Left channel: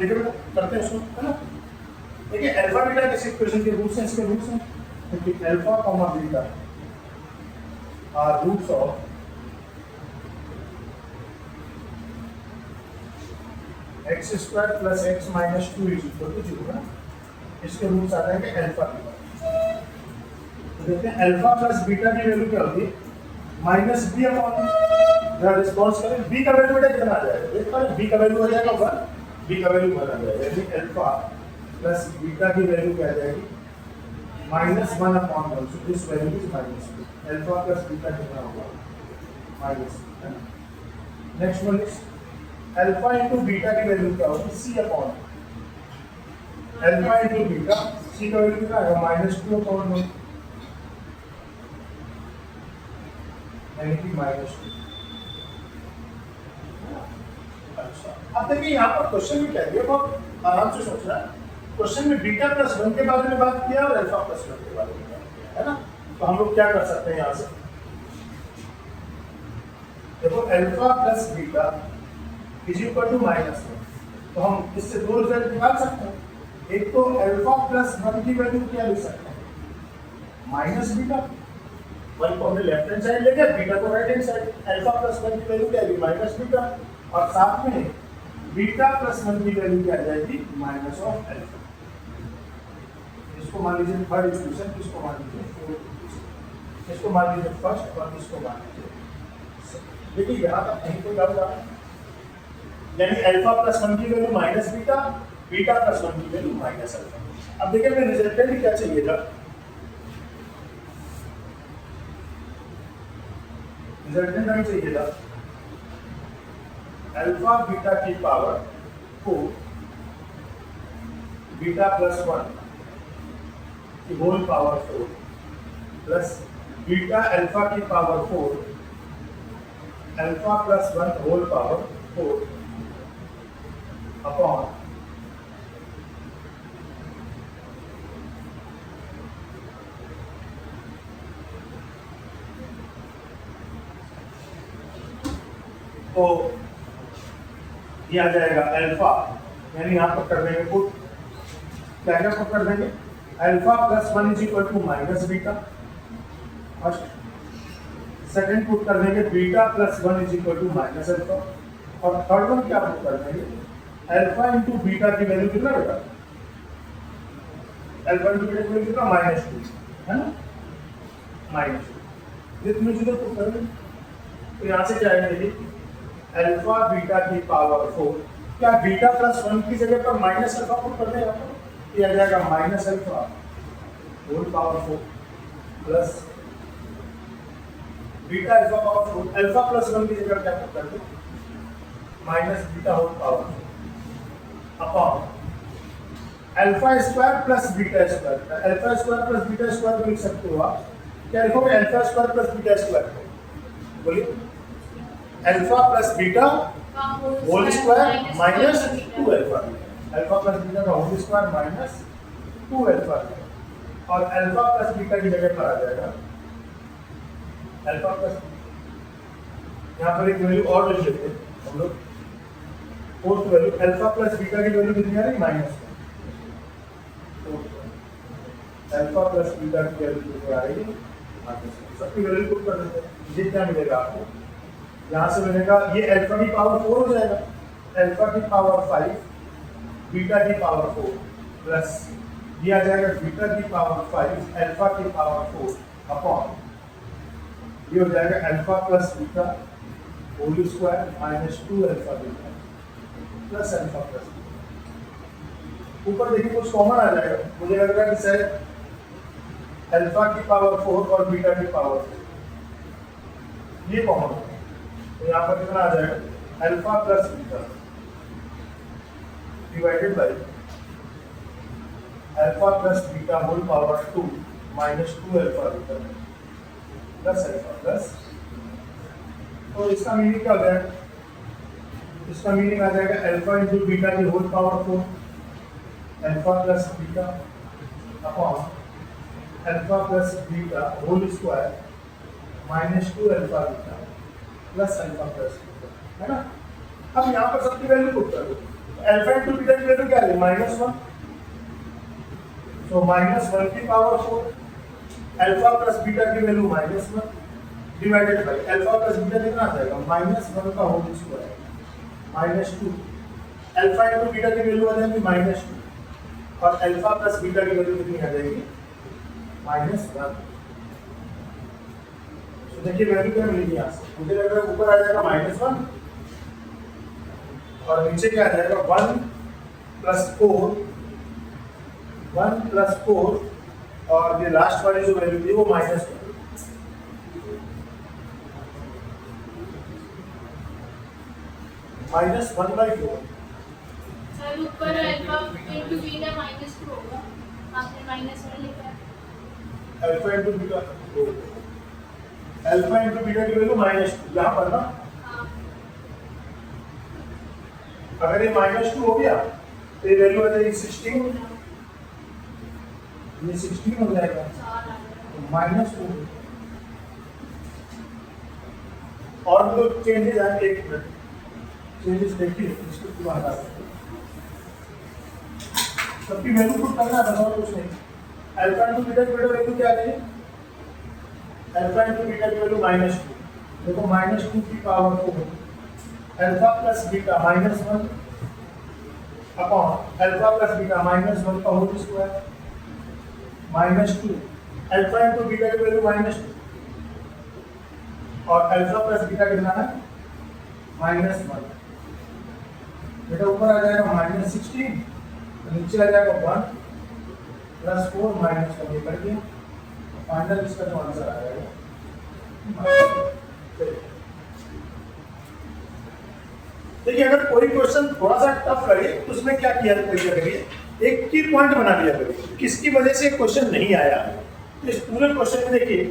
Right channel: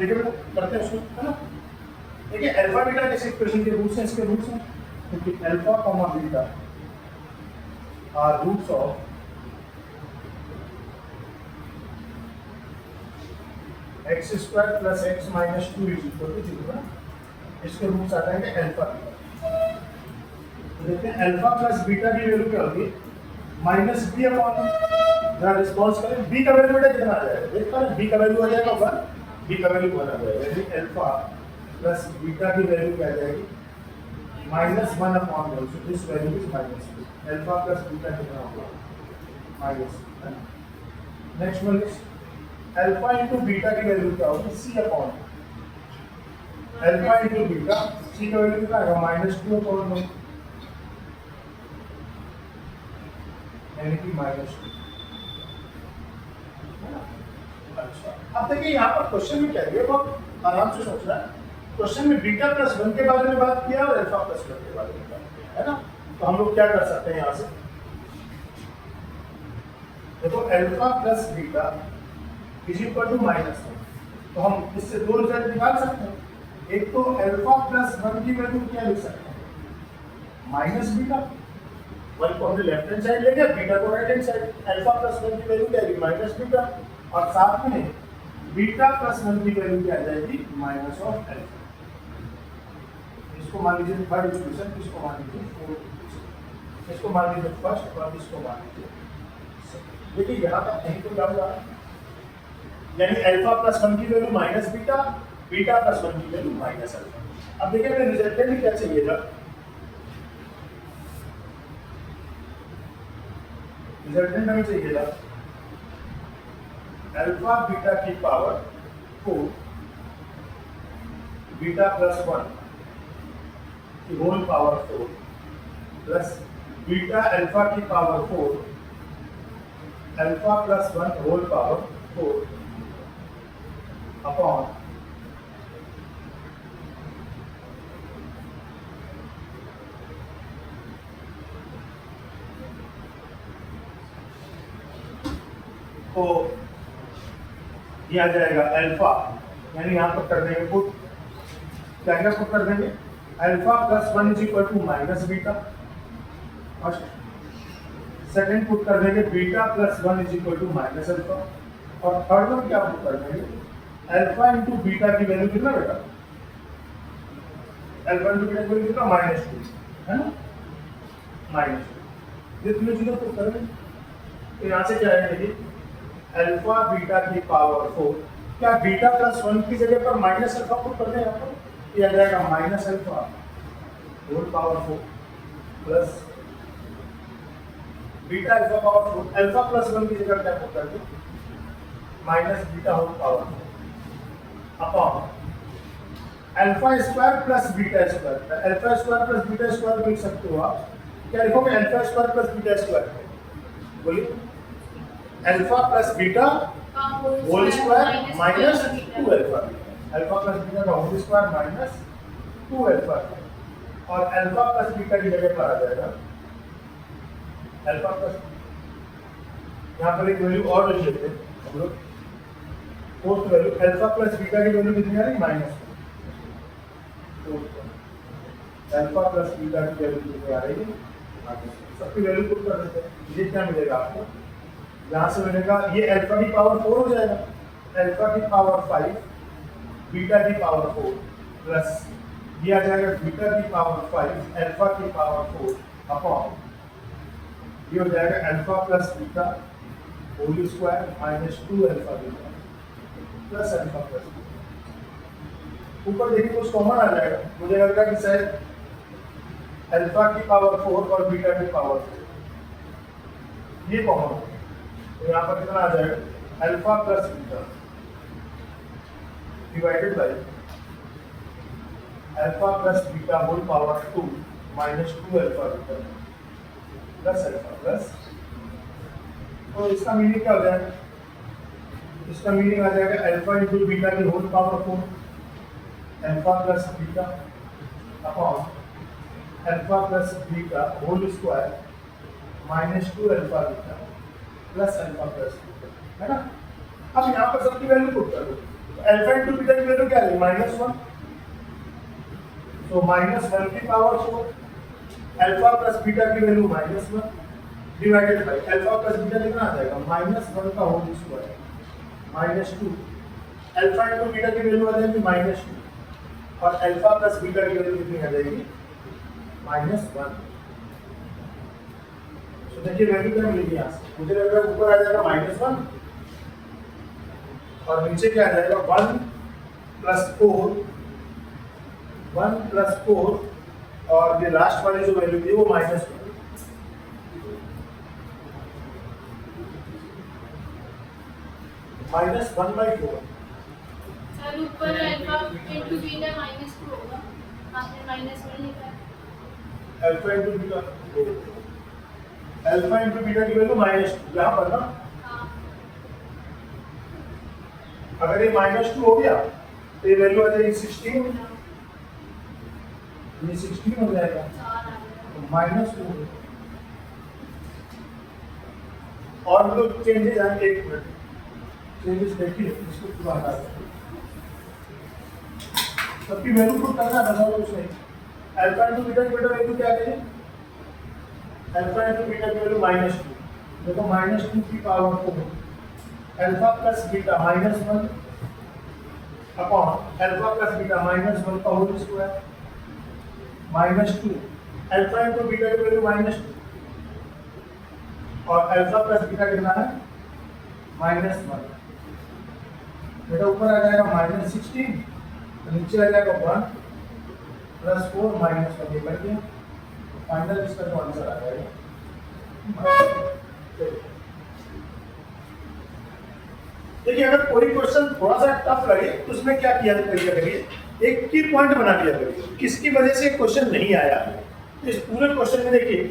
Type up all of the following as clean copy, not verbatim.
देखिए बेटा करते हैं उसको, है ना। देखिए अल्फा बीटा किस इक्वेशन के रूट्स हैं, इसके रूट्स हैं। देखिए alpha comma beta are roots of x square plus x minus 2 is equal to 0 ना। इसके रूट्स आ जाएंगे अल्फा बीटा। तो देखते हैं अल्फा प्लस बीटा की वैल्यू क्या होगी, माइनस बी अपॉन, जरा रिस्पॉन्स करें, बी का वैल्यू बेटा कितना आ जाएगा, देख पा रहे, बी का वैल्यू आ जाएगा 1, बी का वैल्यू 1 आ जाएगा, यानी अल्फा प्लस बीटा की वैल्यू क्या आ जाएगी, minus 1 upon 1, so this value is minus 2, alpha plus beta कितना होगा, माइनस, है ना। Next one is alpha into beta की वैल्यू क्या होगी, सी अपॉन अल्फा इनटू बीटा, सी का वैल्यू कितना आएगा, माइनस 2 अपॉन 1, यानी कि माइनस 2। अच्छा, अब देखिए यहाँ पर क्वेश्चन में क्या है, बहुत आराम से सोचना है। क्वेश्चन में बीटा प्लस 1 के बारे में बात किया और अल्फा प्लस 1 के बारे में बात किया, है ना। तो हम लोग क्या कर सकते हैं यहाँ से, देखो alpha plus beta is equal to minus 1, तो हम इससे दो रिजल्ट निकाल सकते हैं। एक तो अल्फा प्लस 1 की वैल्यू क्या लिख सकते हैं, माइनस बीटा, 1 को हमने लेफ्ट हैंड साइड ले गया, बीटा को right hand side, alpha plus 1 की वैल्यू क्या आएगी, माइनस बीटा, और साथ में बीटा प्लस 1 की वैल्यू क्या आ जाएगी, माइनस ऑफ अल्फा। इसको मान लीजिए थर्ड इक्वेशन, इसको मान लीजिए फोर्थ इक्वेशन, इसको मान लीजिए फर्स्ट और इसको मान लीजिए। देखिए यहाँ तक कहीं तो क्या हुआ, यानी अल्फा प्लस 1 की value minus beta, beta plus 1 की वैल्यू माइनस अल्फा। अब देखिए हमें रिजल्टेंट क्या चाहिएगा, रिजल्टेंट हमें चाहिएगा अल्फा बीटा की पावर 4 बीटा प्लस 1 की whole power 4 plus beta alpha की power 4 alpha plus 1 whole power 4 upon तो दिया जाएगा अल्फा, यानी यहाँ पर कर देंगे पुट, क्या क्या पुट कर देंगे, alpha plus 1 is equal to minus beta, first, second put कर देंगे beta plus 1 is equal to minus alpha, और थर्ड वन क्या पुट कर देंगे, अल्फा इंटू बीटा की वैल्यू कितना बेटा, अल्फा इंटू बीटा की वैल्यू कितना, माइनस 2, है ना, माइनस 2, ये तीनों चीजें पुट करेंगे। तो यहाँ से क्या है, देखिए अल्फा बीटा की पावर 4, क्या बीटा प्लस 1 की जगह पर माइनस अल्फा पुट कर देगा तो ये आ जाएगा minus alpha whole power 4 plus beta alpha power 4, alpha plus 1 की जगह क्या पुट कर दो, minus beta whole power 4 upon alpha square plus beta square, alpha square plus beta square लिख सकते हो आप, क्या लिखोगे, alpha square plus beta square, बोलिए, alpha plus beta whole square minus 2 alpha, alpha plus beta का होल स्क्वायर माइनस 2 अल्फा, और alpha plus beta की जगह पर आ जाएगा अल्फा प्लस, यहाँ पर एक वैल्यू और ले लेते हैं हम लोग, fourth value, alpha plus beta की वैल्यू कितनी आ रही, माइनस 4, अल्फा प्लस बीटा की वैल्यू कितनी आ रही है, माइनस, सबकी वैल्यू पुट कर देते हैं, ये क्या मिलेगा आपको, यहाँ से मिलेगा ये अल्फा की पावर 4 हो जाएगा, अल्फा की पावर 5 बीटा की पावर 4 प्लस ये आ जाएगा बीटा की पावर 5 अल्फा की पावर 4 अपॉन ये हो जाएगा alpha plus beta whole square minus 2 alpha beta plus alpha plus beta. ऊपर देखिए कुछ कॉमन आ जाएगा, मुझे लगता है कि शायद अल्फा की पावर 4 और बीटा की पावर 4 ये कॉमन होगा, तो यहाँ पर कितना आ जाएगा, alpha plus beta divided by alpha plus beta whole power 2 minus 2 alpha beta plus alpha plus, तो इसका मीनिंग क्या हो जाएगा, इसका मीनिंग आ जाएगा अल्फा इंटू बीटा की whole power 4 alpha plus beta upon alpha plus beta whole square minus 2 alpha beta plus alpha plus, है ना। अब यहाँ पर सबकी वैल्यू पुट कर दो, अल्फा इंटू बीटा की वैल्यू क्या है -1, तो -1 की पावर 4 अल्फा प्लस बीटा की value -1 divided by alpha plus beta कितना आ जाएगा -1 का whole square -2 alpha into beta की वैल्यू आ जाएगी -2 और अल्फा प्लस बीटा की वैल्यू कितनी आ जाएगी -1। तो देखिए वैल्यू क्या मिलेगी यहाँ से, मुझे लग रहा है ऊपर आ जाएगा -1 और नीचे क्या आ जाएगा 1 प्लस 4 और ये लास्ट वाली जो वैल्यू थी वो -1 -1/4। सर ऊपर अल्फा इंटू बीटा -2 होगा, आपने -1 लिखा है। अल्फा इंटू बीटा की वैल्यू -2 यहाँ पर ना, हाँ अगर ये -2 हो गया तो ये वैल्यू आ जाएगी 16, ये 16 हो जाएगा तो -4 और जो चेंजेस आएंगे, एक मिनट चेंजेस देखिए इसको पूरा हटा सकते सबकी वैल्यू पुट करना था और कुछ नहीं। अल्फा इंटू बीटा की वैल्यू क्या है, अल्फा इंटू बीटा की वैल्यू -2 देखो -2 की power 4 alpha plus beta -1 upon alpha plus beta -1 का whole square -2 alpha into beta की वैल्यू -2 और अल्फा प्लस बीटा कितना है -1 बेटा ऊपर आ जाएगा -16 तो नीचे आ जाएगा 1 प्लस 4 -1 ये कर दिया फाइनल इसका जो आंसर आ जाएगा। देखिए अगर कोई क्वेश्चन थोड़ा सा टफ लगे तो उसमें क्या किया करिए, एक की पॉइंट बना दिया करिए किसकी वजह से क्वेश्चन नहीं आया। इस पूरे क्वेश्चन में देखिए,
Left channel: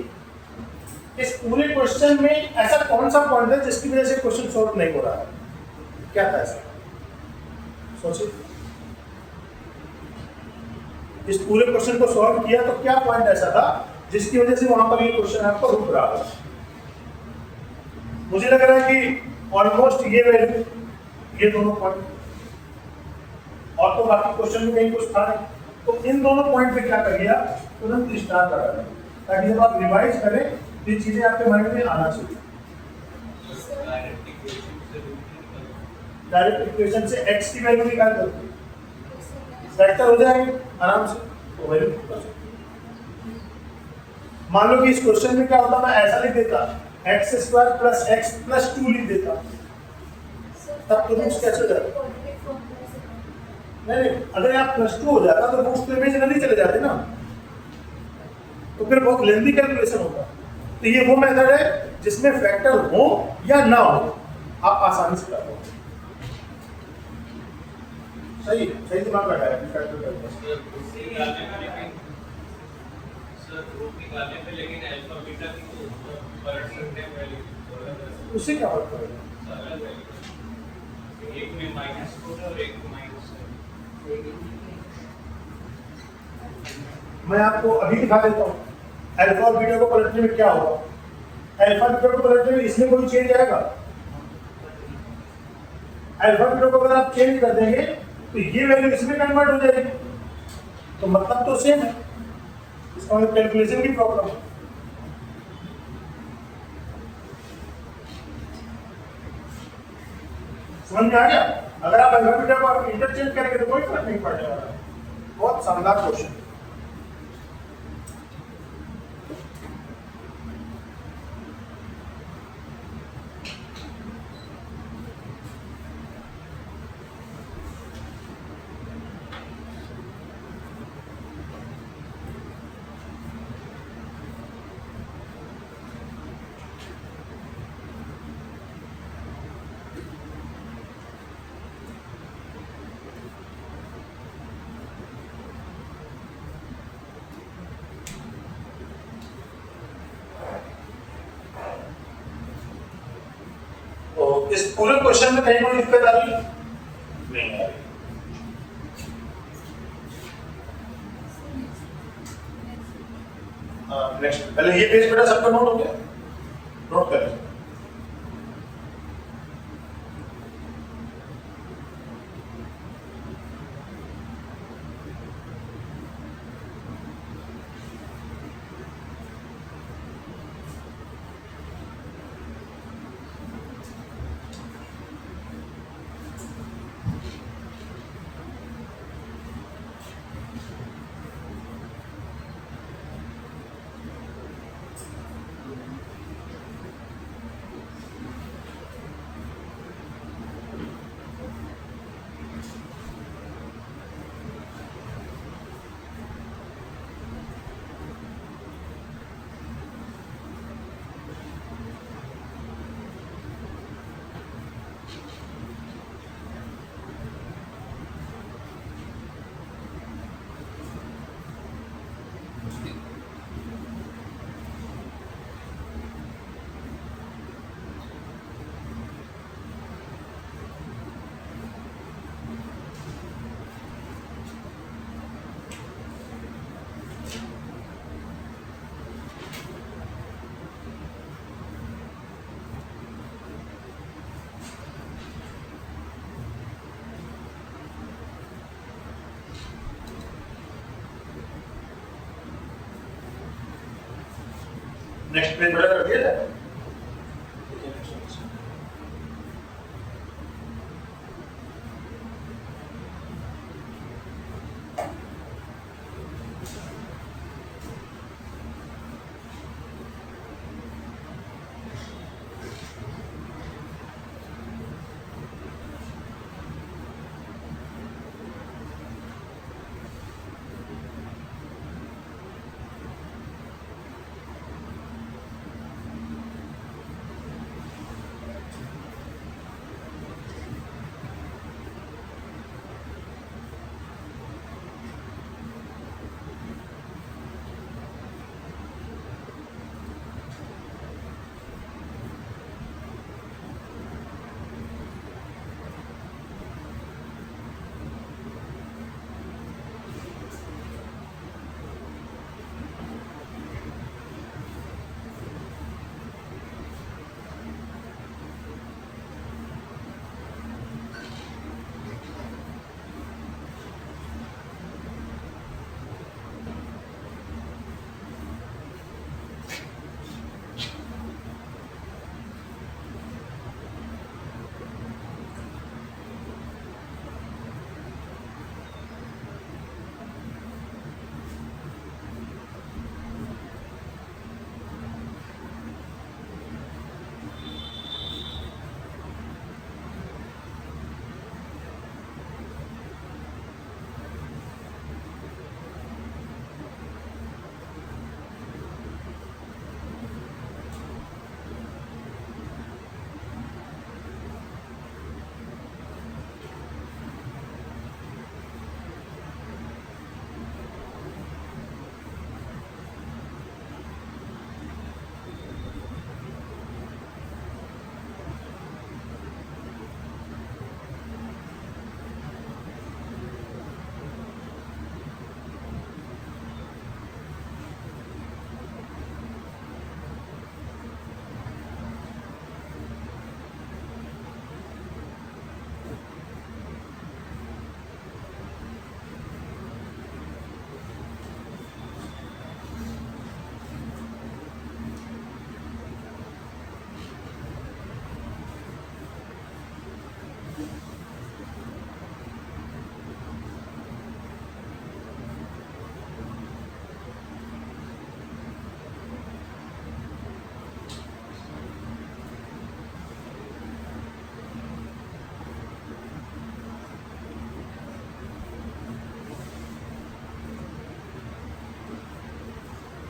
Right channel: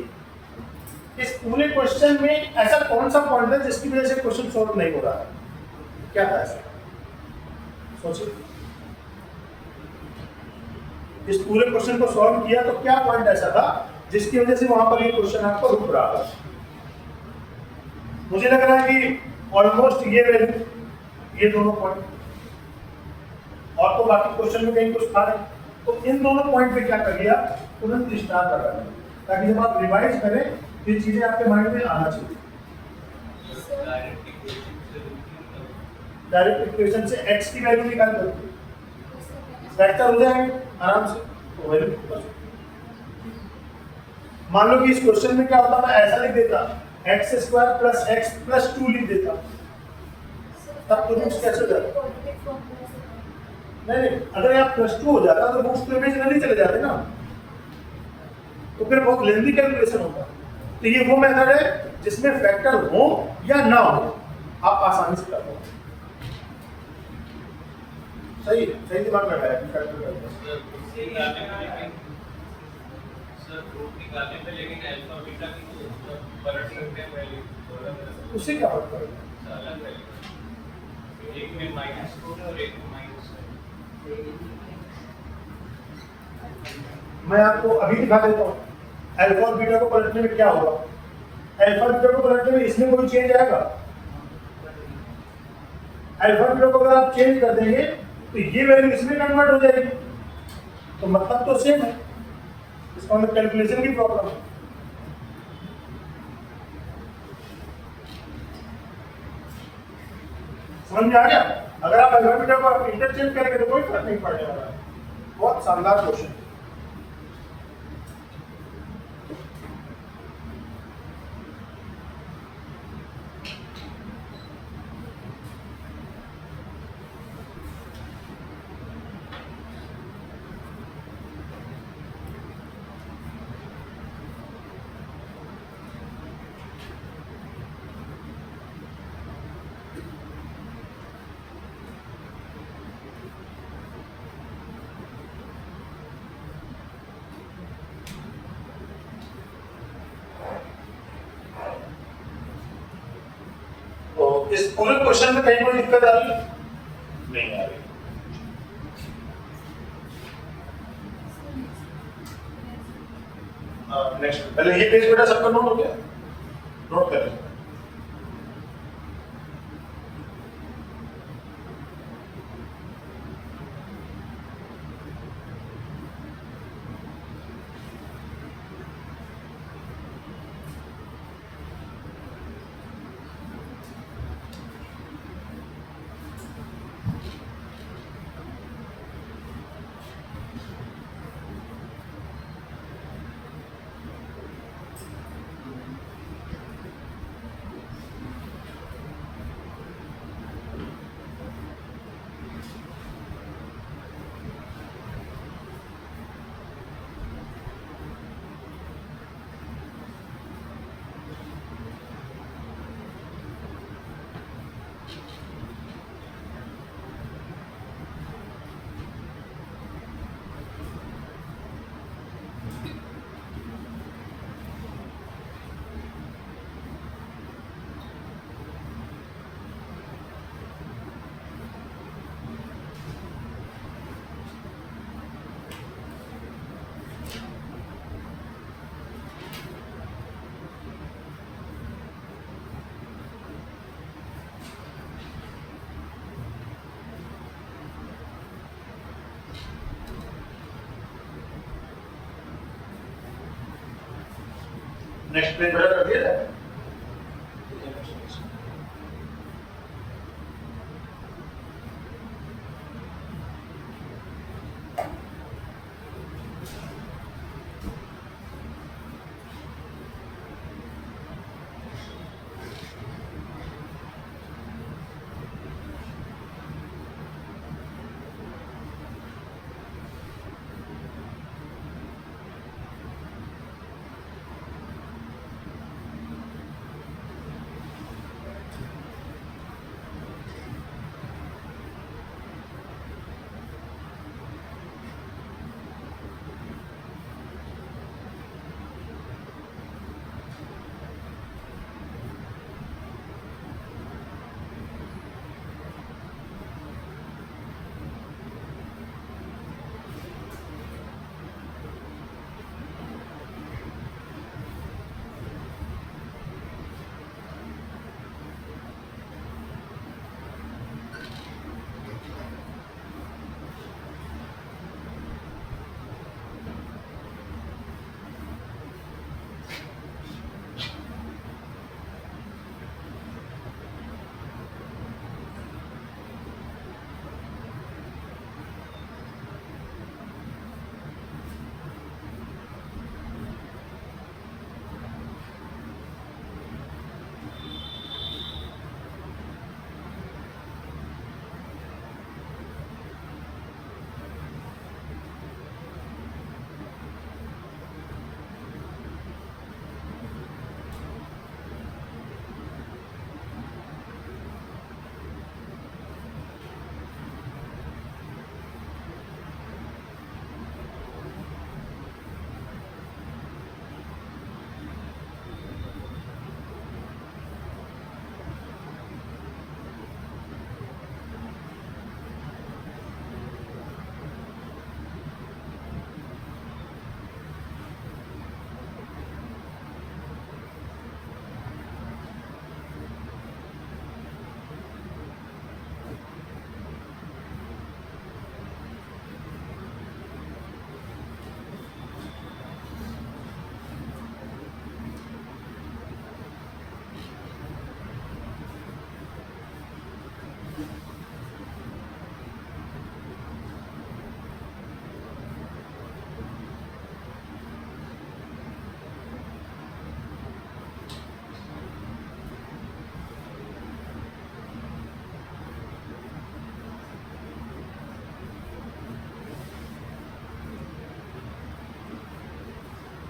इस पूरे क्वेश्चन में ऐसा कौन सा पॉइंट है जिसकी वजह से क्वेश्चन सॉल्व नहीं हो रहा है, क्या था ऐसा सोचिए। इस पूरे क्वेश्चन को सॉल्व किया तो क्या पॉइंट ऐसा था जिसकी वजह से वहां पर ये क्वेश्चन आपको रुक रहा है। मुझे लग रहा है कि ऑलमोस्ट ये वैल्यू ये दोनों पॉइंट और तो बाकी क्वेश्चन में कहीं कुछ था नहीं, तो इन दोनों पॉइंट पे क्या कर लिया तुरंत स्टार्ट कर दें ताकि जब आप रिवाइज करें तो ये चीजें आपके माइंड में आना चाहिए। डायरेक्ट इक्वेशन से x की वैल्यू निकाल दो, वेक्टर हो जाएंगे आराम से, तो वैल्यू मान लो कि इस क्वेश्चन में क्या होता मैं ऐसा लिख देता x² प्लस x प्लस 2 लिख देता, तब तो रूट्स कैसे हो जाता? नहीं अगर यहाँ +2 हो जाता तो रूट्स तो इमेजिनरी चले जाते ना, तो फिर बहुत लेंथी कैलकुलेशन होता। तो ये वो मेथड है जिसमें फैक्टर हो या ना हो आप आसानी से कर पाओ। सही सही दिमाग लगाया फैक्टर उससे क्या फर्क पड़ेगा? एक में -2 और एक में मैं आपको अभी दिखा देता हूँ अल्फा और बीटा को पलटने में क्या होगा। अल्फा बीटा को पलटने में इसमें कोई चेंज आएगा? अल्फा बीटा को अगर आप चेंज कर देंगे तो ये वैल्यू इसमें कन्वर्ट हो जाएगी, तो मतलब तो सेम है, इसका मतलब कैलकुलेशन की प्रॉब्लम है। समझ में आ गया? अगर आप अल्फा बीटा को इंटरचेंज करेंगे तो कोई फर्क नहीं पड़ने वाला है। बहुत शानदार क्वेश्चन। इस पूरे क्वेश्चन में कहीं कोई दिक्कत आ रही है? नहीं आ रही। नेक्स्ट पहले ये पेज बेटा सबका नोट हो गया, नोट करें। नेक्स्ट पेज वाला कर दिया जाए।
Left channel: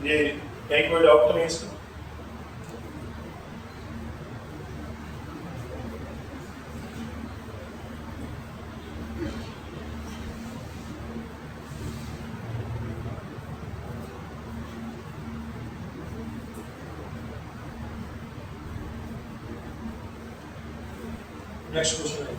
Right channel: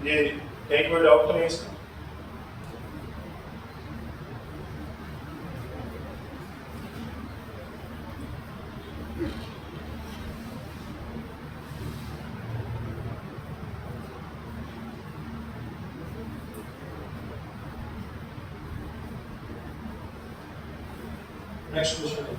ये कहीं कोई डाउट तो नहीं इसमें? Next question.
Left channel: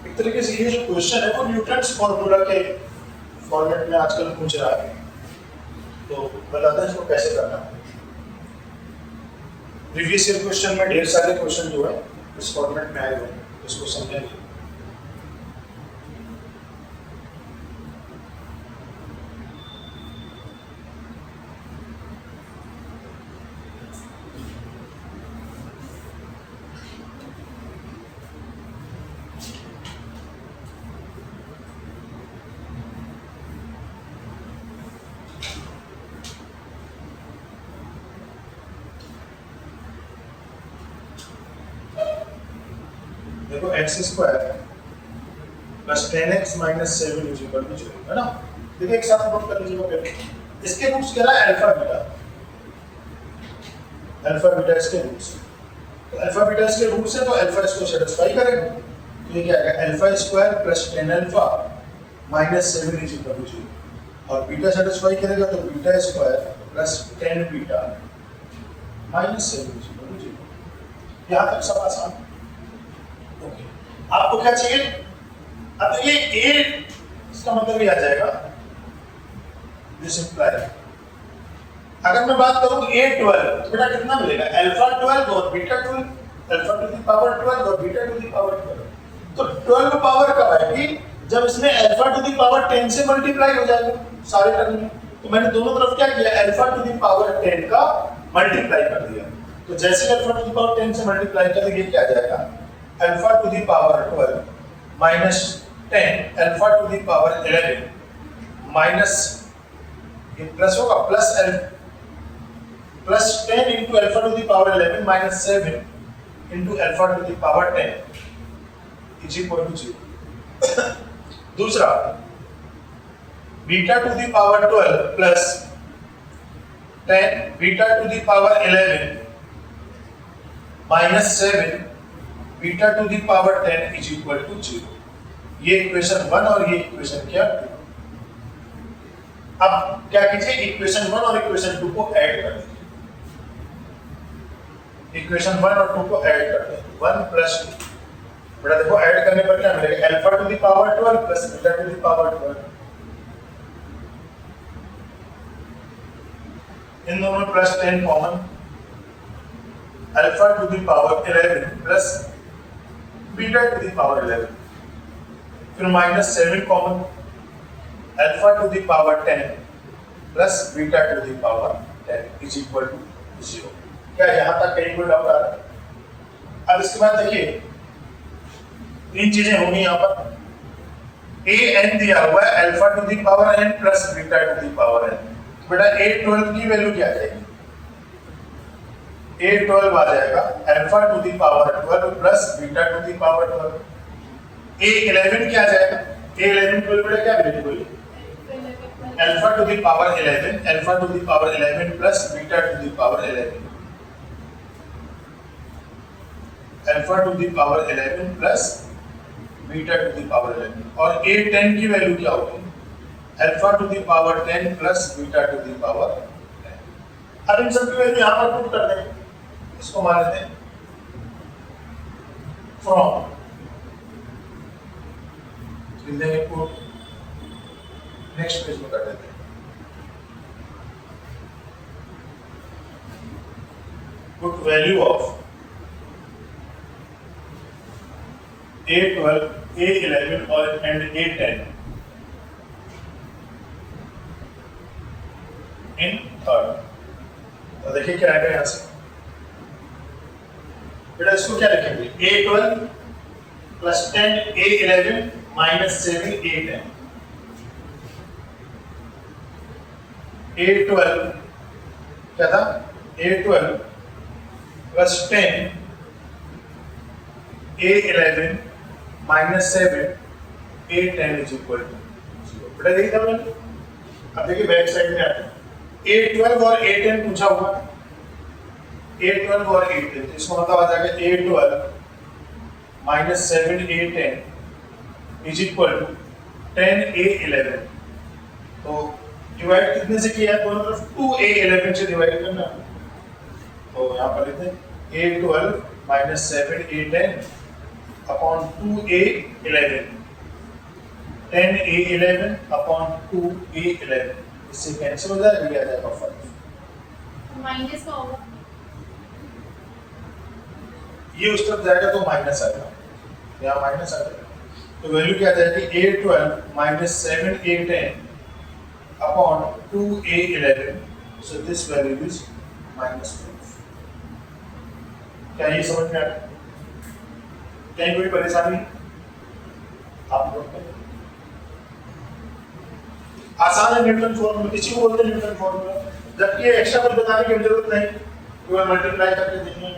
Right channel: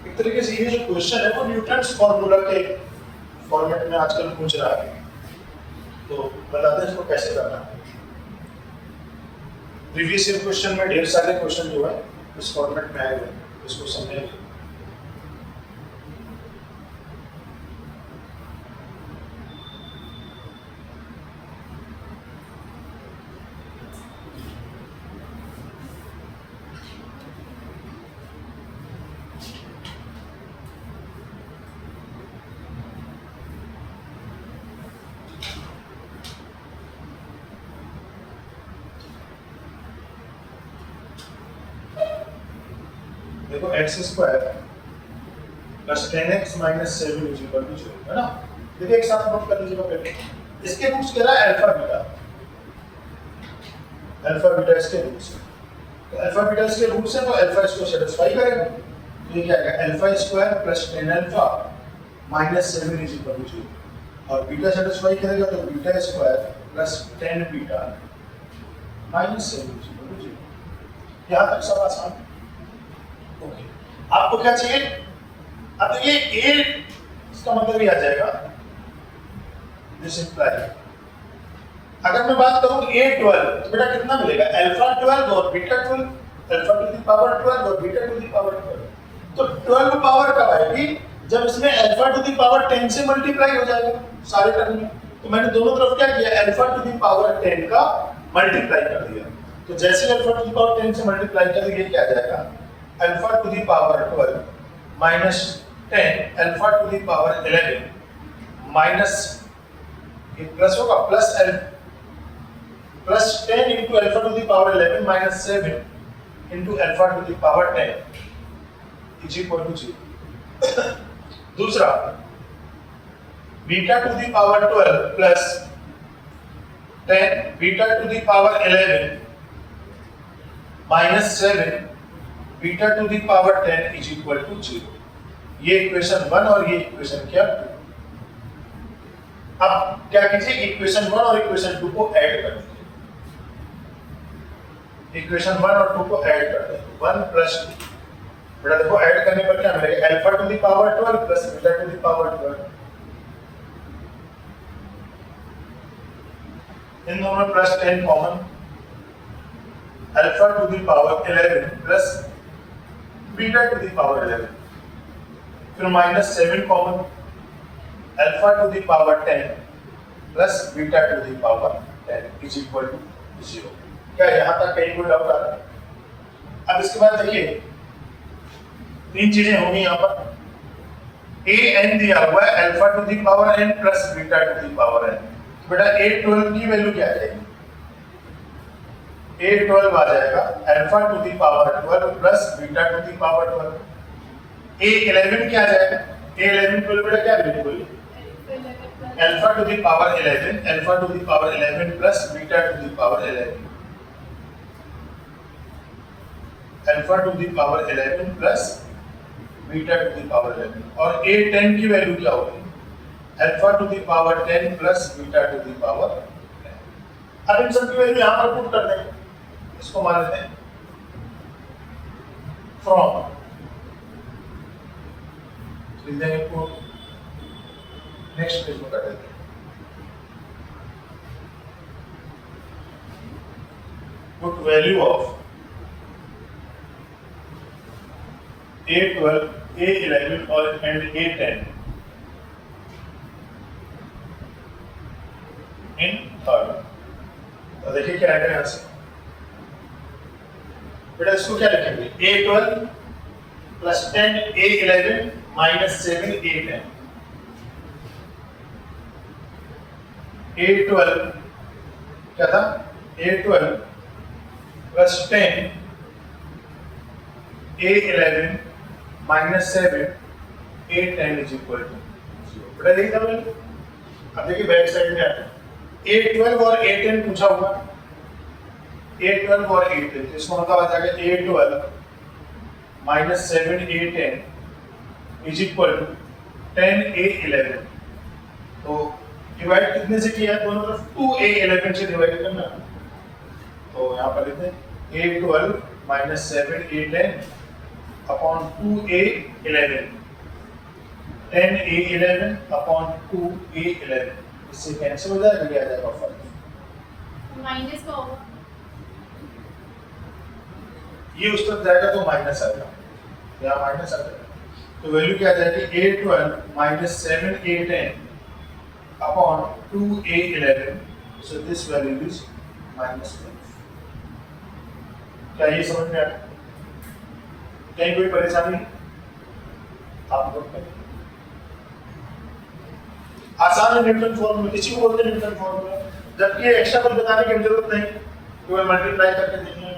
एक तरीके से ये जो क्वेश्चन है वो न्यूटन्स फॉर्मूला के फॉर्मेट में आजकल पूछ रहा है, तो बताते हैं इसको कैसे करना है। प्रीवियस ईयर क्वेश्चन में ढेर सारे क्वेश्चन जो है इस फॉर्मेट में आए हुए हैं, इसको समझेंगे। देखो x square plus 10x minus 7 is equal to 0, है ना। देखिए एक साथ नोट कर लीजिएगा पहले, इसके रूट्स क्या है, अल्फा बीटा, अल्फा बीटा इसके रूट्स, तो अल्फा बीटा इसके रूट्स है तो अल्फा इसको सेटिस्फाई करेगा, तो ये क्या आएगा, alpha square plus 10 alpha minus 7 is equal to 0, और बीटा सेटिस्फाई करेगा तो beta square plus 10 beta minus 7 is equal to 0। यहाँ तक सब आसान। ओके, आपको क्या चाहिए, अब ये a इसका मतलब ये आ जाएगा, दिस इंप्लाई, अगर मैं बात करूं a12 तो बेटा कितना मिलेगा, अल्फा 12 और beta 12, alpha to the power 12 और बीटा टू द पावर 12, तो 12 पावर कब आएगी, जब इसमें अल्फा टू द पावर 10 से मल्टीप्लाई हो जाएगा सारे टर्म में, तो मैंने दोनों तरफ क्या किया, अल्फा टू द पावर 10 का मल्टीप्लाई कर दिया, तो जैसे अल्फा टू द पावर 10 से मल्टीप्लाई करेंगे ये क्या आ जाएगा, alpha to the power 12 minus 10 alpha to the power 11 minus, ये प्लस होगा, plus 10 into alpha to the power 11 minus 7 into alpha to the power 10 is equal to 0। दूसरा, beta to the power 12 plus 10 beta to the power 11 minus 7 beta to the power 10 is equal to 0। ये equation 1 और ये equation क्या 2। अब क्या कीजिए, equation 1 और equation 2 को ऐड कर दीजिए, इक्वेशन 1 और 2 को ऐड कर दें, 1 प्लस 2, बेटा देखो ऐड करने पर क्या मिलेगा, alpha to the power 12 plus beta to the power 12, इन दोनों में plus 10 common, alpha to the power 11 plus beta to the power 11, फिर minus 7 common, alpha to the power 10 plus beta to the power 10 is equal to 0। क्या यहां तक कहीं कोई doubt आ रहा है? अब इसके बाद देखिए तीन चीजें होंगी यहां पर, a n दिया हुआ है alpha to the power n plus beta to the power n, बेटा a12 की वैल्यू क्या आ जाएगी, a12 आ जाएगा alpha to the power 12 plus beta to the power 12, a11 क्या आ जाएगा, a11 को बेटा क्या वैल्यू बोली, alpha to the power 11, alpha to the power 11 plus beta to the power 11, alpha to the power 11 plus beta to the power 11, और a10 की value क्या होगी, alpha to the power 10 plus beta to the power 10। अब इन सब की value यहां पर put कर देंगे, इसको मान लेते हैं फ्रॉम, लिख देंगे पुट, नेक्स्ट पेज में कर देते हैं, put value of a12, a11 और एंड a10 इन थर्ड। तो देखिए क्या आएगा यहां से, बेटा इसको क्या लिखेंगे, a12 plus 10 a11 minus 7 a10, a12 क्या था, a12 plus 10 a11 minus 7 a10 is equal to 0। बेटा देखिए तब, अब देखिए बैक साइड में आते हैं, a12 और a10 पूछा हुआ, a12 और a10, तो इसका मतलब आ जाएगा a12 minus 7 a10 is equal to 10 a11, तो डिवाइड कितने से किया है, दोनों तरफ 2 a11 से डिवाइड करना, तो यहाँ पर लिखते हैं a12 minus 7 a10 upon 2 a11, 10 a11 upon 2 a11, इससे कैंसिल हो जाएगा, ये आ जाएगा 5, माइनस का होगा, ये उस तरफ जाएगा तो माइनस आएगा, यहाँ माइनस आ जाएगा, तो वैल्यू क्या आ जाएगी, a12 minus 7 a10 upon 2 a11, so this value is minus 5। क्या ये समझ में आ गया, कहीं कोई परेशानी आप लोग करें, आसान है न्यूटन फॉर्मूला, किसी को बोलते हैं न्यूटन फॉर्मूला, जबकि ये एक्स्ट्रा कुछ बताने की जरूरत नहीं, केवल मल्टीप्लाई करके देखिए।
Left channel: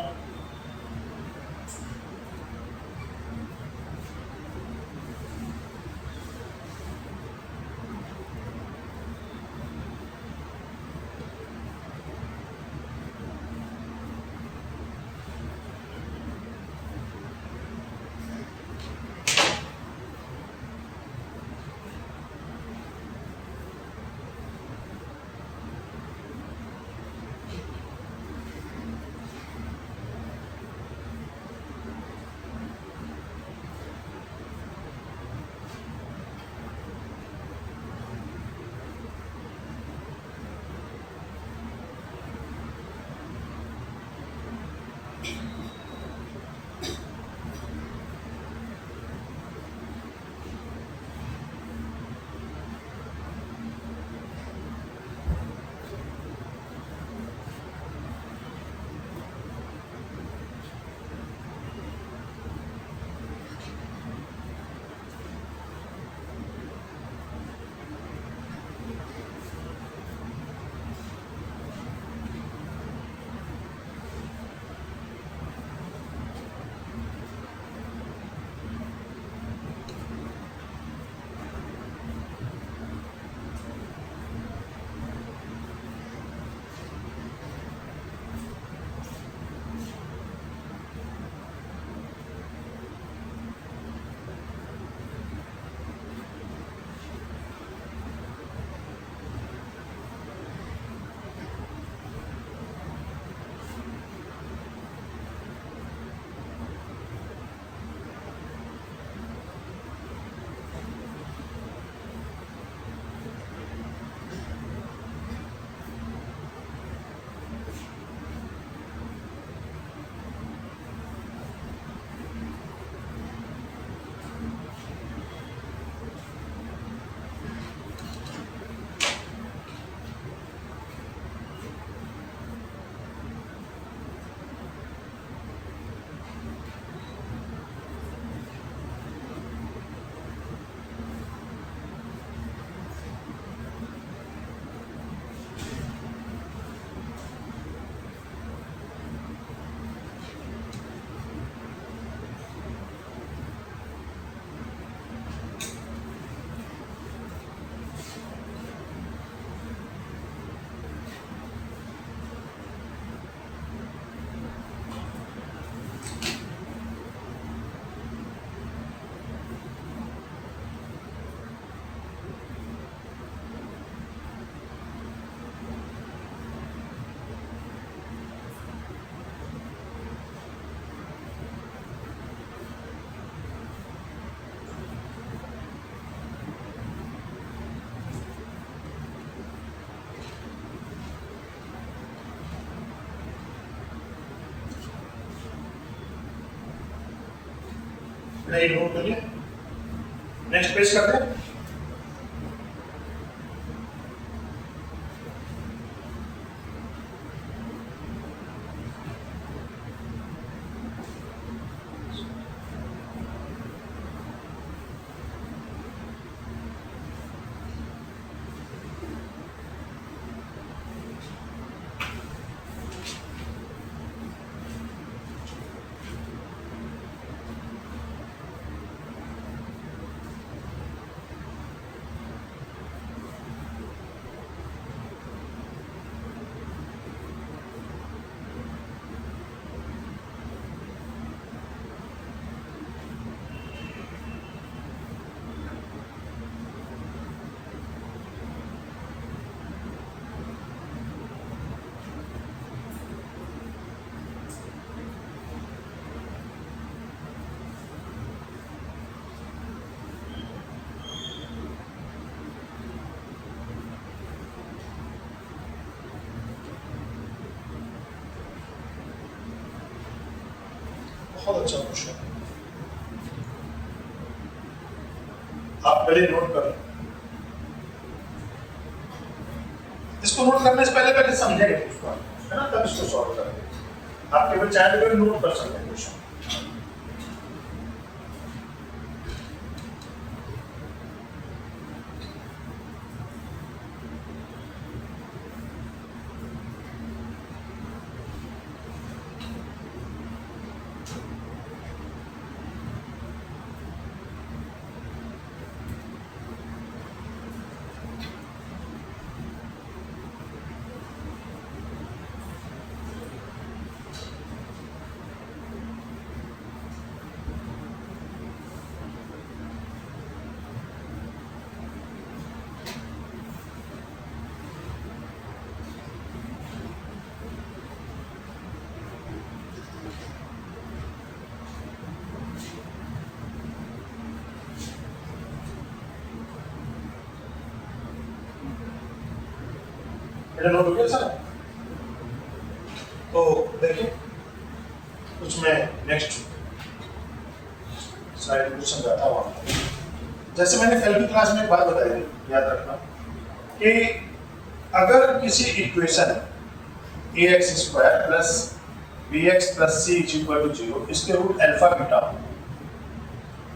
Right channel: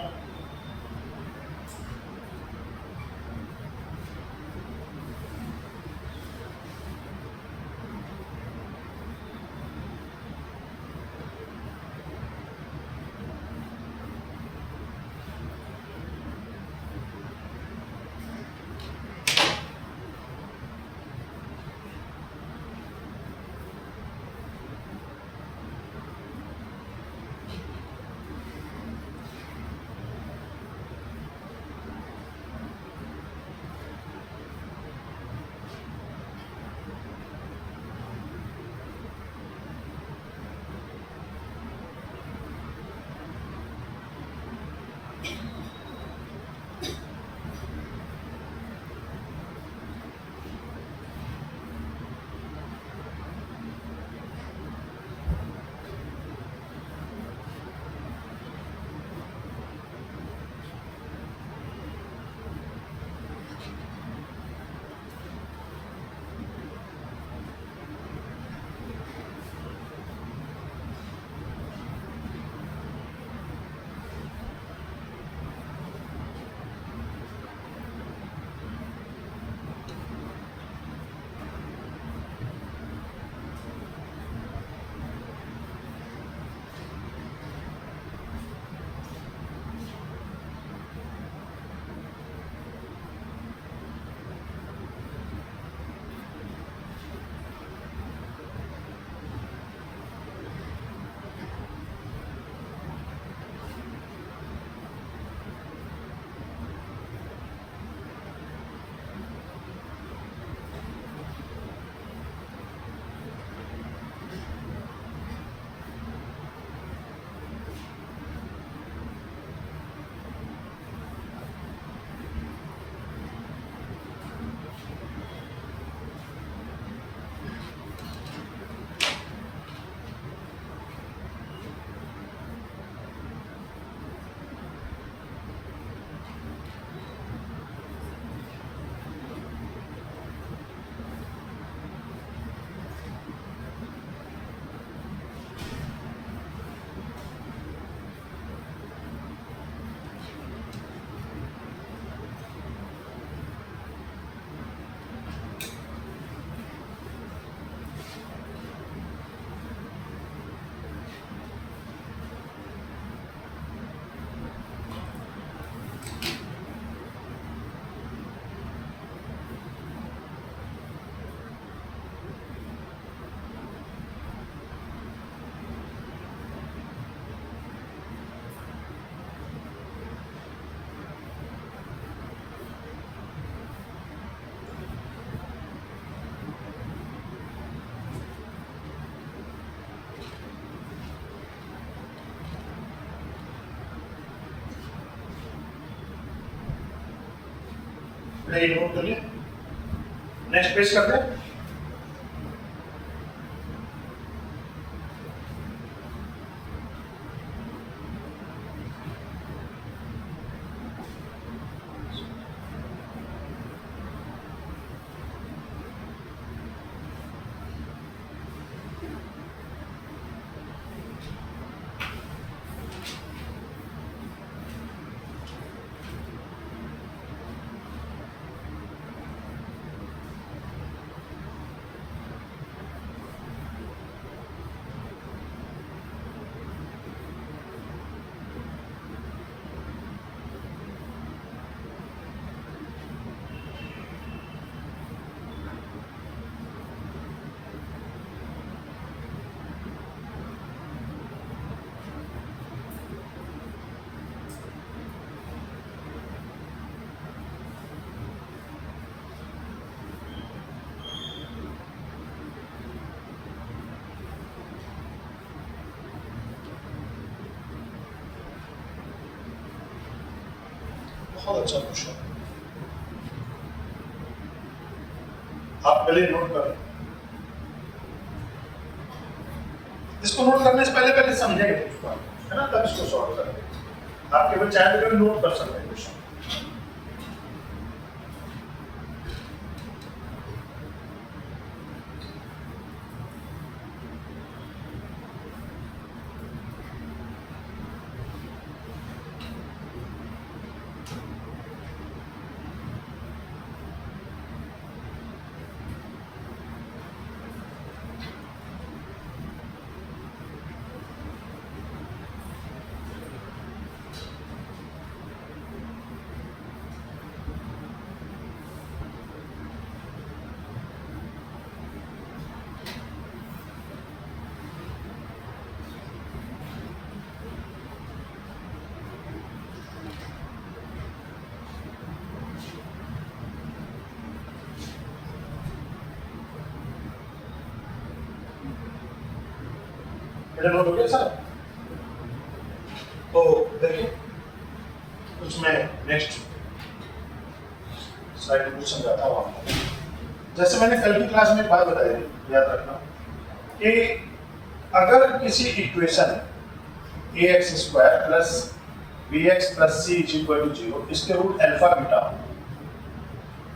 नहीं नोट करिए, नेक्स्ट पेज करते हैं। बहुत अच्छा क्वेश्चन, आप पहले नोट कर लें। इसको नोट करने से पहले पहले समझेंगे उसको, है ना, तब इसको सॉल्व करेंगे। आप केवल चाहे तो नोट कर सकते हैं क्वेश्चन। नोट हो गया सर? तो देखिए कुछ मैं नेक्स्ट स्लाइड में कुछ समझाता हूँ आपको। जैसे मैंने कल की क्लास में एक बात बताई थी, याद रखना कि अगर किसी equation ax square plus bx plus c is equal to 0 इसके रूट अल्फा बीटा हो,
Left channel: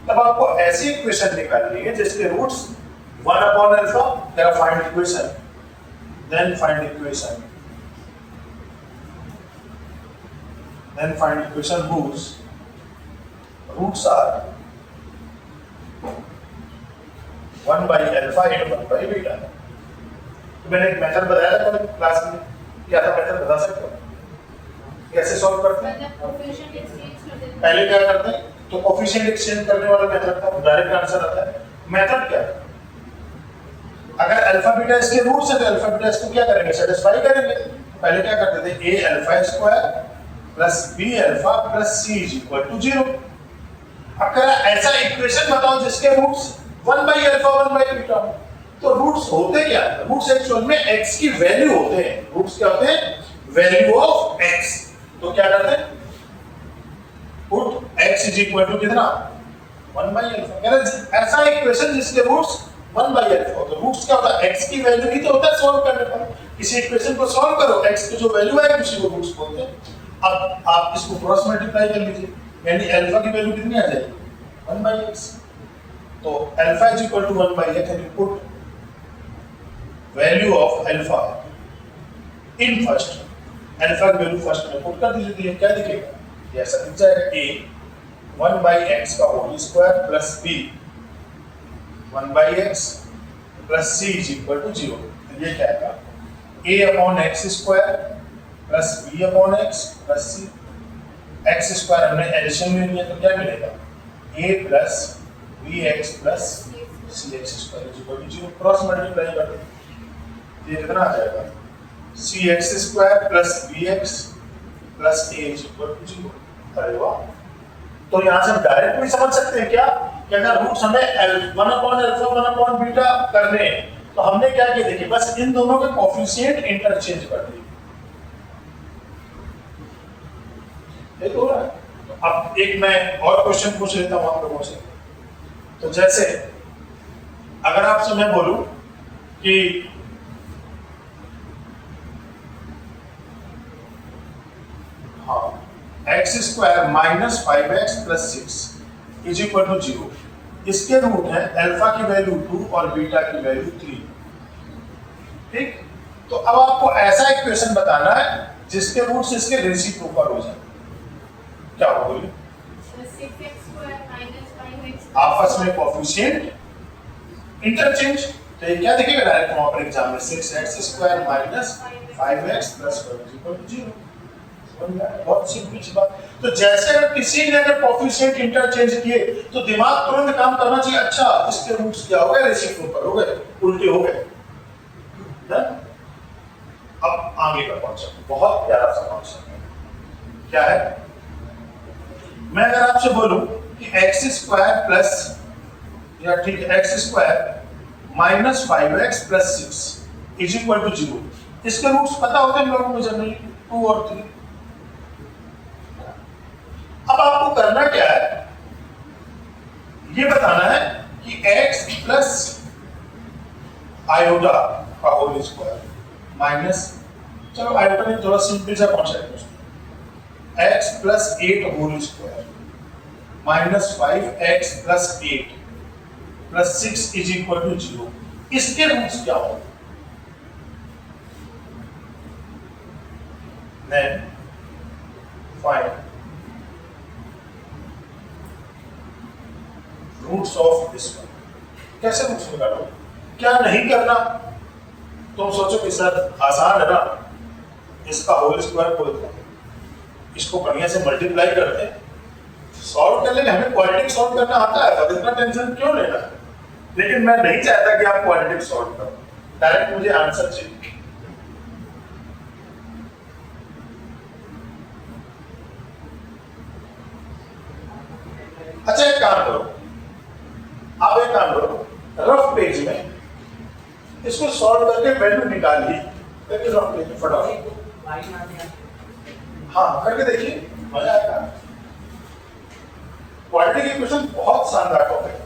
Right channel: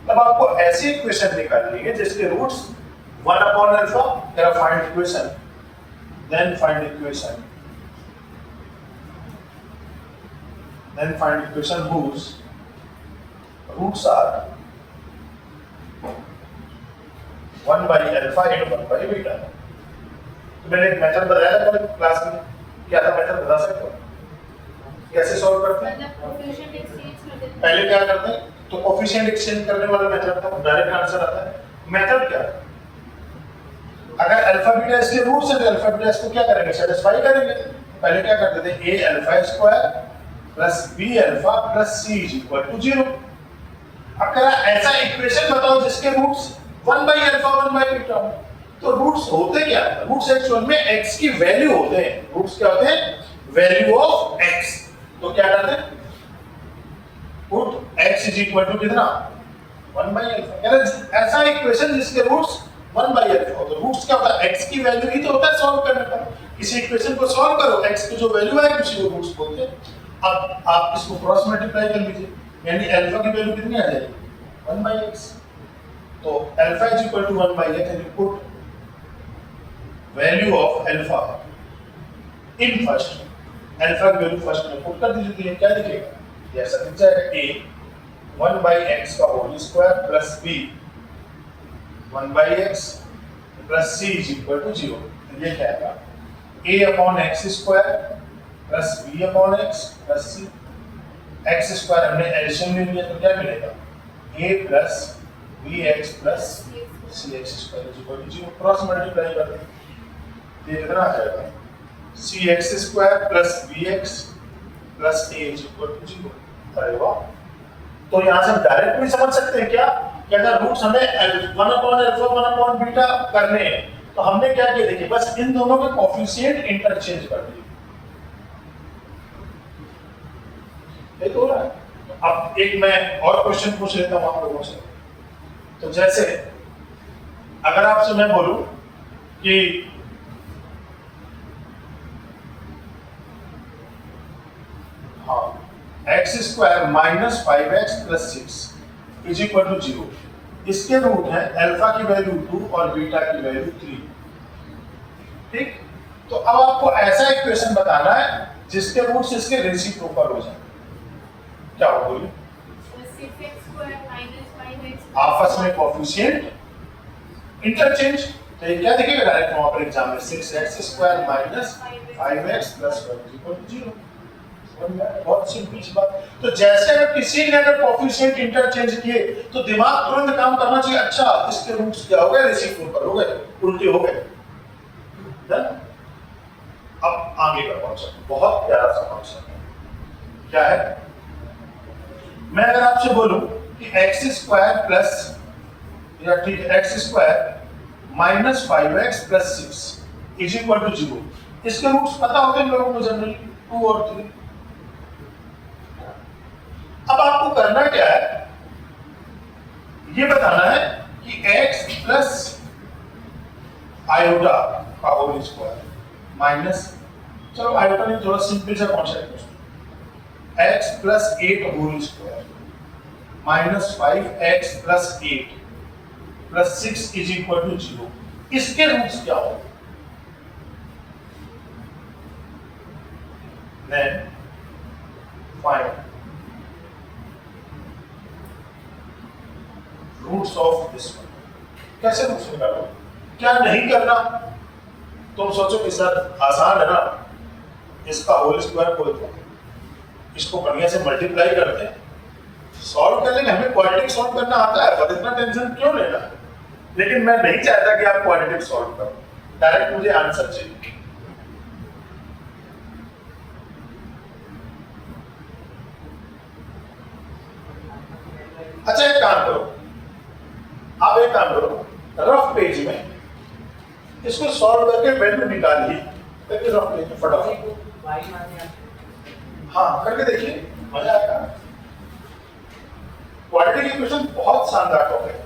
तब आपको ऐसी इक्वेशन निकालनी है जिसके roots 1 upon alpha, there find equation, then find equation whose roots are 1 by alpha and 1 by beta। मैंने एक मेथड बताया था कल क्लास में, क्या था मेथड बता सकते हो? कैसे सॉल्व करते हैं? पहले क्या करते हैं, तो कोफिशिएंट एक्सचेंज करने वाला मेथड था, डायरेक्ट आंसर आता है। मेथड क्या है, अगर अल्फा बीटा इसके रूट्स है तो अल्फा बीटा इसको क्या करेंगे, सेटिस्फाई करेंगे। पहले क्या करते थे, a alpha square plus b alpha plus c is equal to 0। अब कह रहा ऐसा इक्वेशन बताओ जिसके roots 1 by alpha 1 by beta हो। तो रूट्स होते क्या है, रूट्स एक्चुअल में x की वैल्यू होते हैं। रूट्स क्या होते हैं, वैल्यू ऑफ x। तो क्या करते हैं, put x is equal to कितना, 1 बाई अल्फा। कह रहा ऐसा इक्वेशन जिसके रूट्स 1 बाई अल्फा, तो रूट्स क्या होता है, x की वैल्यू ही तो होता है सॉल्व करने का। इसी इक्वेशन को सॉल्व करो, x की जो वैल्यू है उसी को रूट्स बोलते हैं। अब आप इसको क्रॉस मल्टीप्लाई कर लीजिए, यानी अल्फा की वैल्यू कितनी आ जाएगी, 1 बाई x। तो alpha is equal to 1 by x, and put value of alpha in first, alpha की वैल्यू फर्स्ट में पुट कर दीजिए, क्या दिखेगा, ऐसा दिख जाएगा, a 1 बाई x का whole square plus b 1 by x plus c is equal to 0। ये क्या आएगा, a upon x square plus b upon x plus c। x square हमने एडिशन में लिया तो क्या मिलेगा, a plus bx plus cx square is equal to 0। Cross multiply कर दो, ये कितना आ जाएगा, cx square plus bx plus a is equal to 0। अरे वाह, तो यहाँ से हम डायरेक्ट भी समझ सकते हैं क्या, कि अगर रूट्स हमें 1 अपॉन अल्फा 1 अपॉन बीटा करने हैं तो हमने क्या किया, देखिए बस इन दोनों के कोफिशिएंट इंटरचेंज कर दिए। ये तो हो रहा है, अब एक मैं और क्वेश्चन पूछ लेता हूं आप लोगों से। तो जैसे अगर आपसे मैं बोलूं कि हाँ x square minus 5x plus 6 is equal to 0, इसके रूट है अल्फा की वैल्यू 2 और बीटा की वैल्यू 3। ठीक, तो अब आपको ऐसा इक्वेशन बताना है जिसके रूट्स इसके रेसिप्रोकल हो जाए। क्या हो बोलिए? 6x square minus 5x आपस में कोएफिशिएंट इंटरचेंज। तो ये क्या दिखेगा डायरेक्ट वहां पर एग्जाम में 6x square minus 5x plus 1 equal to 0। बहुत सिंपल सी बात। तो जैसे अगर किसी ने अगर कोएफिशिएंट इंटरचेंज किए तो दिमाग तुरंत काम करना चाहिए, अच्छा इसके रूट्स क्या हो गए? रेसिप्रोकल हो गए, उल्टे हो गए। अब आगे का कॉन्सेप्ट बहुत प्यारा सा कॉन्सेप्ट है। क्या है? मैं अगर आपसे बोलूं कि एक्स स्क्वायर प्लस या ठीक है x square minus 5x plus 6 is equal to 0, इसके रूट्स पता होते हैं लोगों को जनरली 2 और 3। अब आपको करना क्या है, ये बताना है कि x प्लस आयोटा का होल स्क्वायर माइनस, चलो आयोटा में थोड़ा सिंपल सा कॉन्सेप्ट है, x plus 8 whole square minus 5x plus 8 plus 6 is equal to 0, इसके रूट्स क्या हो? Then find roots of this one. कैसे रूट्स निकालो? क्या नहीं करना? तुम सोचो कि सर आसान है ना, इसका होल स्क्वायर को इसको बढ़िया से मल्टीप्लाई करते हैं, सॉल्व कर लेंगे। हमें क्वाड्रेटिक सॉल्व करना आता है, पर इतना टेंशन क्यों लेना? लेकिन मैं नहीं चाहता कि आप क्वाड्रेटिक सॉल्व करो, डायरेक्ट मुझे आंसर चाहिए। अच्छा एक काम करो, आप एक काम करो, रफ पेज में इसको सॉल्व करके वैल्यू निकालिए, ताकि रफ पेज में फटाफट हाँ करके देखिए, मजा आएगा। क्वाड्रेटिक इक्वेशन बहुत शानदार टॉपिक है।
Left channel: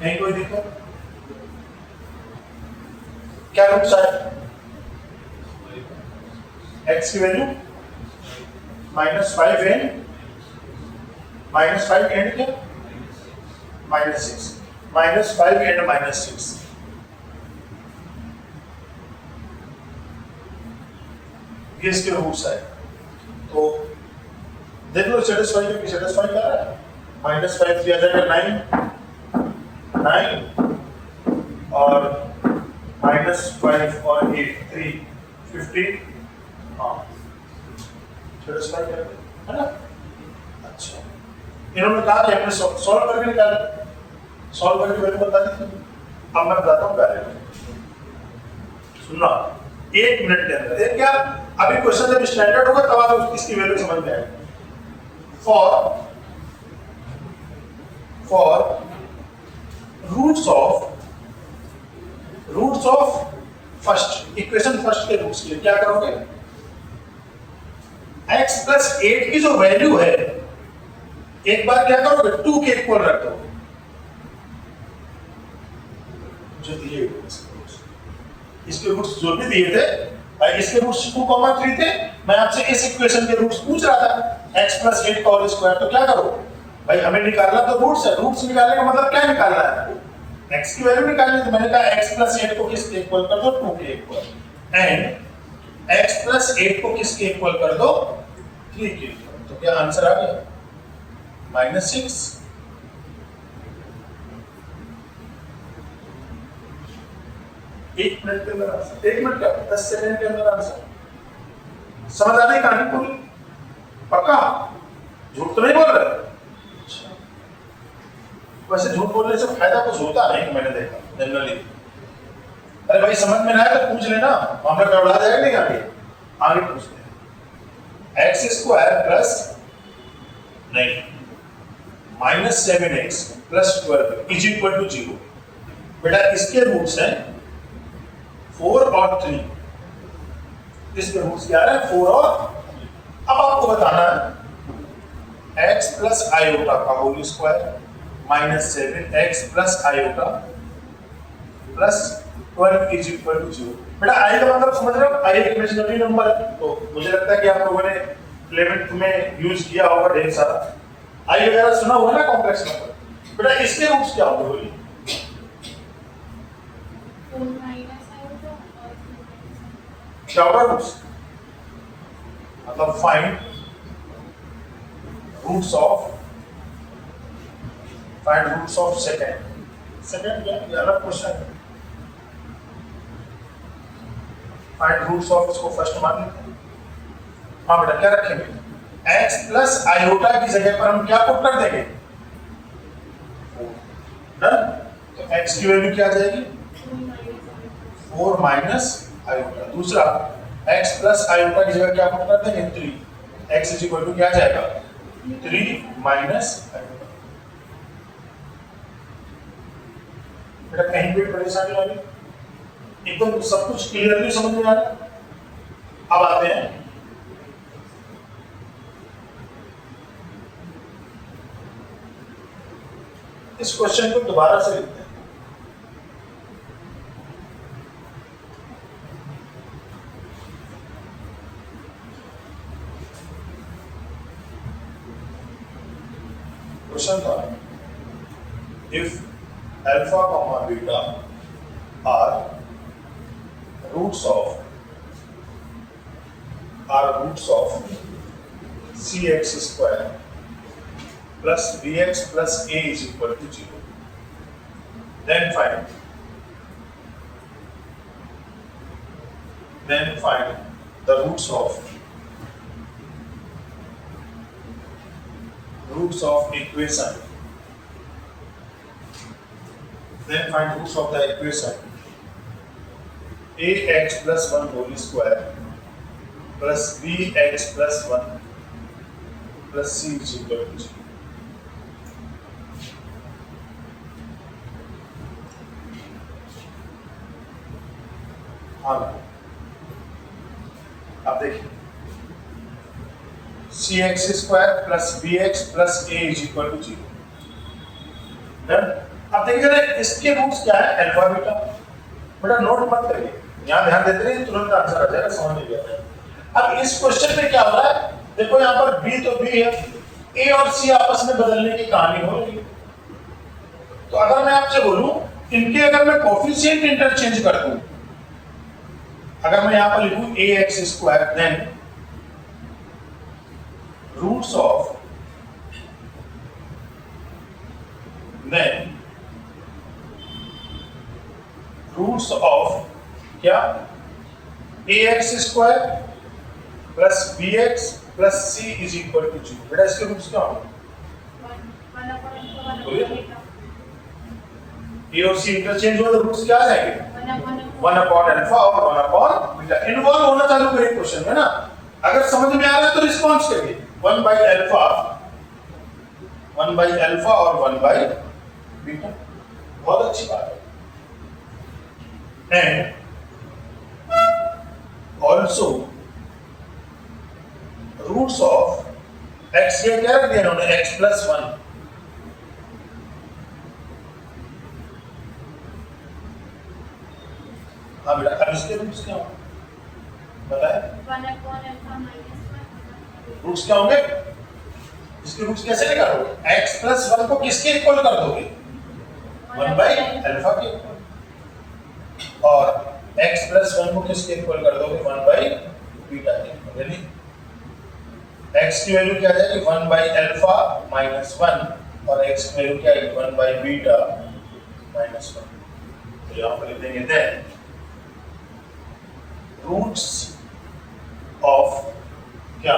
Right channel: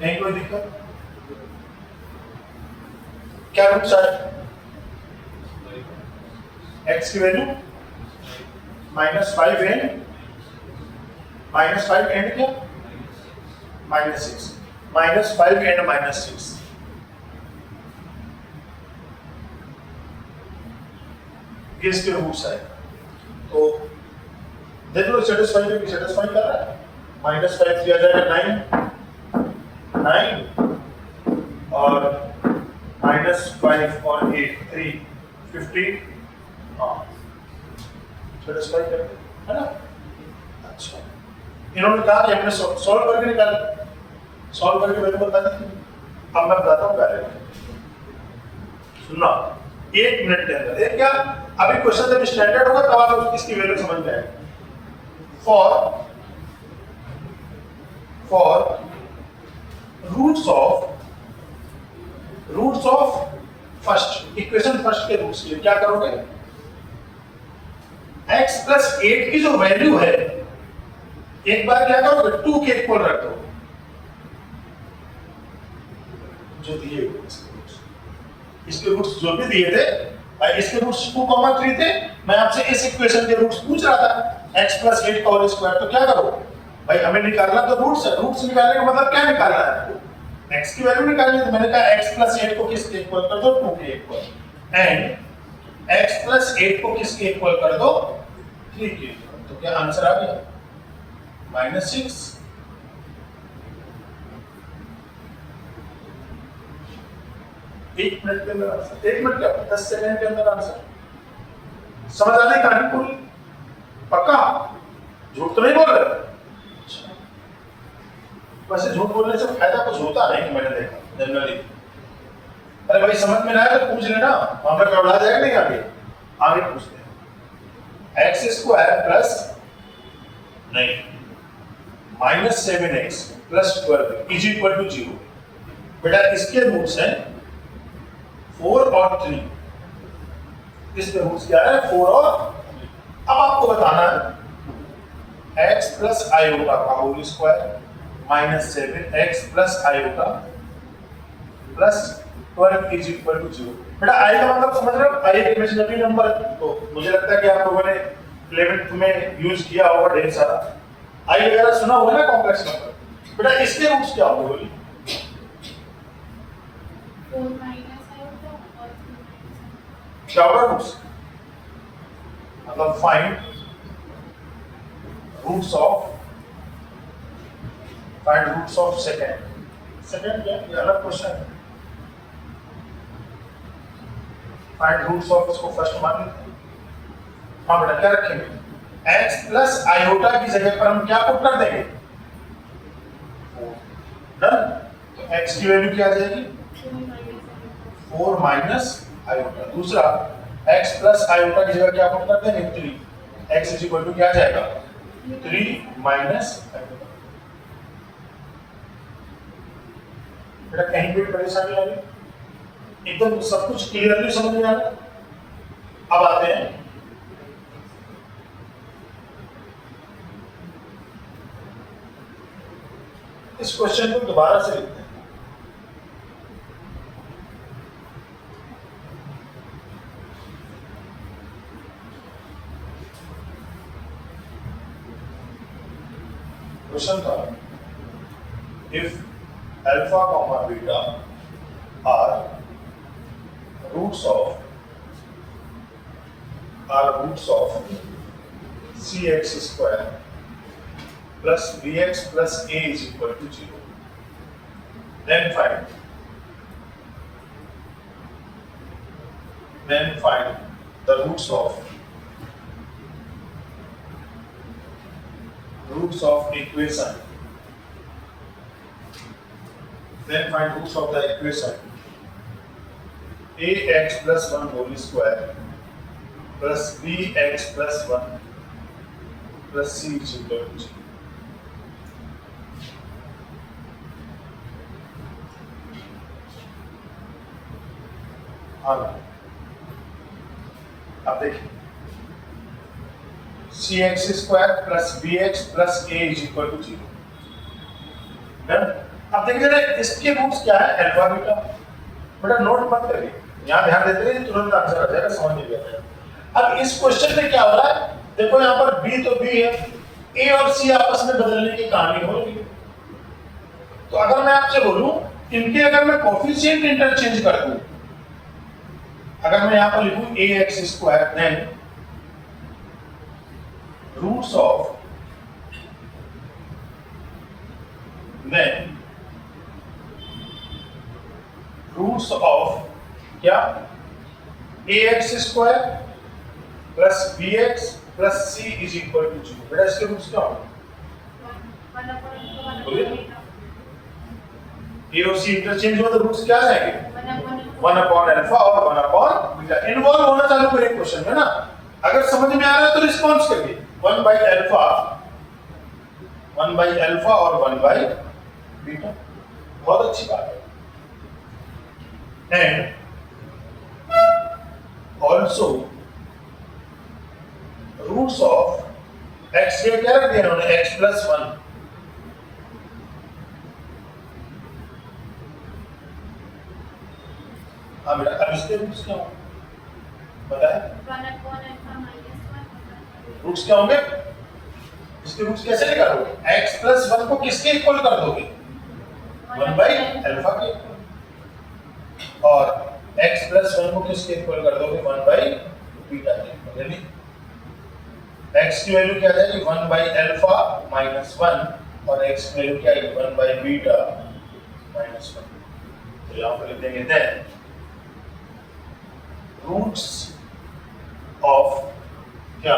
नहीं कोई दिक्कत? क्या रूट्स आए? एक्स की वैल्यू -5 एंड -5 एंड क्या? -6, -5 एंड -6। ये इसके रूट्स आए। तो देख लो सेटिस्फाई करके, सेटिस्फाई कर रहा है। -5 दिया जाएगा 9 और -5 और 8 3 15। हाँ सेटिस्फाई करके, है ना? अच्छा इन्होंने कहा कि हमने सॉल्व करके निकाला, सॉल्व करके वैल्यू बता दी। अब मैं बताता हूँ पहले, सुनना 1 मिनट के अंदर। देख क्या अभी क्वेश्चन जब स्टैंडर्ड होगा तब आप इसकी वैल्यू समझ में आएगी। For roots of first equation, first के रूट्स के लिए क्या करोगे? x प्लस 8 की जो वैल्यू है एक बार क्या करोगे? 2 के इक्वल रख दो जो दिए इसके रूट्स जो भी दिए थे भाई, इसके रूट्स 2,3 थे। मैं आपसे इस इक्वेशन के रूट्स पूछ रहा था, x प्लस 8 का होल स्क्वायर। तो क्या करो? भाई हमें निकालना तो रूट्स है, रूट्स निकालने का मतलब क्या निकालना है? x की वैल्यू निकालनी है। तो मैंने कहा x प्लस 8 को किसके इक्वल कर दो? 2 के इक्वल। एंड x प्लस 8 को किसके इक्वल कर दो? 3 के इक्वल। तो क्या आंसर आ गया? -6। एक मिनट के अंदर आंसर, 1 मिनट क्या 10 सेकंड के अंदर आंसर। समझ आ रही कहानी पूरी? पक्का? झूठ तो नहीं बोल रहे? वैसे झूठ बोलने से फायदा कुछ होता नहीं, मैंने देखा जनरली। अरे भाई समझ में ना आए तो पूछ लेना, वहां पर गड़बड़ा जाएगा नहीं। आगे पूछते हैं। एक्स स्क्वायर प्लस नहीं -7x plus 12 is equal to 0। बेटा इसके रूट्स हैं 4 और 3। इसके रूट्स क्या है? 4 और 3। अब आपको बताना है x प्लस आयोटा का whole square -7x plus iota plus 12 is equal to 0। बेटा आई का मतलब समझ रहे हो? आई एक इमेजिनरी नंबर है। तो मुझे लगता है कि आप लोगों ने 11th में यूज किया होगा ढेर सारा। आई वगैरह सुना हुआ है ना, कॉम्प्लेक्स नंबर। बेटा इसके रूट्स क्या होंगे बोलिए? 4 माइनस आएगा और 2 माइनस क्या होगा रूट्स? मतलब फाइंड रूट्स ऑफ सेकंड क्या? ये अलग क्वेश्चन है। फाइंड रूट्स ऑफ, इसको फर्स्ट मान लेते हैं। हाँ बेटा क्या रखेंगे? x प्लस आयोटा की जगह पर हम क्या पुट कर देंगे? 4। तो x की वैल्यू क्या आ जाएगी? 4 माइनस आयोटा। दूसरा x प्लस आयोटा की जगह क्या पुट कर देंगे? 3। x इज इक्वल टू क्या आ जाएगा? 3 माइनस आयोटा। बेटा कहीं भी परेशानी आ रही? एकदम सब कुछ क्लियरली समझ में आ रहा है? अब आते हैं इस क्वेश्चन को दोबारा से लिखते हैं। क्वेश्चन था if alpha comma beta are roots of cx square plus bx plus a is equal to 0. Then find the roots of equation. Then find roots of the equation ax plus 1 whole square plus bx plus 1 plus c is equal to 0. अब देखिए cx square plus bx plus a is equal to 0। अब देखिए ना इसके रूट्स क्या है? Alpha beta. बेटा नोट मत करिए, यहाँ ध्यान देते रहिए, तुरंत आंसर आ जाएगा, समझ नहीं गया। अब इस क्वेश्चन में क्या हो रहा है? देखो यहाँ पर b तो b है, a और c आपस में बदलने की कहानी हो रही है। तो अगर मैं आपसे बोलूं इनके अगर मैं कोफिशिएंट इंटरचेंज कर दूं, अगर मैं यहाँ पर लिखूं ax square then roots of क्या? ax square plus bx plus c is equal to 0। बेटा इसके रूट्स क्या होंगे? ए और सी इंटरचेंज हुआ तो रूट्स क्या आ जाएंगे? 1 अपॉन अल्फा और 1 अपॉन बीटा। इन्वॉल्व होना चालू करिए क्वेश्चन में ना। अगर समझ में आ रहा है तो रिस्पॉन्स करिए। 1 बाई अल्फा और 1 बाई बीटा। बहुत अच्छी बात है। And also roots of x ये क्या रख दिया उन्होंने? X plus 1। अब इसके रूट्स क्या होंगे बताएं? रूट्स क्या होंगे? इसके रूट्स कैसे निकालोगे? x प्लस 1 को किसके इक्वल कर दोगे? 1 बाई अल्फा के इक्वल। और x प्लस 1 को किसके इक्वल कर दोगे? 1 बाई बीटा के इक्वल। यानी x की वैल्यू क्या आ जाएगी? 1 बाई अल्फा माइनस 1 और x की वैल्यू क्या आएगी? 1 बाई बीटा माइनस 1। तो यहां पर लिख देंगे देन रूट्स ऑफ क्या?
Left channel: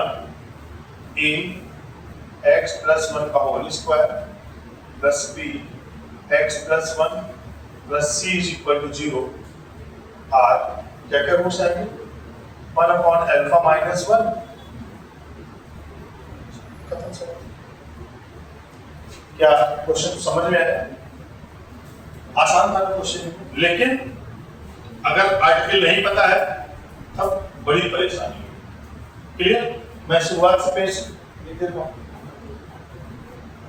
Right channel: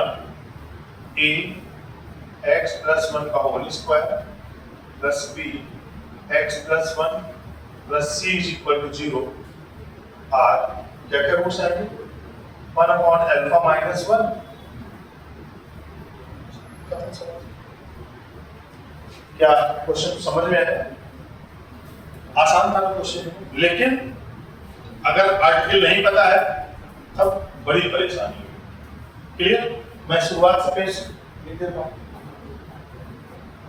a x प्लस 1 का whole square plus b x plus 1 plus c is equal to 0 are क्या क्या रूट्स आएंगे? 1 अपॉन अल्फा माइनस 1। क्या क्वेश्चन समझ में आया? आसान था क्वेश्चन, लेकिन अगर आर्टिकल नहीं पता है तब बड़ी परेशानी है। क्लियर? मैं शुरुआत से पेश लिख देता हूं।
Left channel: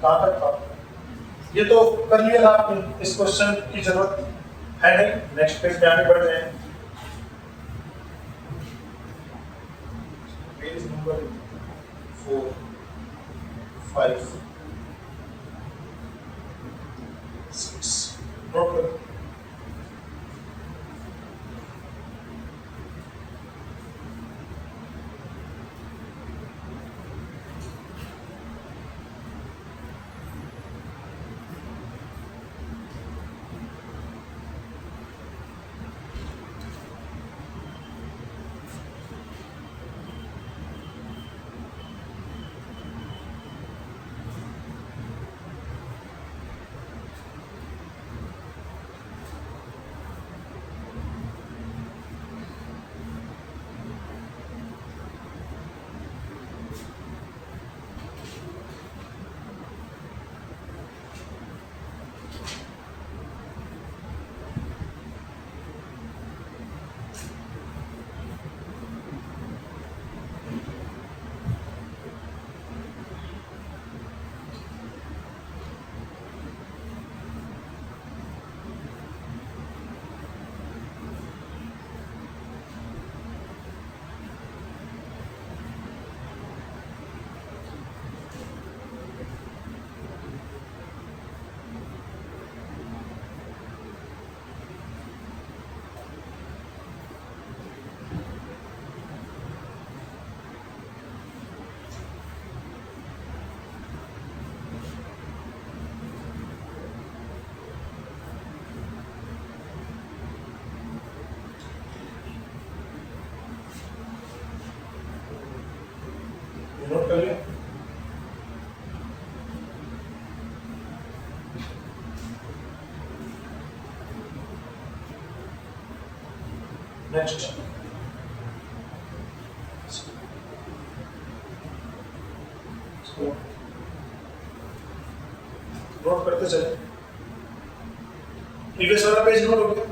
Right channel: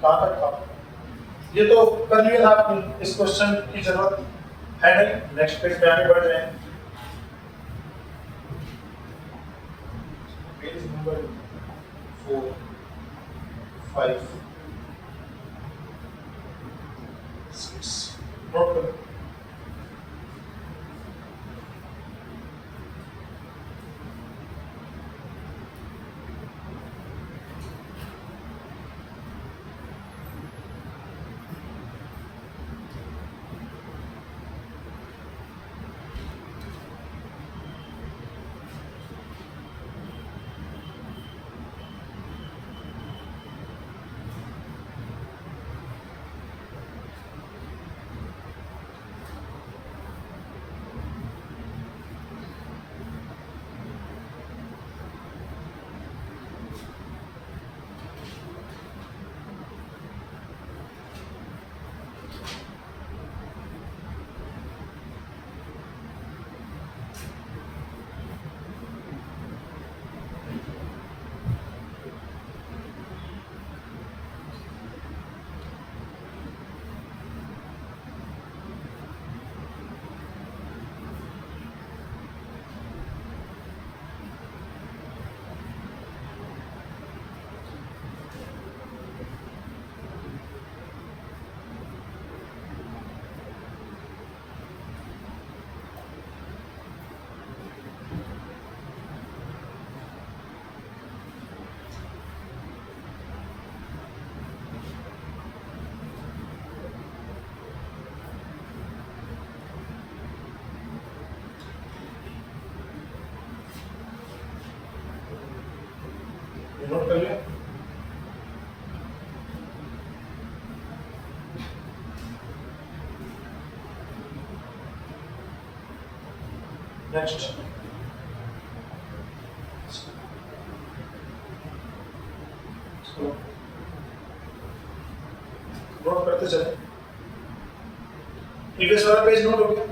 कहां तक था? ये तो कर लिया था आपने, इस क्वेश्चन की जरूरत है नहीं। नेक्स्ट पेज पे आगे बढ़ रहे हैं। पेज नंबर 4 5 6 नोट करो। नोट कर लिया? नेक्स्ट नोट करते चले। प्रीवियस वाला पेज नोट हो गया?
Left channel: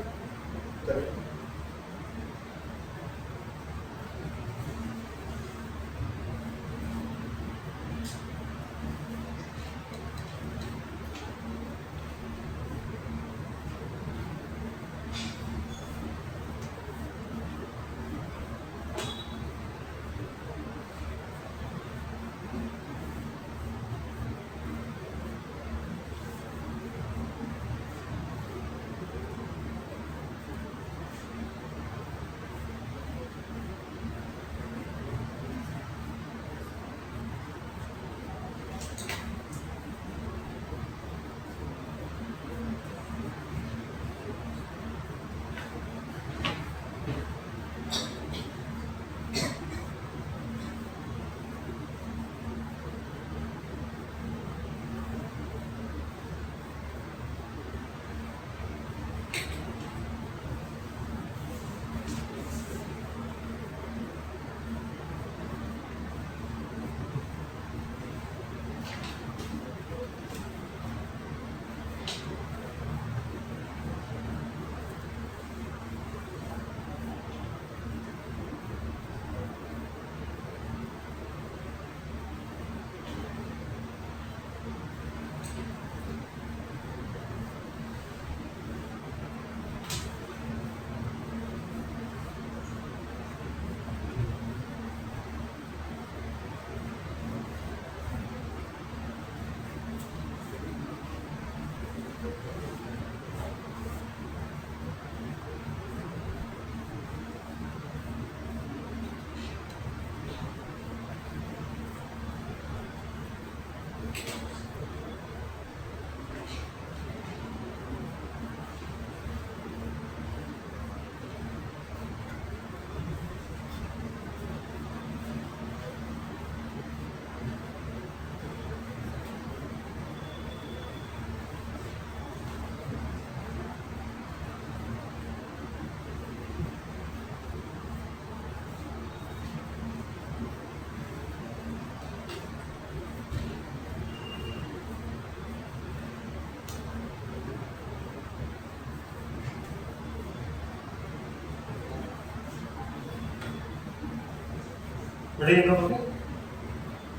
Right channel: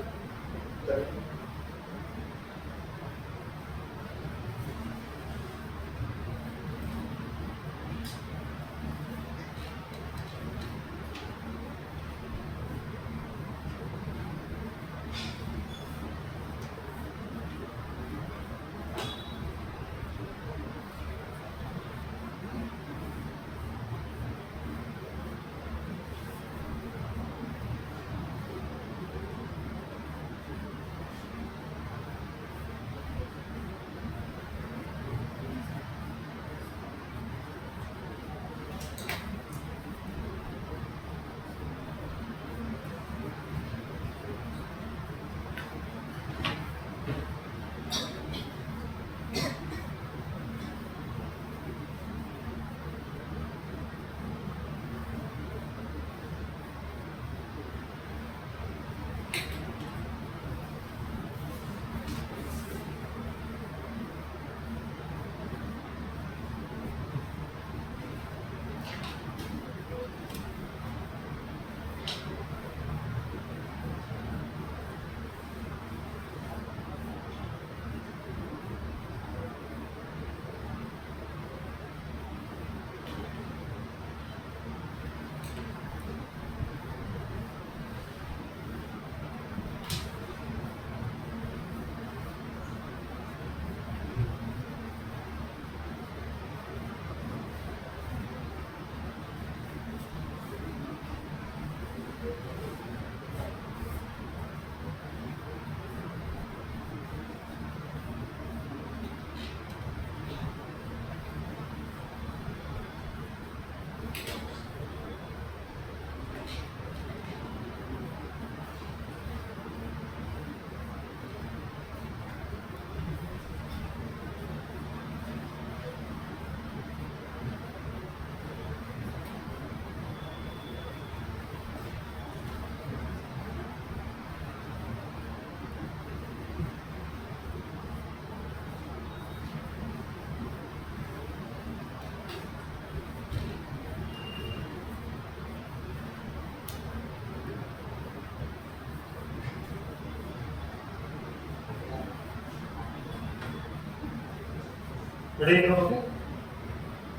Very good.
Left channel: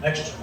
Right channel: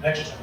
नेक्स्ट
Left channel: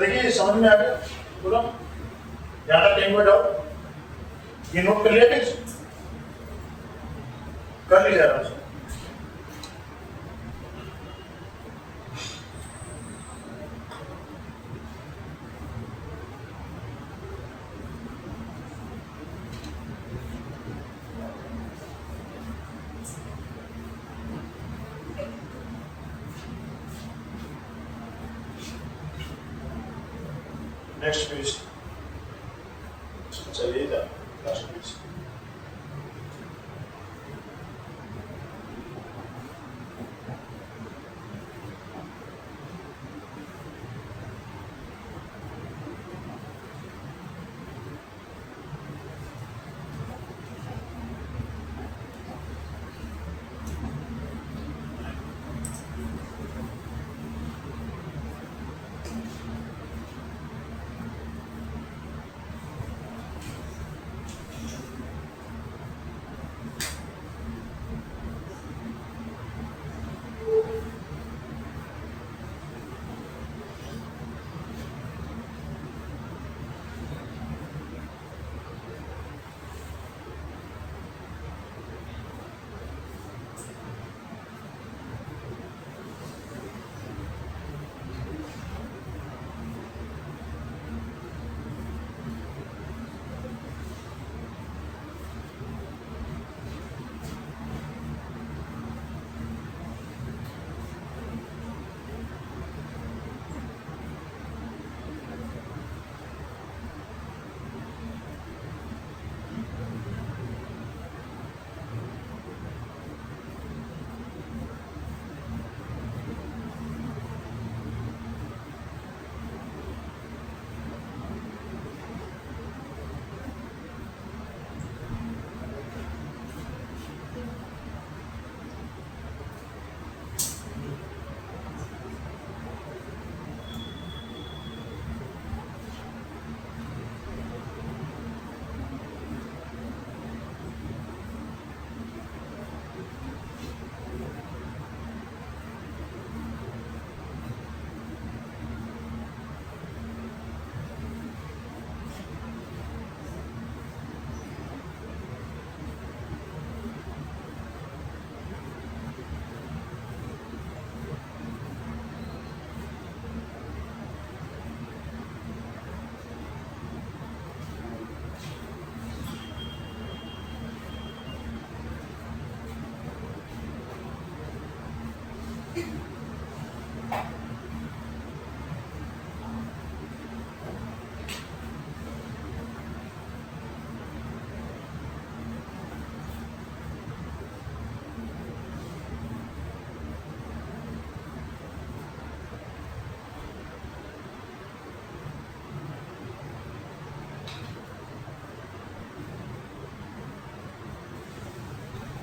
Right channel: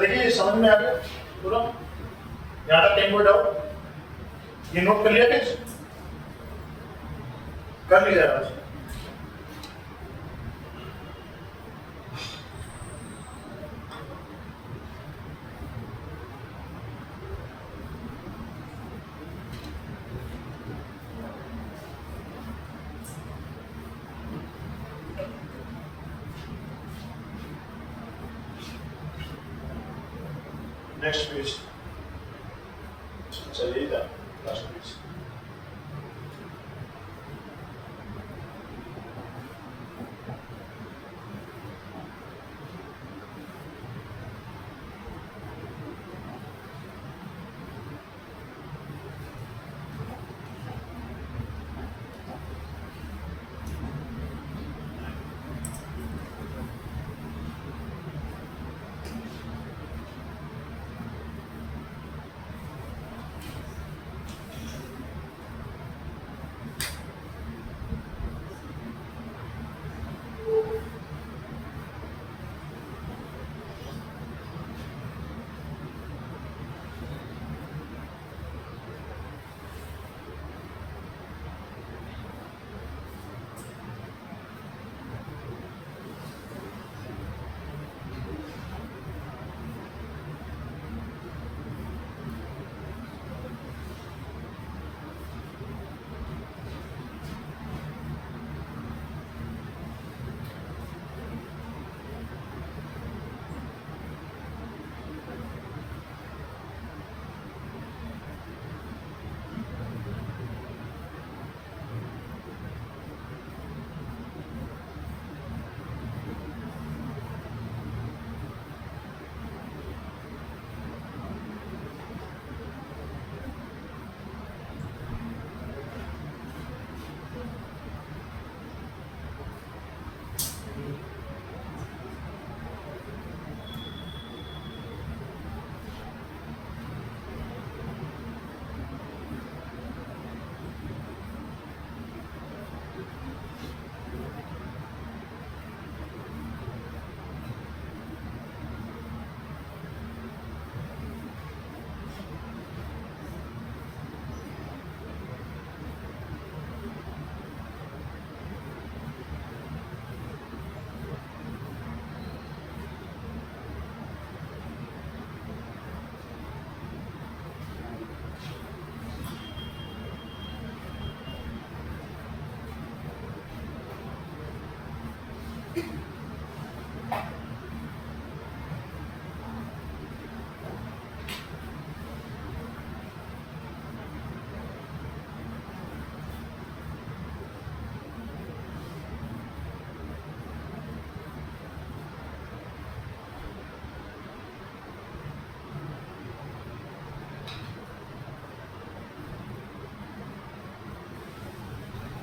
देखिए समझ में आ गया पूरा, ज्यादा टाइम में डाउट ये नोट कर लिया क्या? कर लिया आराम से। नेक्स्ट पेज चलिएगा, लास्ट पेज।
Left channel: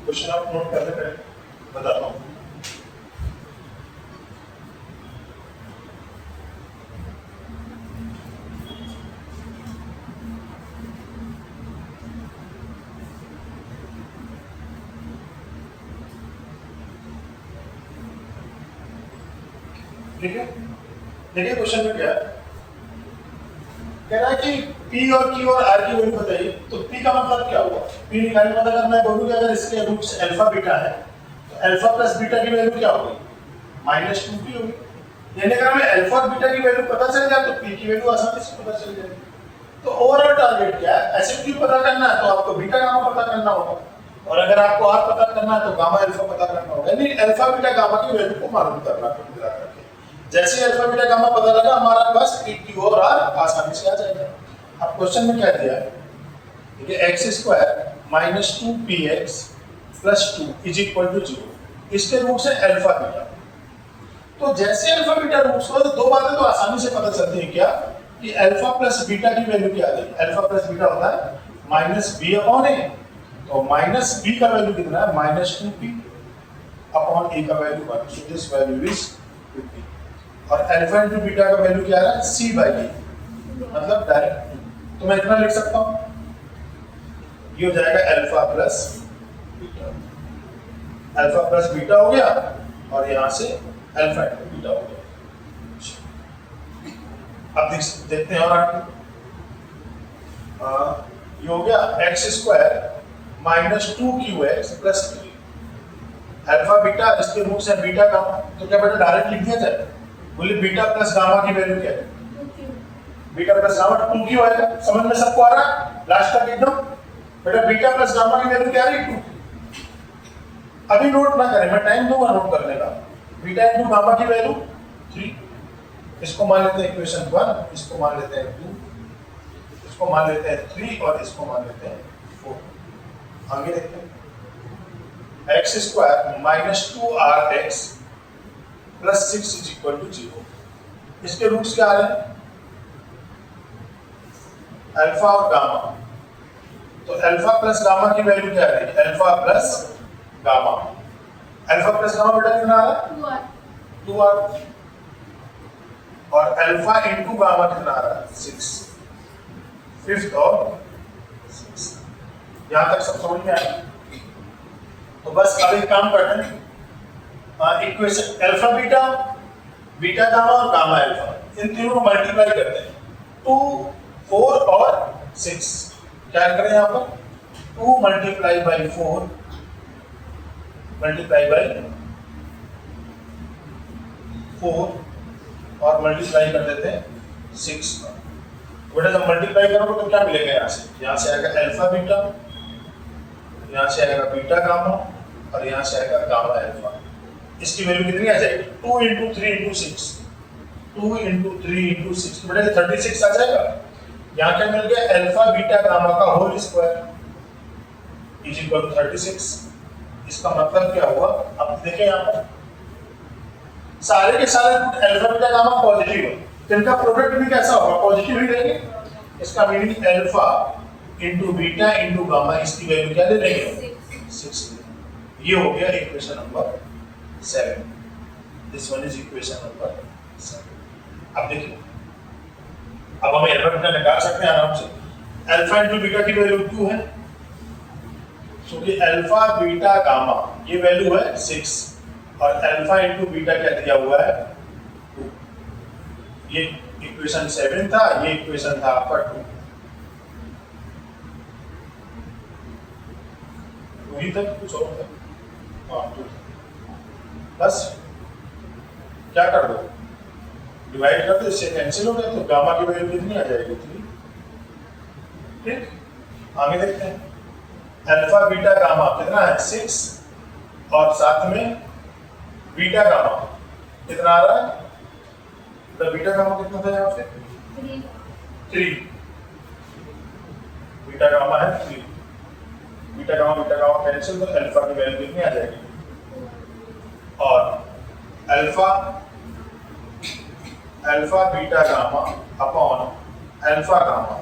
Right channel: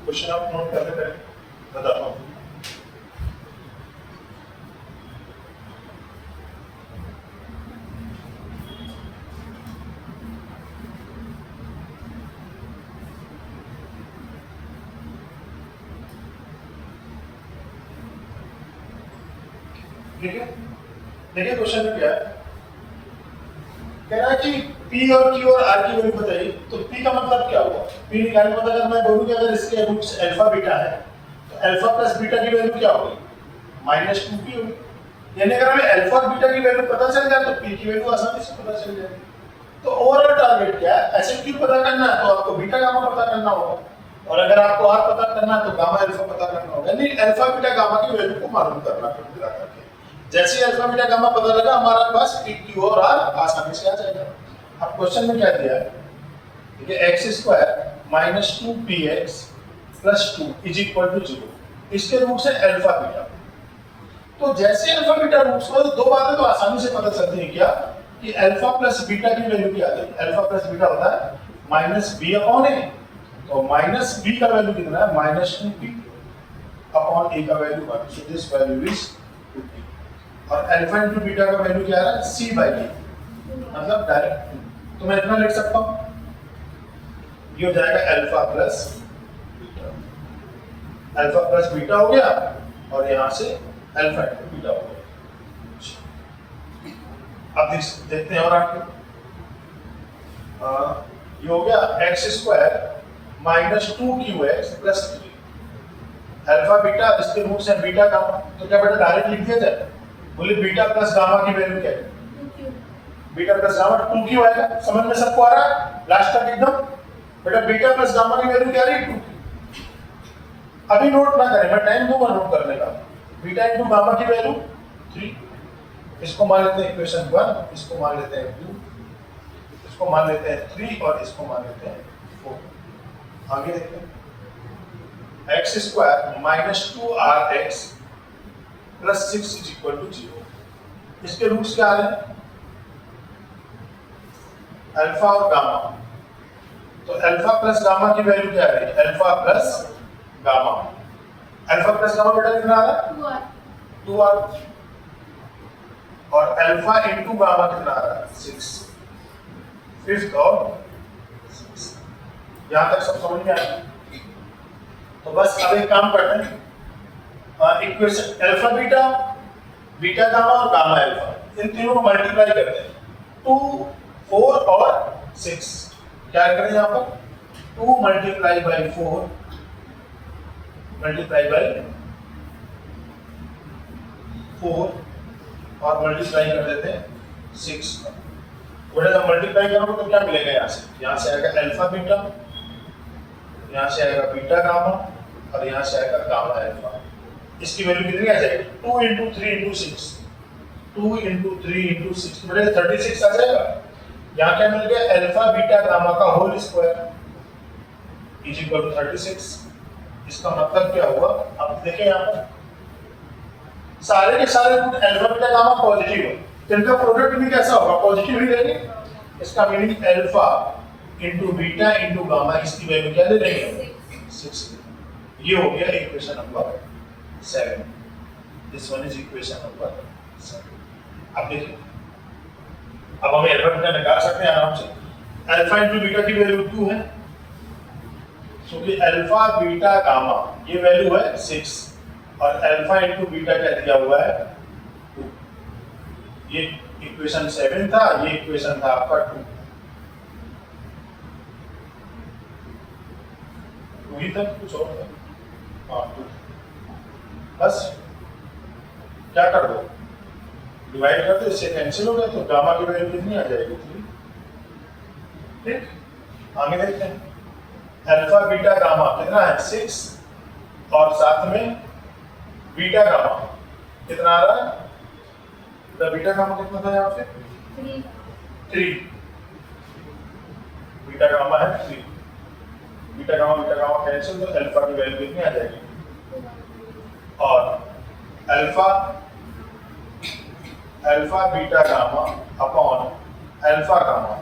क्वेश्चन आप नोट करते पहले बताता हूँ। ठीक है, देखिए क्वेश्चन में क्या है, कह रहा है कि P और Q और R की वैल्यू बताइए। तो P का मतलब क्या हुआ? P निकालने का मतलब अगर मैं बोलूँ कि अगर इसके रूट्स अल्फा बीटा है तो अल्फा प्लस बीटा की वैल्यू क्या होगी? -2P होगी। यानी अगर हमें अल्फा और बीटा की वैल्यू पता चल जाए तो P की वैल्यू आसानी से पता चल जाएगी। तो ओवरऑल टारगेट क्या है? ऐसे Q पता करना है तो आपको बीटा गामा पता करना होगा, और अगर आपको R पता करना है तो गामा अल्फा पता करना होगा। यानी अल्फा बीटा गामा की वैल्यू को मालूम करना होगा। जैसे अल्फा बीटा गामा पता लगा हमारे पास P Q और R आसानी से आ जाएगा। अब क्वेश्चन में क्या दिया है, देखिए x² - 2px + 2 = 0। इसके रूट्स है अल्फा बीटा। तो जैसे अल्फा बीटा रूट्स हो तो दो बातें तो आसानी से पता चलती हैं, क्या कि अल्फा प्लस बीटा की वैल्यू क्या आ जाएगी? अल्फा प्लस बीटा होता है -b/a। तो -b का वैल्यू कितना है? -2p/a का value 1। So this value is 2p। और अल्फा इंटू बीटा का वैल्यू क्या है? c/a, मतलब डायरेक्ट। तो मैं इतना लिख सकता हूं, ये हो जाएगा alpha plus beta. Alpha plus beta हो गया और यहां से अल्फा इंटू बीटा हो गया। अब देखते हैं और आगे ये हो गया x² - 2qx + 3। अल्फा बीटा इसके रूट्स है बीटा गामा, तो क्या बेटा डायरेक्ट लिख दिया जाए? बोले बीटा प्लस गामा की वैल्यू क्या है? बीटा प्लस गामा 2q आएगा। समझ में सबको आ रहा है? लास्ट तक एकदम बेटा बीटा प्लस गामा की वैल्यू क्या आ रही है? 2q। अभी नोट ना करें, मैं टाइम दूंगा नोट करने का। बीटा इंटू गामा की वैल्यू 3। इसको मान लेते हैं इक्वेशन 1, इसको मान लेते हैं 2, इसको मान लेते हैं 3 और इसको मान लेते हैं 4। आगे देखते हैं, x² - 2rx + 6 = 0। इसके रूट्स क्या आ रहे हैं? अल्फा और गामा। तो अल्फा प्लस गामा की वैल्यू क्या आ रही है? Alpha plus gamma. Alpha plus gamma बेटा कितना आ रहा है? 2r। और अल्फा इंटू गामा कितना आ रहा है? 6। फिफ्थ और 6। यहां तक सब समझ में आया? तो बस अब एक काम करते हैं, equation alpha beta, beta gamma और गामा अल्फा, इन तीनों को मल्टीप्लाई करते हैं। 2, 4 और 6। क्या करें यहाँ पर? 2 × 4 × 4 और मल्टीप्लाई कर देते हैं 6 का। बेटा जब मल्टीप्लाई करोगे तो क्या मिलेगा? यहाँ से आएगा अल्फा बीटा, यहाँ से आएगा बीटा गामा और यहाँ से आएगा गामा अल्फा। इसकी वैल्यू कितनी आ जाएगी? 2 × 3 × 6। 2 × 3 × 6 बेटा 36 आ जाएगा। यहाँ क्या मिल गया? अल्फा बीटा गामा का होल स्क्वायर = 36। इसका मतलब क्या हुआ? अब देखें यहाँ पर सारे के सारे अल्फा बीटा गामा पॉजिटिव है, तो इनका प्रोडक्ट भी कैसा होगा? पॉजिटिव ही रहेंगे। इसका meaning alpha into beta into gamma, इसकी वैल्यू क्या ले लेंगे? 6। ये हो गया equation number 7। This one is equation number 7। अब देखिए, अब हमें अल्फा बीटा निकाल सकते हैं आराम से। अल्फा इंटू बीटा की वैल्यू 2 है, क्योंकि अल्फा बीटा गामा ये वैल्यू है 6 और अल्फा इंटू बीटा क्या दिया हुआ है? 2। ये इक्वेशन 7 था, ये इक्वेशन था आपका 2। वही था कुछ और था? हाँ 2। बस क्या कर दो? डिवाइड कर दो, इससे कैंसिल हो गया, तो गामा की वैल्यू कितनी आ जाएगी? 3। ठीक, आगे देखते हैं। अल्फा बीटा गामा कितना है? 6 और साथ में बीटा गामा कितना आ रहा है? तो बीटा गामा कितना था यहाँ पे? 3। बीटा गामा है 3। बीटा गामा कैंसिल, तो अल्फा की वैल्यू कितनी आ जाएगी? और alpha beta gamma upon alpha gamma,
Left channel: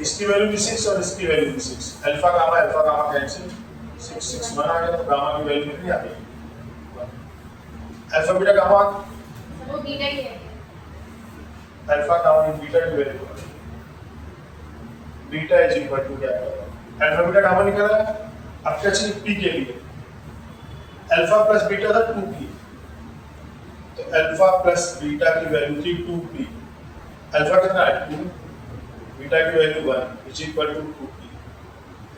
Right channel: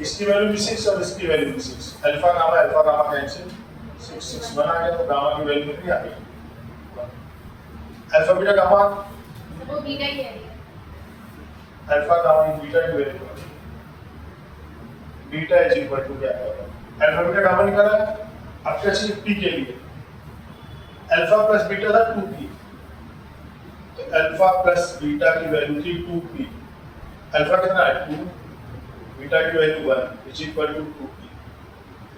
इसकी वैल्यू भी 6 और इसकी वैल्यू भी 6। अल्फा गामा कैंसिल, 661 आ गया, तो गामा की वैल्यू कितनी आ गई? अल्फा बीटा गामा, सर वो बीटा ही है। अल्फा गामा इन बीटा की वैल्यू आ गई। बीटा इज इक्वल टू क्या है? अल्फा बीटा गामा निकाला है। अब क्या चाहिए पी के लिए? अल्फा प्लस बीटा था 2p, तो अल्फा प्लस बीटा की वैल्यू थी 2p। अल्फा कितना है? 2, बीटा की value 1 is equal to 2p।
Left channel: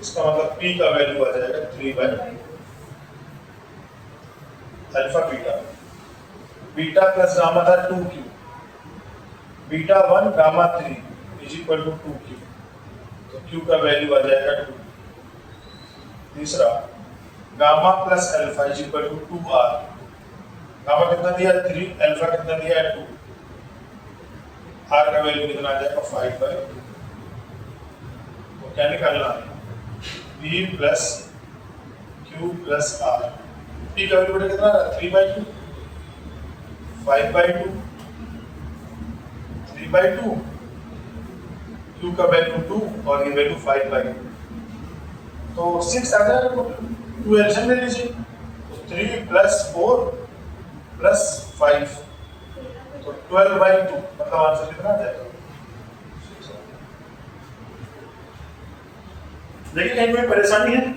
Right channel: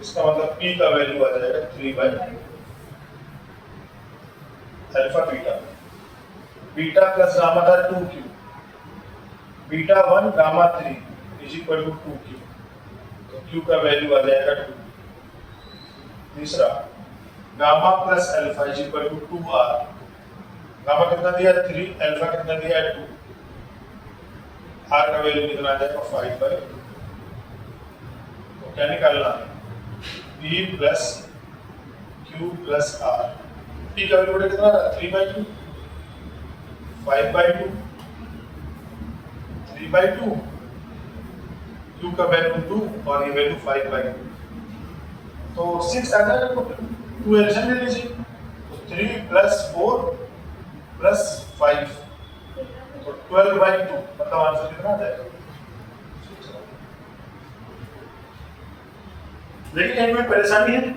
इसका मतलब p का वैल्यू आ जाएगा 3/2। Alpha beta, beta plus gamma था 2q, beta 1 gamma 3 is equal to 2q, तो q का वैल्यू आ जाएगा 2। तीसरा, gamma plus alpha is equal to 2r। Gamma कितना दिया है? 3, अल्फा कितना दिया है? 2, r का वैल्यू कितना आ जाएगा? 5/2। तो क्या निकालना है? p plus q plus r। p का वैल्यू कितना है? 3/2, 5/2, 3/2, q का वैल्यू 2 और ये वैल्यू 5/2। तो 6 आ गया, तो 2 एलसीएम ले लीजिए, तो 3 प्लस 4 प्लस 5, तो 12/2, मतलब आंसर कितना आ जाएगा? लेकिन कहीं कोई परेशानी है?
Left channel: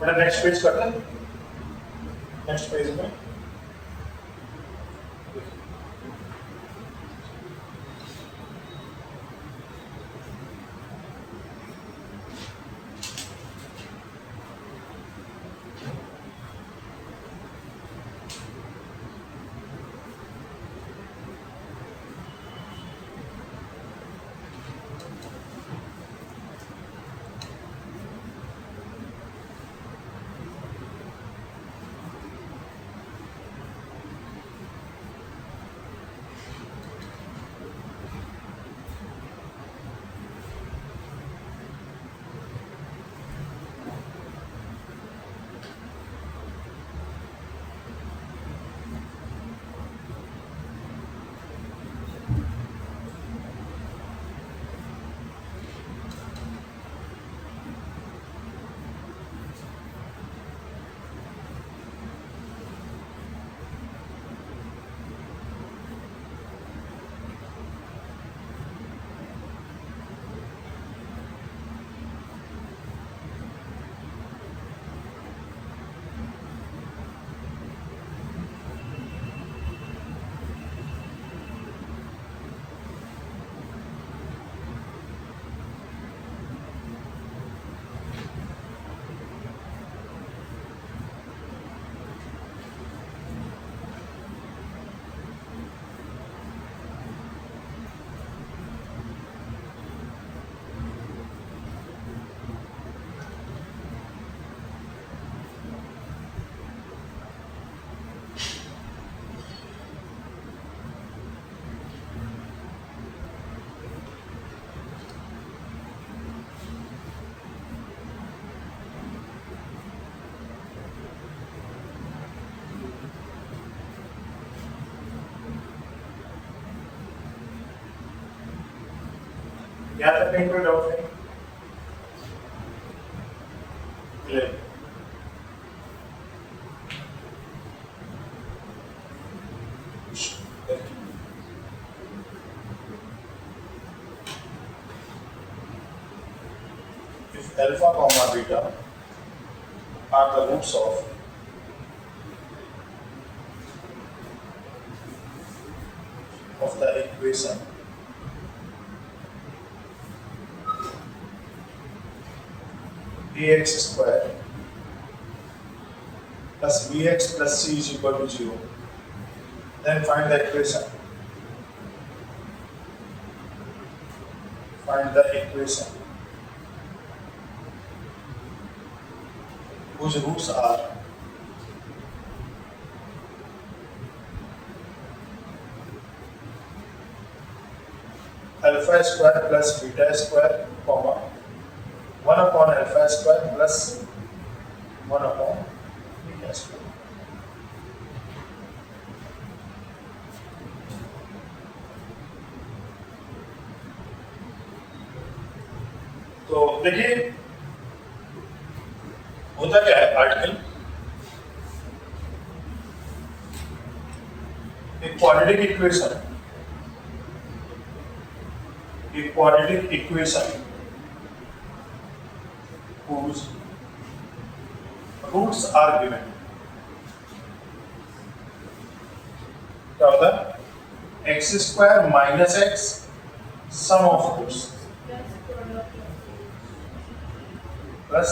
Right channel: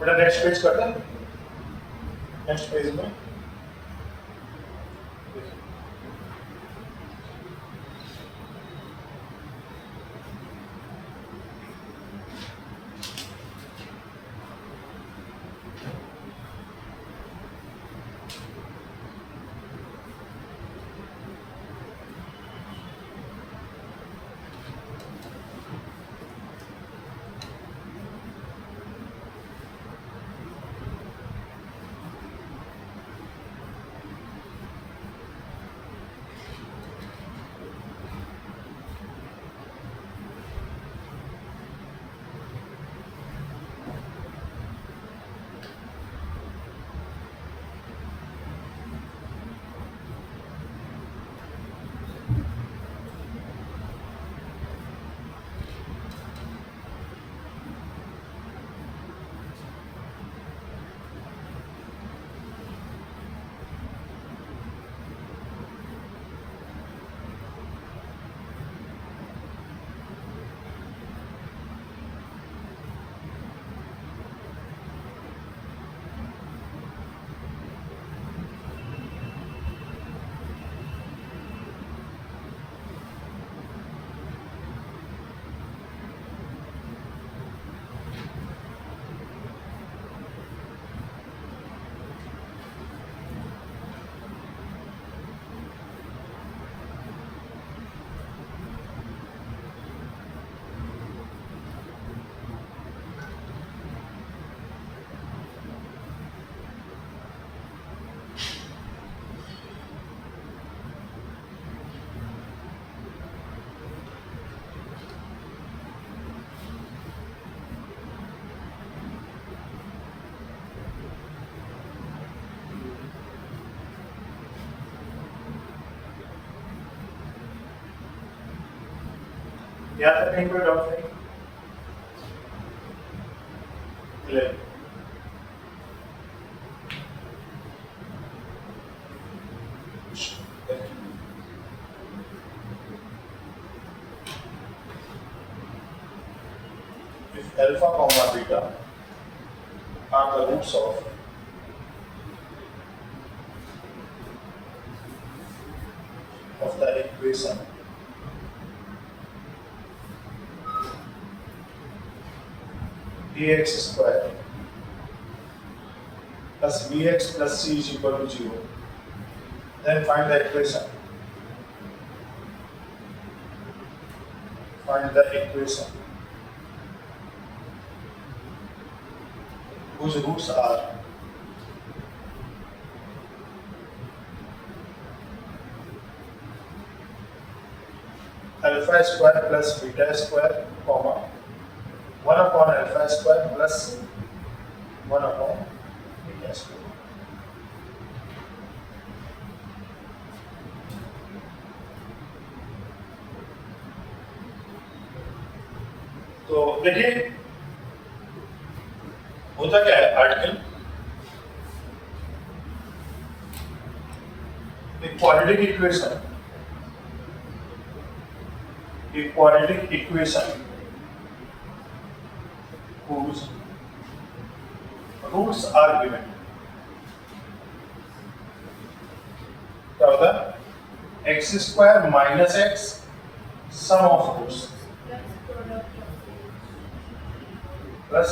बेटा नेक्स्ट पेज करते हैं, नेक्स्ट पेज में यहाँ तक कहीं कोई डाउट नहीं? Clear? If alpha comma beta are the roots of the equation bx square plus bx plus c is equal to 0, then find the equation. Find the equation whose roots are alpha square plus beta square, comma 1 upon alpha square plus 1 upon beta square. तो देखिए होता क्या है article, एक quadratic equation whose roots are given. क्या होता है? x square minus x sum of roots plus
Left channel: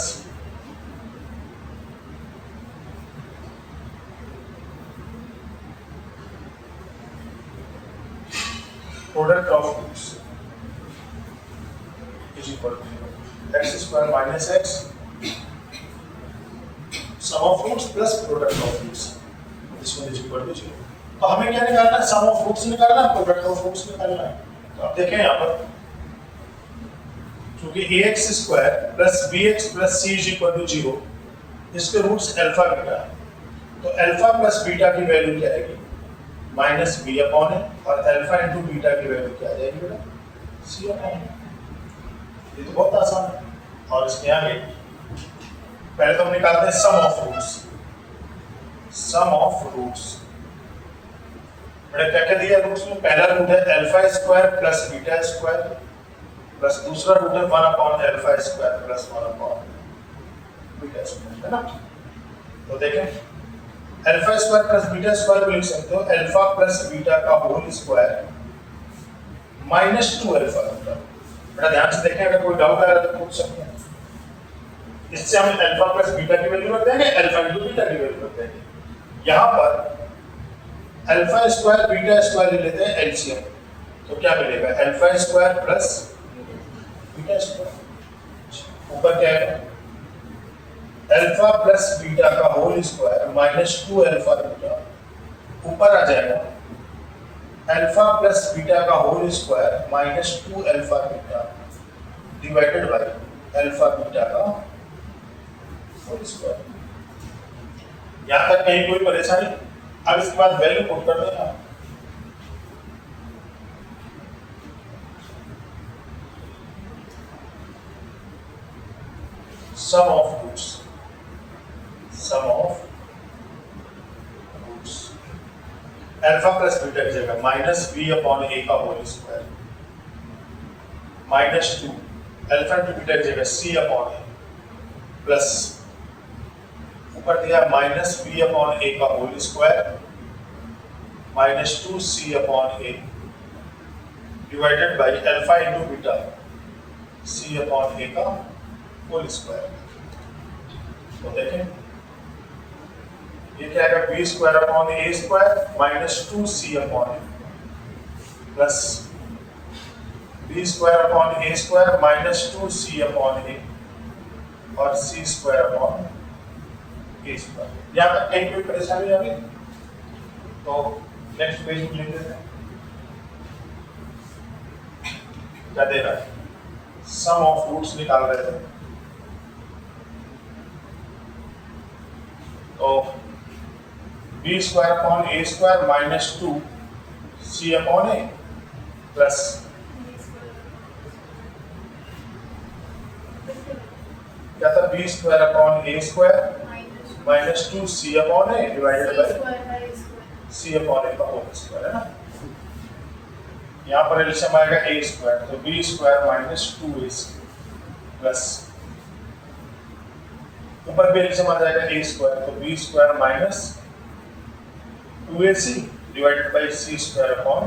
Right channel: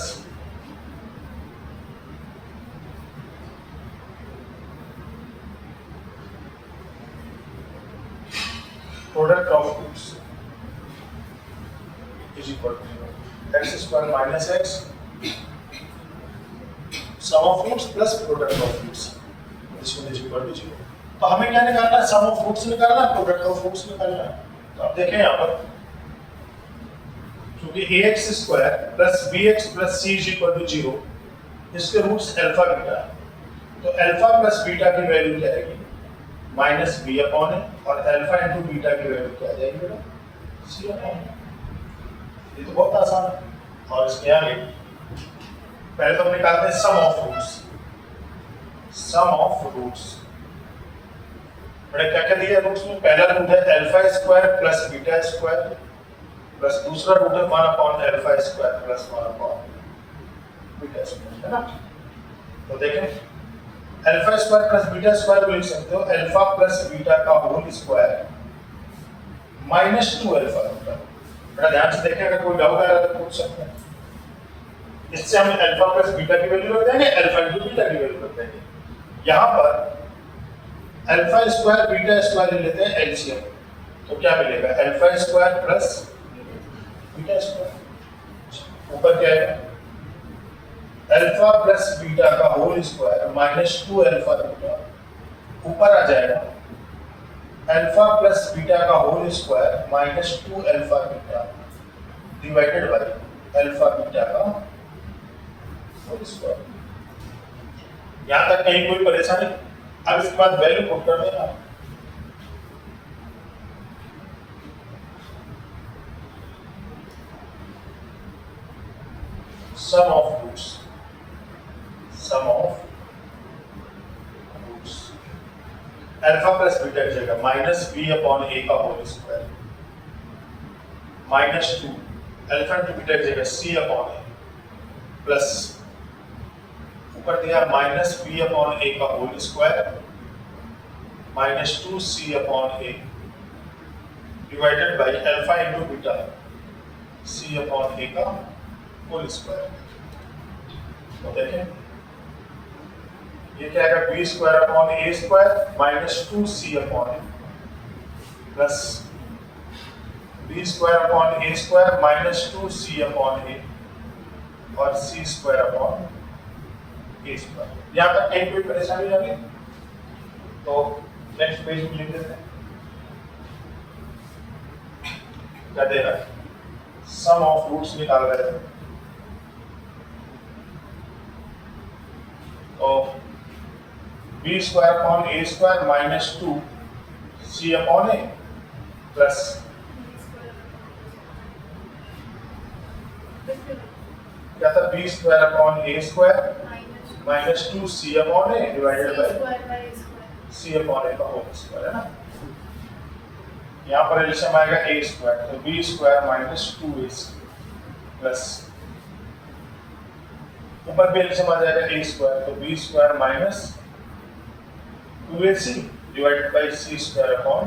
product of roots is equal to x square minus x sum of roots plus product of roots is equal to 0. तो हमें क्या निकालना है? सम of roots निकालना है, प्रोडक्ट ऑफ रूट्स निकालना है। तो आप देखें यहाँ पर क्योंकि ax square plus bx plus c is equal to 0, इसके रूट्स अल्फा बीटा है, तो अल्फा प्लस बीटा की वैल्यू क्या आएगी? माइनस b अपॉन है, और अल्फा इंटू बीटा की वैल्यू क्या आ जाएगी बेटा? c upon. ये तो बहुत आसान है। और इसके आगे पहले तो हम निकालते हैं sum of roots. Sum of roots बेटा क्या क्या दिया रूट्स में? पहला रूट है alpha square plus beta square plus दूसरा रूट है 1 upon alpha square plus 1 upon beta square, है ना। तो देखें alpha square plus beta square को लिख सकते हो अल्फा प्लस बीटा का होल स्क्वायर माइनस 2 अल्फा होगा। बड़ा ध्यान से देखें, अगर कोई डाउट आया तो पूछ सकते हैं। इससे हम अल्फा प्लस बीटा की वैल्यू रख देंगे, अल्फा इंटू बीटा की वैल्यू रख देंगे। यहाँ पर अल्फा स्क्वायर बीटा स्क्वायर ले लेते हैं एलसीएम, तो क्या मिलेगा alpha square plus beta square, ऊपर क्या है अल्फा प्लस बीटा का whole square minus 2 alpha beta, ऊपर आ जाएगा अल्फा प्लस बीटा का whole square minus 2 alpha beta divided by alpha beta का होल स्क्वायर। यहां तक कहीं कोई परेशानी? अब इसके बाद वैल्यू पुट कर देना। Sum of roots, sum of roots alpha plus beta की जगह माइनस बी अपॉन ए का whole square minus 2 alpha into beta की जगह सी अपॉन ए प्लस ऊपर दिया माइनस बी अपॉन ए का whole square minus 2 C upon A divided by alpha into beta C upon ए का whole square. तो देखें ये क्या आएगा B square upon A square minus 2 C upon A plus B square upon A square minus 2 C upon A और C square upon ए square. यहाँ तक कहीं कोई परेशानी होगी तो नेक्स्ट पेज में लिख देते हैं। क्या दे रहा है? सम ऑफ रूट्स निकाल रहे थे, तो B square upon A square minus 2 C upon A plus क्या था B square upon A square minus 2 C upon A divided by C upon ए का होल स्क्वायर, है ना। यहाँ पर एलसीएम आएगा ए स्क्वायर, तो B square minus 2ac plus ऊपर भी एलसीएम आ जाएगा ए स्क्वायर, तो B square minus 2ac divided by C square upon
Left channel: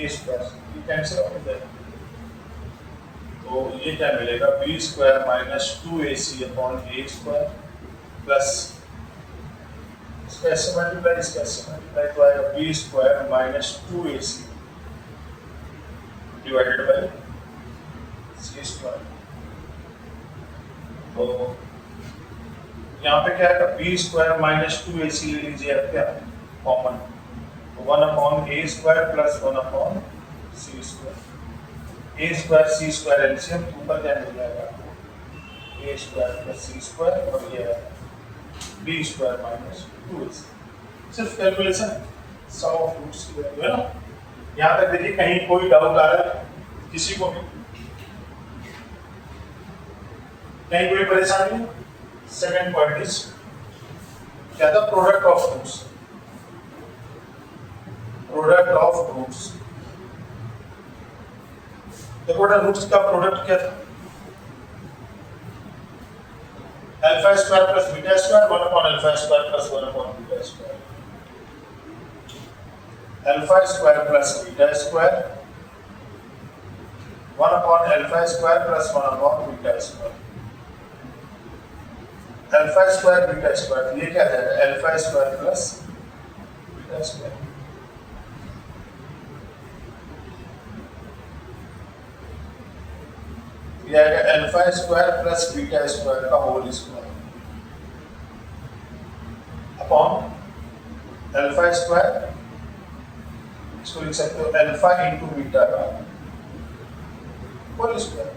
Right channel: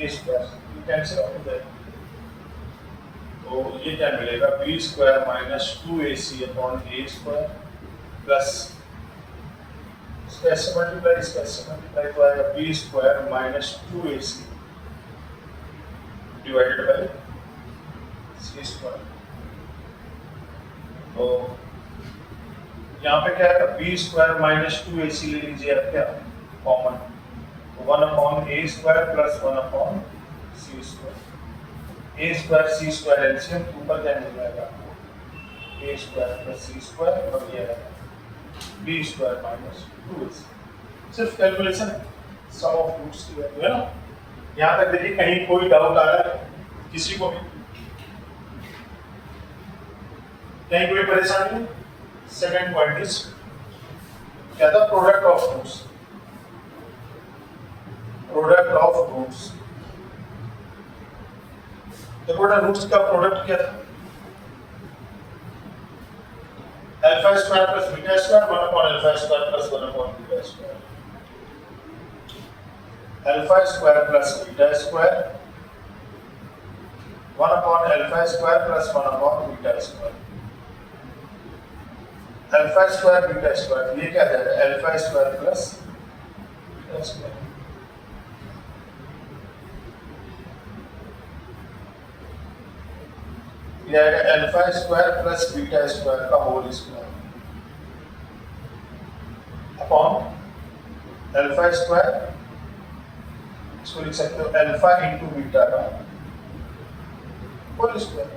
A square. ये कैंसिल आउट हो जाएगा, तो ये क्या मिलेगा B square minus 2ac upon ए स्क्वायर प्लस इसका इससे मल्टीप्लाई तो आएगा B square minus 2ac divided by C square. तो यहाँ पे क्या है बी स्क्वायर माइनस 2ac ले लीजिए आप क्या कॉमन, तो 1 upon A square plus 1 upon C square. A square C square LCM ऊपर क्या मिल जाएगा आपको ए स्क्वायर प्लस सी स्क्वायर और ये है बी स्क्वायर माइनस 2ac। सिर्फ कैलकुलेशन सम ऑफ रूट्स की वैल्यू है ना। यहाँ तक देखिए कहीं कोई डाउट आ रहा है किसी को भी, कहीं कोई परेशानी नहीं। सेकंड पॉइंट इज क्या था product of roots, product of roots. देखो बेटा रूट्स का प्रोडक्ट क्या था alpha square plus beta square 1 upon alpha square plus 1 upon beta square, alpha square plus beta square 1 upon alpha square plus 1 upon beta square, alpha square beta square, ये क्या आ जाएगा alpha square plus beta square. ये आएगा alpha square plus beta square का whole square upon alpha square, इसको लिख सकते हो अल्फा इंटू बीटा का होल स्क्वायर।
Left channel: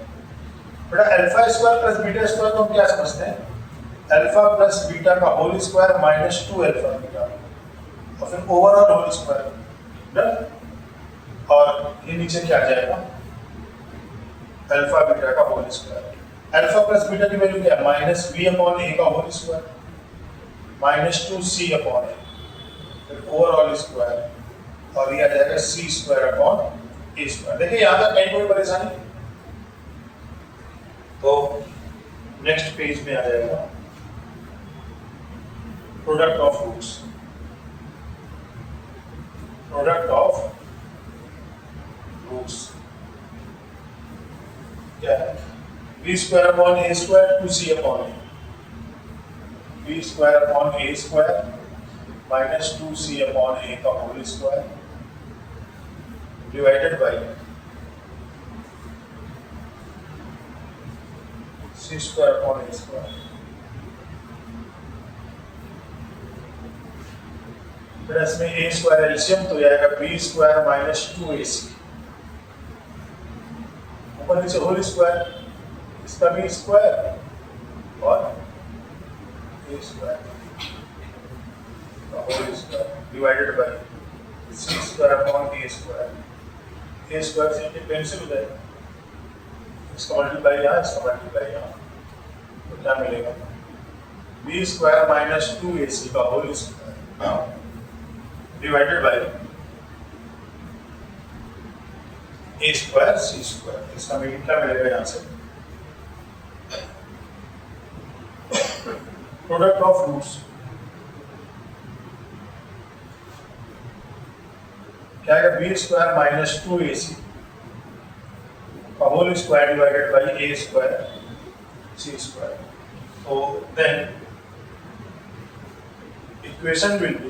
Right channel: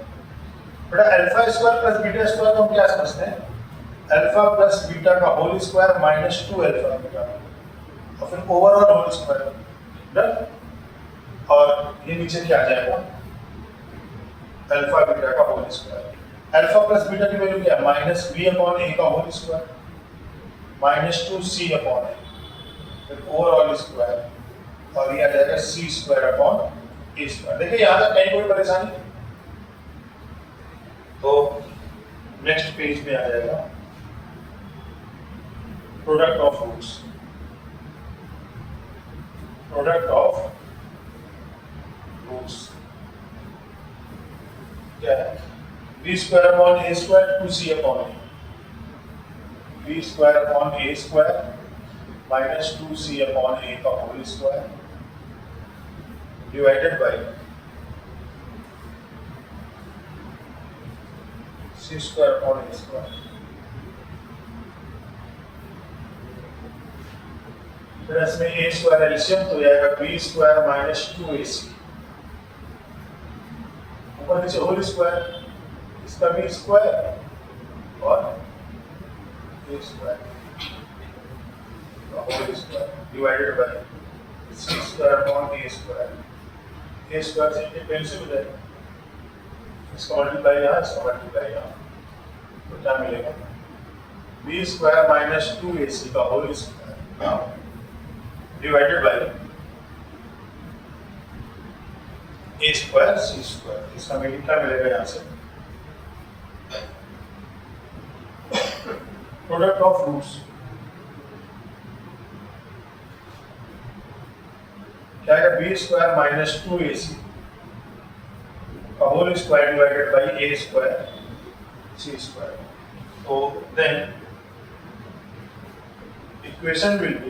बेटा alpha square plus beta square को हम क्या समझते हैं अल्फा प्लस बीटा का whole square minus 2 alpha beta और फिर ओवरऑल होल स्क्वायर, और ये नीचे क्या आ जाएगा अल्फा बीटा का whole square. Alpha plus beta की वैल्यू क्या है माइनस बी अपॉन ए का whole square minus 2c upon A फिर ओवरऑल स्क्वायर और ये आ जाएगा सी स्क्वायर अपॉन ए स्क्वायर। देखिए यहाँ तक कहीं कोई परेशानी, तो नेक्स्ट पेज में आ जाएगा product of roots, product of roots क्या है? B square upon A square 2c upon a, b square upon A square minus 2c upon ए का whole square divided by C square upon A square. फिर इसमें ए square LCM तो आएगा B square minus 2ac, ऊपर नीचे whole square, इसका B square और A square whole square divided by C square upon A square. A square से cancel हो जाएगा, इसका मल्टीप्लाई यहाँ, इसका मल्टीप्लाई यहाँ, तो क्या मिलेगा? बी स्क्वायर माइनस 2ac का whole square divided by A square C square. इसका मीनिंग क्या मिलेगा यहाँ से? प्रोडक्ट ऑफ रूट्स क्या है? बी स्क्वायर माइनस 2ac का whole square divided by A square C square. तो then equation will be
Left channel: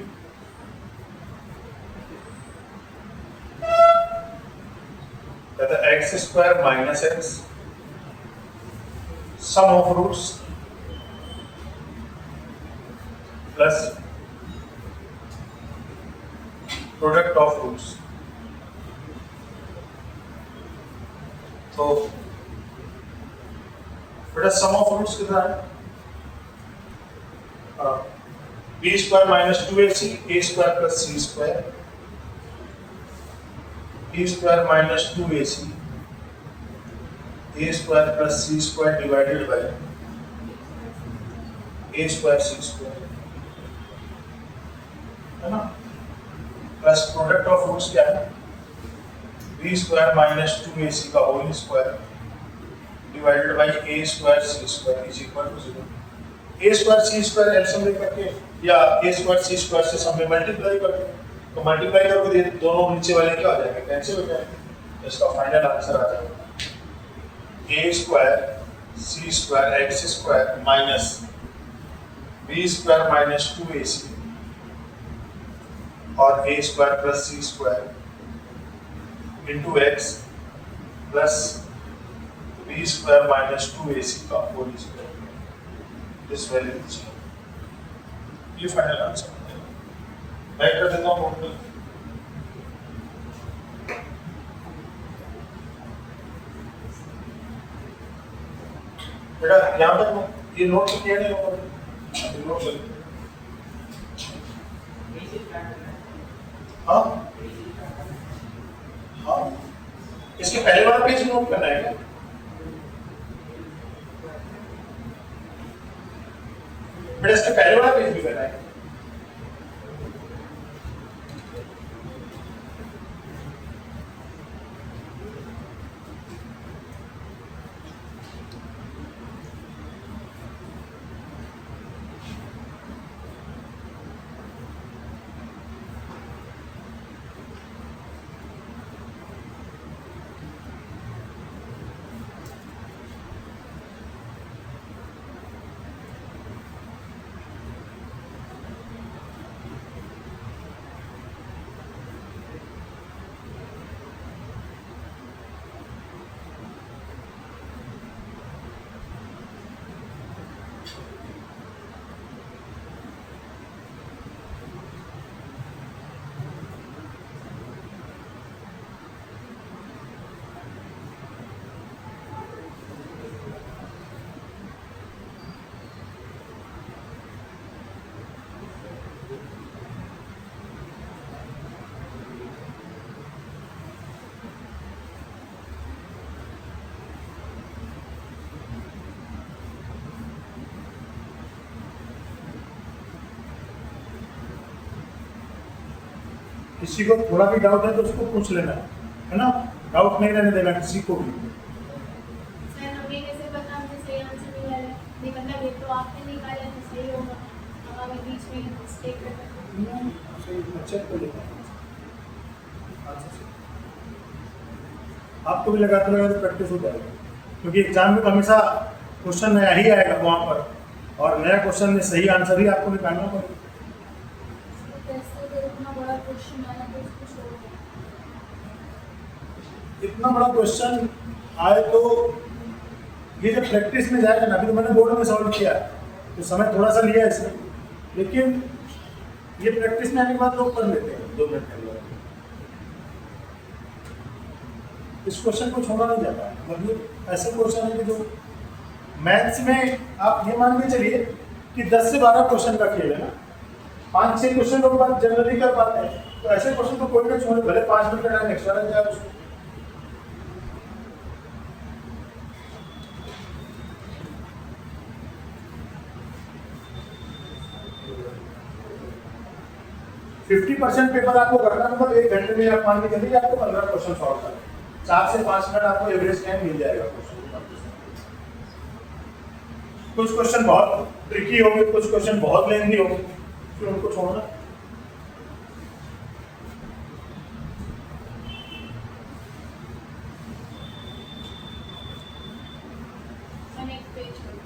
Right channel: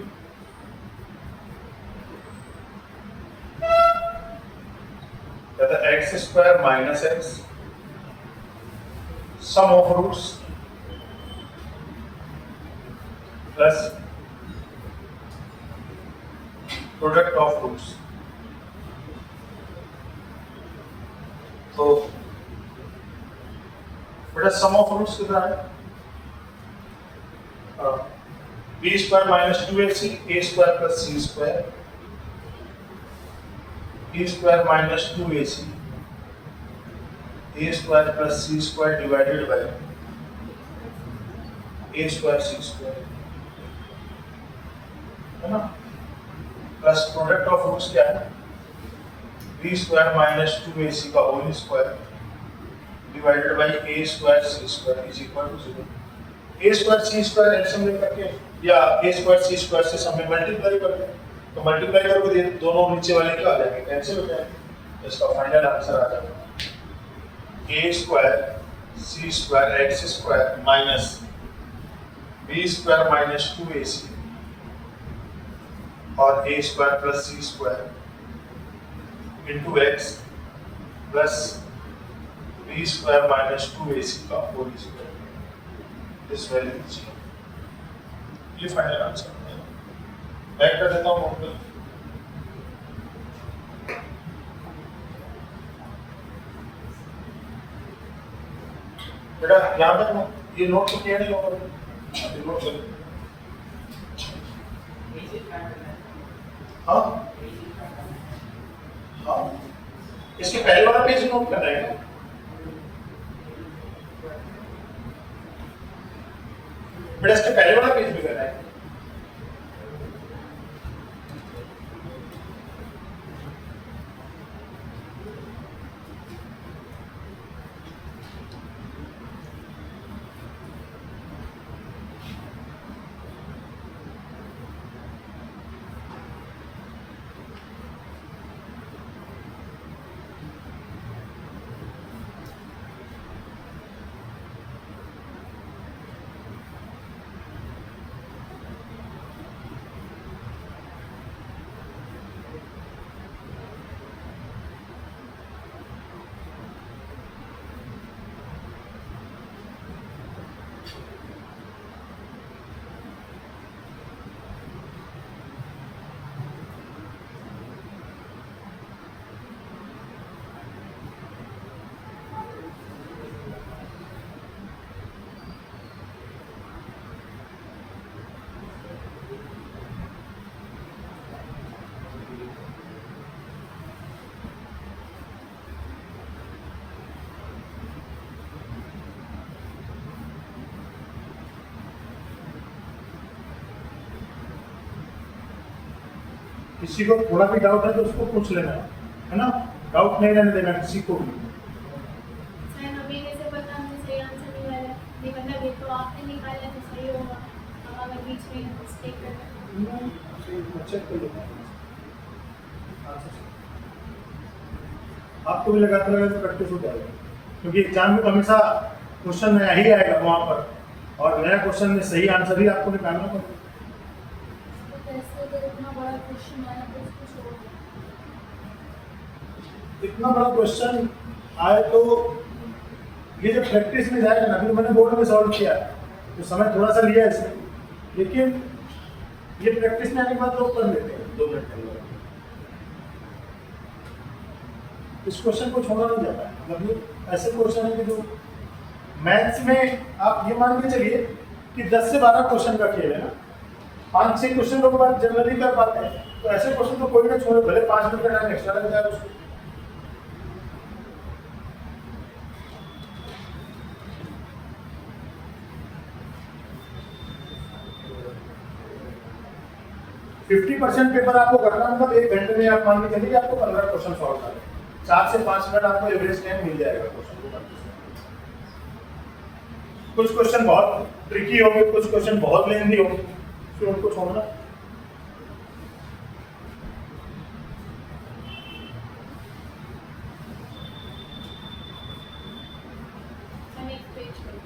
x square minus x sum of roots plus product of roots। तो बेटा सम ऑफ रूट्स कितना है? B square minus 2ac a square plus C square, b square minus 2ac a square plus C square divided by A square C square, है ना? Plus product of roots क्या है? B square minus 2ac का whole square divided by A square C square is equal to 0। A square C square LCM ले करके या ए square सी square से सम में मल्टीप्लाई करते हैं, तो मल्टीप्लाई करके दोनों नीचे वाले क्या आ जाएंगे? कैंसिल हो जाएंगे। तो इसका फाइनल आंसर आ जाएगा A square C square x square minus B square minus 2ac और A square plus C square into x plus B square minus 2ac का whole square. This value is ये final answer. Back कर देता हूँ board पे। बेटा यहाँ पर ये नोट तो किया नहीं होगा, ये नोट चल। हाँ हाँ इसके पहले वाला पेज नोट करना है क्या? बेटा इसके पहले वाला पेज भी करना है। किसी को थोड़ा भी डाउट है तो उसको पूछ लेना, है ना? डाउट नहीं रहने देना किसी को भी। सर हमें कैसे पता हमें सही आंसर नहीं आ रहा है? देखो आपने निकाला तो सही होगा, हमारे बीच में चेक कर लो। आपको भी लगाते रहोगे तो प्रैक्टिस हो जाएगी, क्योंकि एग्जाम में तो हमेशा क्वेश्चन नया ही आएगा वहाँ पर, और नया क्वेश्चन में सही आंसर ही आपको निकालना पड़ेगा। टेस्ट तो इतना बड़ा क्वेश्चन आया तो उसको solve करना। इतना बड़ा क्वेश्चन आए तो ये जब प्रैक्टिस में जाएगा ना, अभी तो मैंने बोर्ड में सॉल्व किया तो समय थोड़ा सा लिया इसे, लेकिन ये प्रैक्टिस में आने के बाद लोग कर लेते हैं 2 मिनट के अंदर। इस क्वेश्चन को छोड़ना नहीं जाता, मतलब ऐसे क्वेश्चन है कि जो मैथ्स में आप ये मान के चलिए कि 10 से 12 क्वेश्चन का खेल है ना, 5-6 क्वेश्चन लोग बात जनरली कर पाते हैं, तो ऐसे क्वेश्चन को कोई ना छोड़े, भले 5 मिनट का टाइम एक्स्ट्रा लग जाए उसको। फिफ्टी % पेपर आपको करना, मतलब 1 घंटे में आप मान के चलिए आपको 15 क्वेश्चन सॉल्व करें, 4 से 5 मिनट आपको एवरेज टाइम मिल जाएगा क्वेश्चन को करते समय। कुछ क्वेश्चन बहुत ट्रिकी होंगे, कुछ क्वेश्चन बहुत लेंथी होंगे, फिर उनको छोड़ना। नेक्स्ट पेज करो।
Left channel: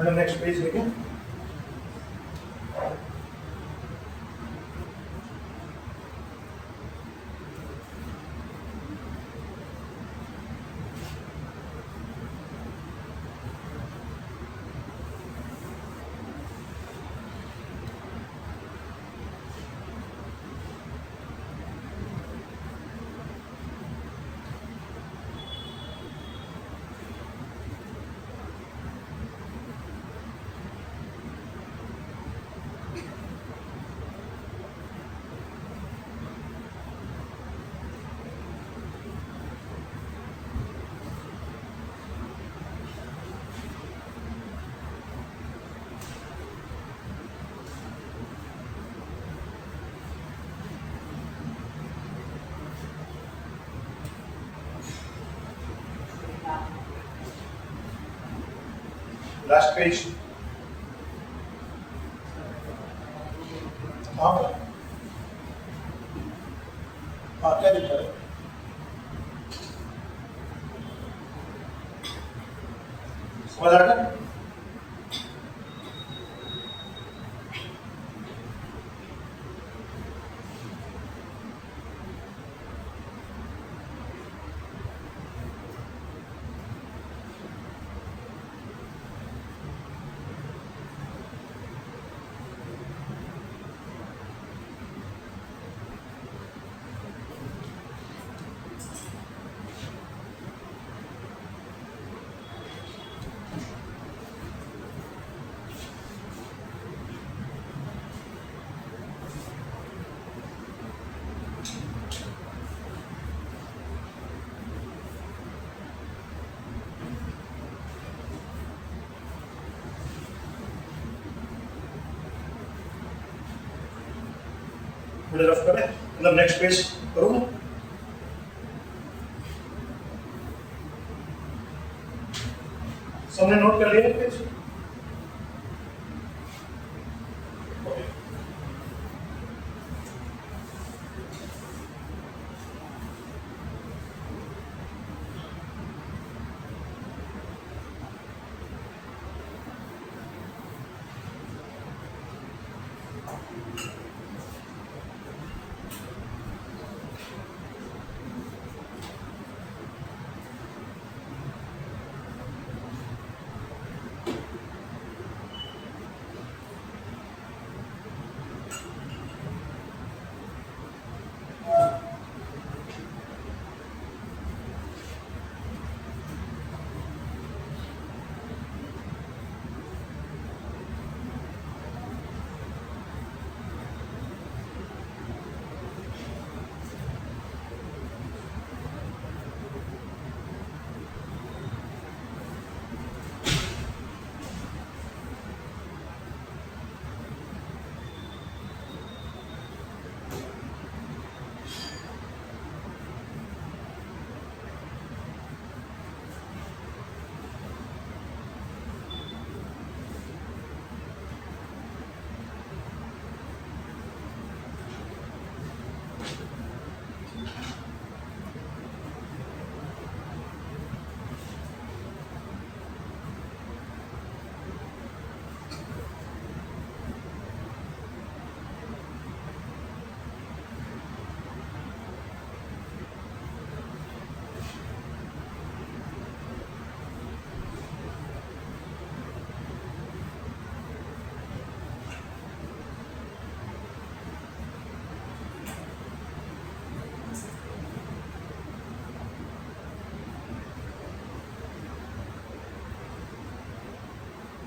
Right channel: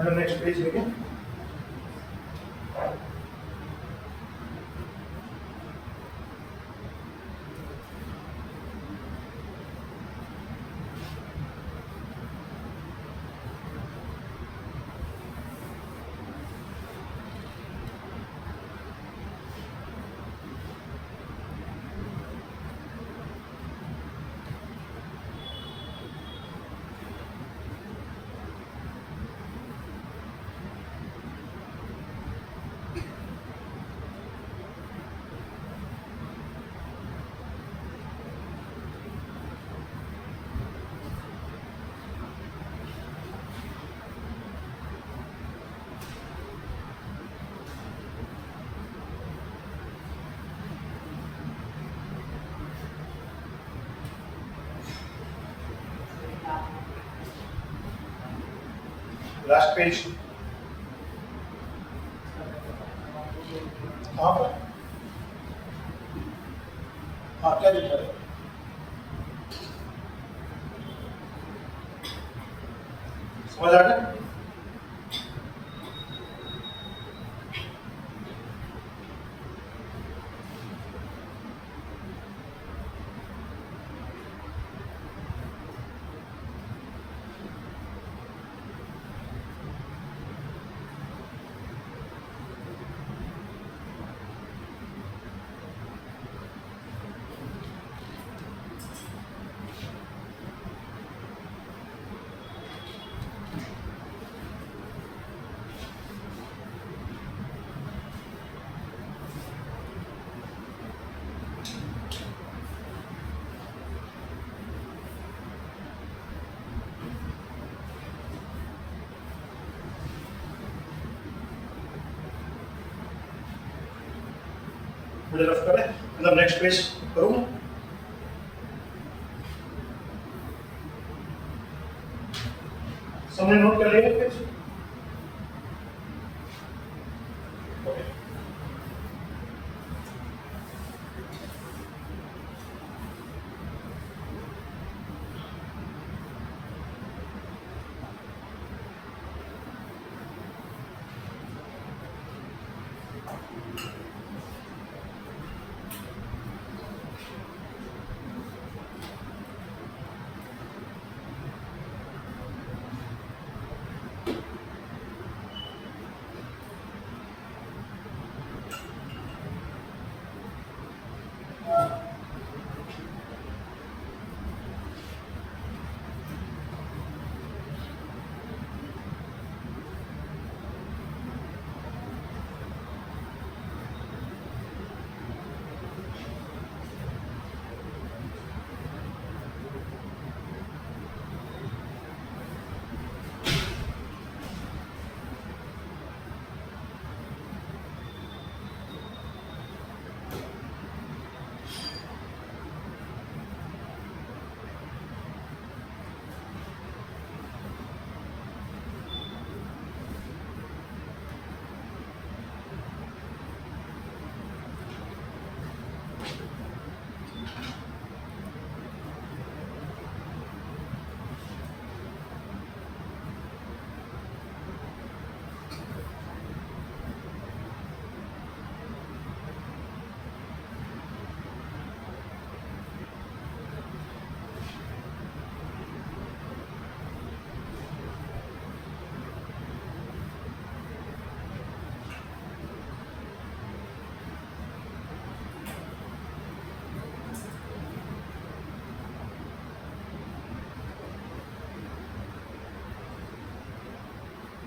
मैडम नेक्स्ट पेज देखिए। लास्ट पेज कहाँ पर? हाँ क्या लिखा है? समझ आ गया? मुझे रफ करें, मतलब नेक्स्ट पेज करूँ? सबने नोट कर लिया पेज?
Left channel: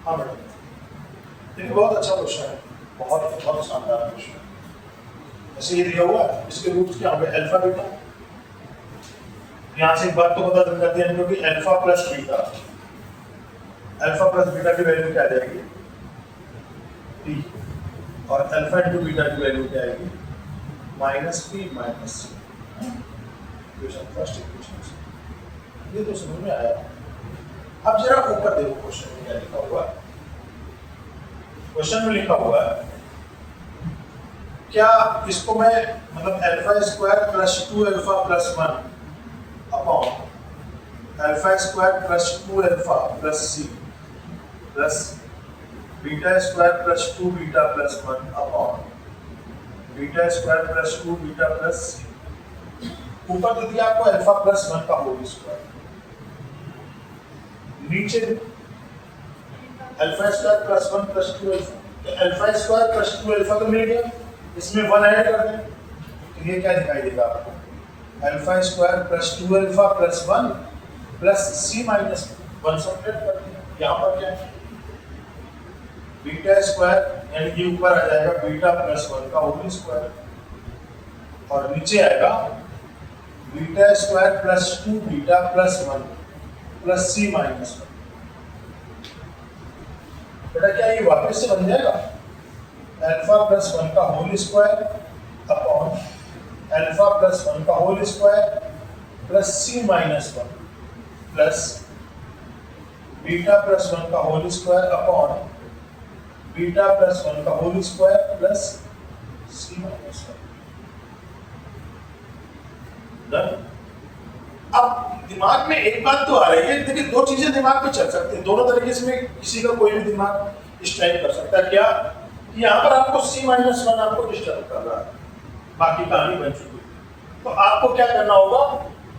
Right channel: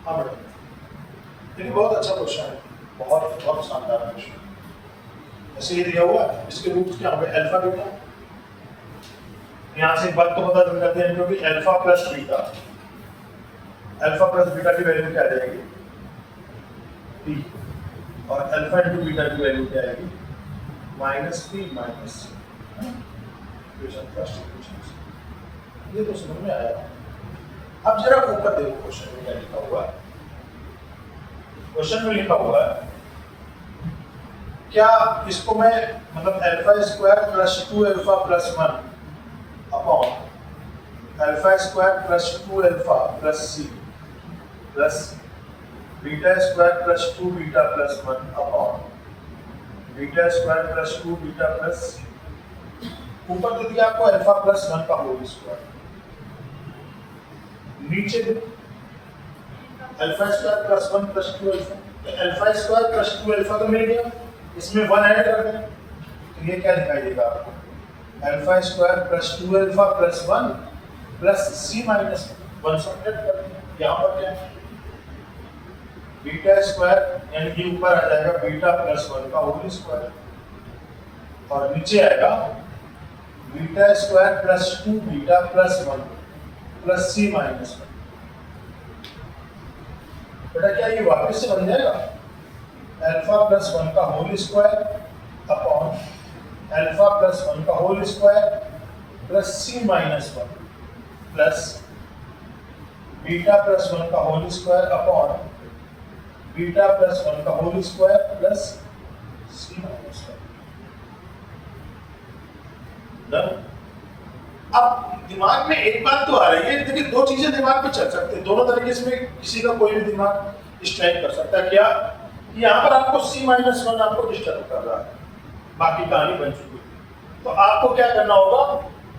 हाँ मैडम, देखिए बहुत अच्छा क्वेश्चन है, बहुत बहुत शानदार क्वेश्चन। ऐसे ये दिया हुआ है, इसके रूट्स क्या होंगे? Alpha beta. यहाँ से एक बात तो पता चल जाती है क्योंकि अल्फा प्लस बीटा की वैल्यू क्या आ जाएगी? टी। और अल्फा इंटू बीटा की वैल्यू क्या आएगी? माइनस पी माइनस सी। इक्वेशन फर्स्ट इक्वेशन, ये तो समझ में आया। अब जरा ऊपर देखो क्वेश्चन में क्या लिखा हुआ है। क्वेश्चन में लिखा हुआ है क्या इसको मैं मतलब alpha square plus 2 alpha plus 1 upon alpha square plus 2 alpha plus C plus beta square plus 2 beta plus 1 upon beta square plus 2 beta plus ऊपर तो दिया आपको अल्फा प्लस 1 का होल स्क्वायर, नीचे alpha square plus 1 plus 2 alpha, alpha square plus 2 alpha तो मिल गया, इसमें 1 ऐड कर दें तो ये क्या दिखाई देगा आपको, alpha square plus 2 alpha plus 1 plus C minus 1 subtract कर दें, यहाँ पर क्या है बीटा स्क्वायर यानी कि ऊपर आ जाएगा बीटा प्लस 1 का होल स्क्वायर और नीचे आएगा beta square plus 2 beta plus 1 plus C minus 1। बेटा क्या ये वापस से बन जाएगा अल्फा प्लस 1 का whole square upon alpha plus 1 का whole square plus C minus 1 plus beta plus 1 का whole square upon beta plus 1 का whole square plus C minus 1। अब दिमाग में एक बात तो आ रही है, देखिए दो चीजें दिमाग में चल सकती हैं, दोनों तरीके से किसी का कोई भी दिमाग स्ट्राइक कर सकता है। क्या यहाँ पर आपको c माइनस 1 आपको डिस्टर्ब कर रहा है, बाकी कहानी बन चुकी है, तो आपको क्या करना होगा,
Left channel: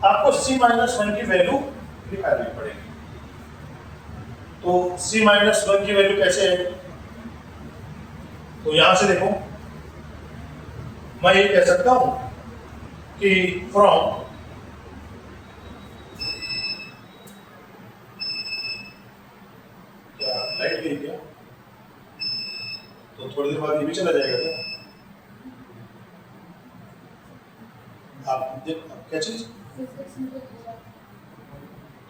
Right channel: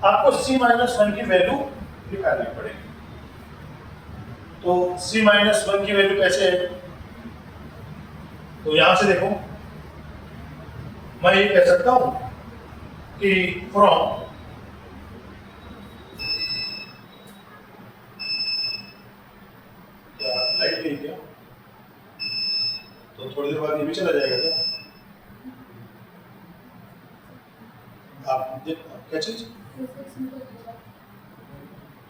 आपको c माइनस 1 की वैल्यू निकालनी पड़ेगी। तो c माइनस 1 की वैल्यू कैसे है, तो यहां से देखो मैं ये कह सकता हूं कि फ्रॉम लाइट गई क्या, तो थोड़ी देर बाद ये भी चला जाएगा क्या, आप देखो क्या चीज,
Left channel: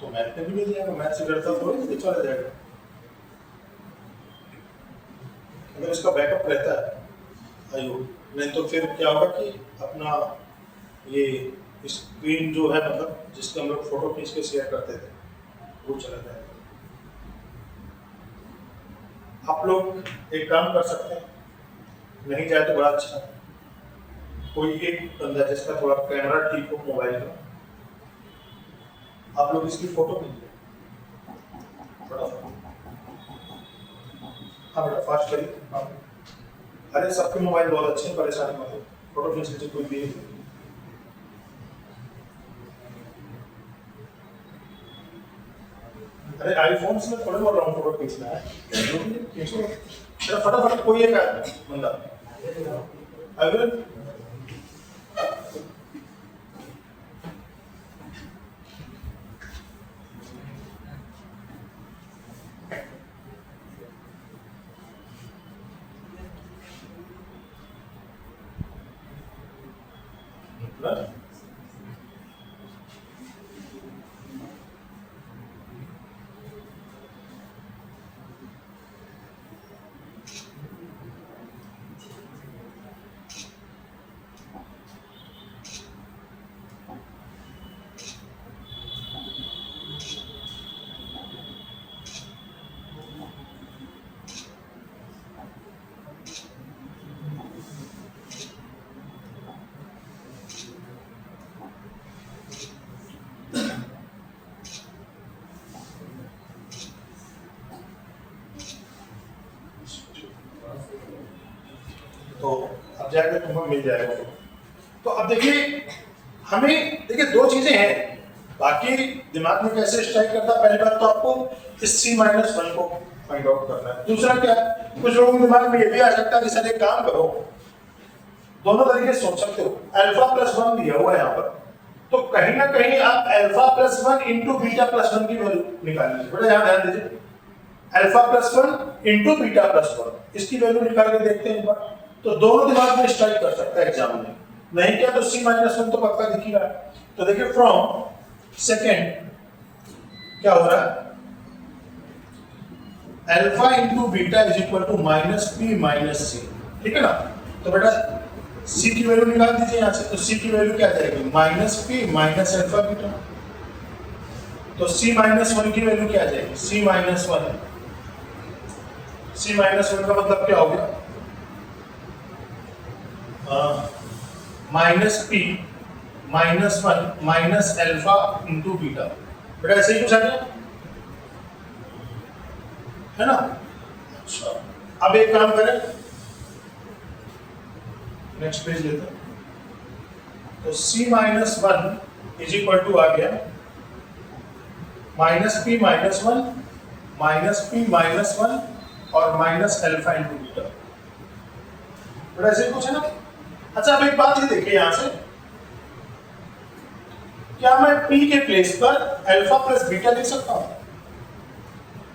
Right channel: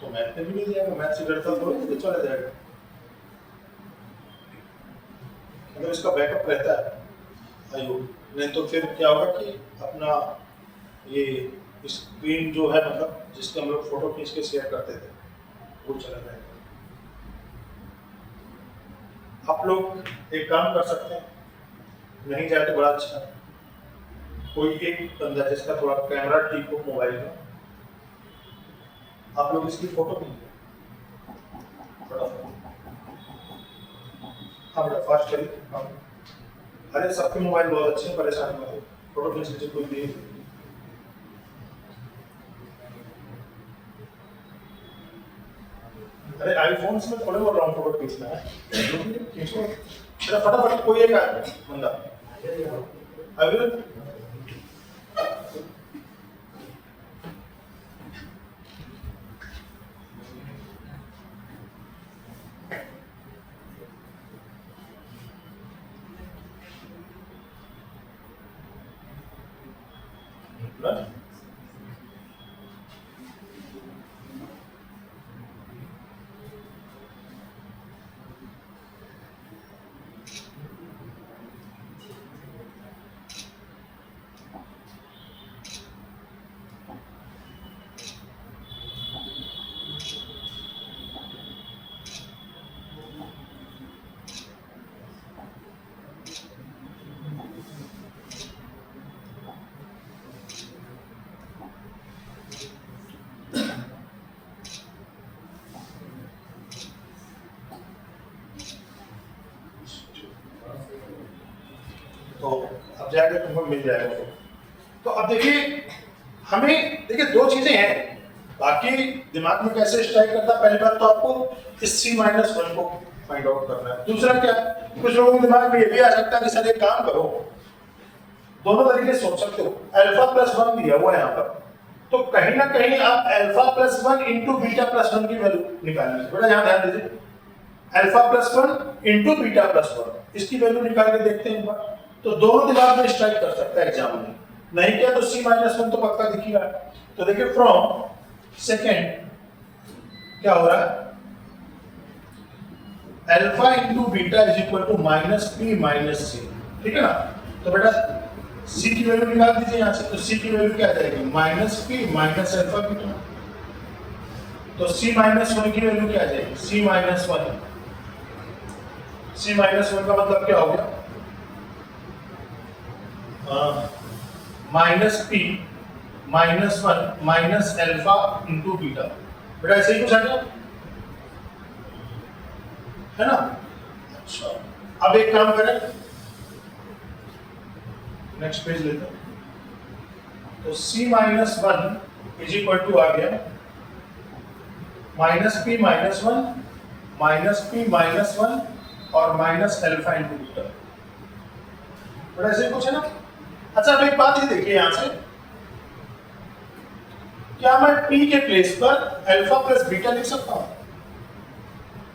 तो मैथ में भी मिल जाएगा, मैथ से डरता थोड़ी तो चला जाएगा, अगर इसका बैकअप रहता है आयो, नहीं तो फिर क्या होगा कि अपना ये स्क्रीन जो है मतलब जिसके हम लोग फोटो खींच के शेयर करते थे वो चला जाएगा। आप लोग एक काम कर सकते हैं, नहीं जाए तो बड़ा अच्छा, कोई एक बंदा जिसका थोड़ा कैमरा ठीक हो मोबाइल में, आप लोग इसकी फोटो खींचिए हाँ बेटा फास्ट करिए, हाँ अरे सबके मोबाइल बहुत अच्छे हैं, परेशान मत हो, फोटो खींच लीजिए कोई भी। अरे आईफोन से मैं थोड़े बहुत राउंड फोटो खींचना है, खींचो मेरा फटाफट, कोई एक बंदा अभी तो अब जाके तुमको मिल जाएगा। तो अब देखिए हमें देखिए दो चीजें हैं, बाकी दिमाग में कैसे स्ट्राइक करता है, पहली बात तो आपको इस c माइनस 1 को फाइंड आउट करना है। दूसरा क्या, कुछ लोगों के दिमाग में ये भी आ सकता है कि सर एक काम करो, दोनों तरीके से सोच सकते हो, अल्फा प्लस 1 दिया हुआ है यहाँ पर, तो कहीं ना कहीं आप alpha plus 1 into beta plus 1 की वैल्यू निकालिए। बेटा यहाँ ध्यान दीजिए, alpha plus 1 into beta plus 1 इसकी वैल्यू निकाल के देखते हैं एक बार, तो दोनों दिमाग में स्ट्राइक कर सकता है एग्जाम में, नहीं क्या तो c माइनस 1 तो पक्का दिख ही रहा है। तो देखिए फ्रॉम सेकेंड क्या हो रहा है, alpha into beta is equal to minus P minus C, ठीक है ना। तो बेटा c की वैल्यू निकाल दीजिए यहाँ से, तो c की वैल्यू क्या जाएगी, minus P minus alpha beta, तो c माइनस 1 की वैल्यू क्या आ जाएगी, c माइनस 1, c माइनस 1 का मतलब क्या हो गया, minus P minus 1 minus alpha into beta. बेटा ऐसे ही कुछ आ गया है ना। अच्छा अब एक काम करें, नेक्स्ट पेज लेते हैं। तो c minus one is equal to आ गया माइनस पी माइनस वन और माइनस अल्फा इंटू बीटा। बड़ा ऐसे कुछ है ना। अच्छा अब एक बात ये देखिए यहां से, क्या मैं p के प्लेस पर अल्फा प्लस बीटा लिख सकता हूं?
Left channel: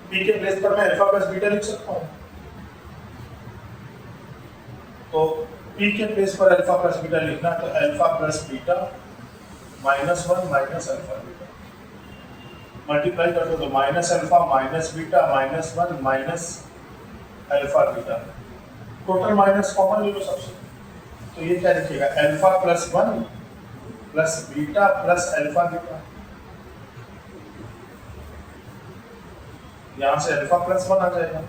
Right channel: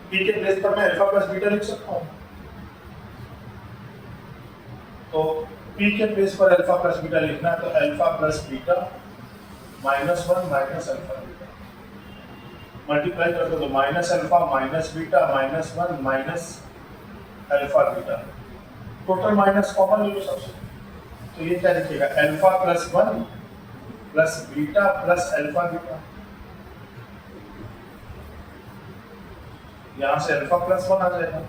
p के प्लेस पर मैं अल्फा प्लस बीटा लिख सकता हूं। तो p के प्लेस पर अल्फा प्लस बीटा लिखना, तो alpha plus beta minus one minus alpha beta multiply कर दो, तो minus alpha minus beta minus one minus alpha beta, total minus common ले लो सबसे। तो ये क्या लिखेगा, alpha plus one plus beta plus alpha beta. यहां से अल्फा प्लस वन आ जाएगा,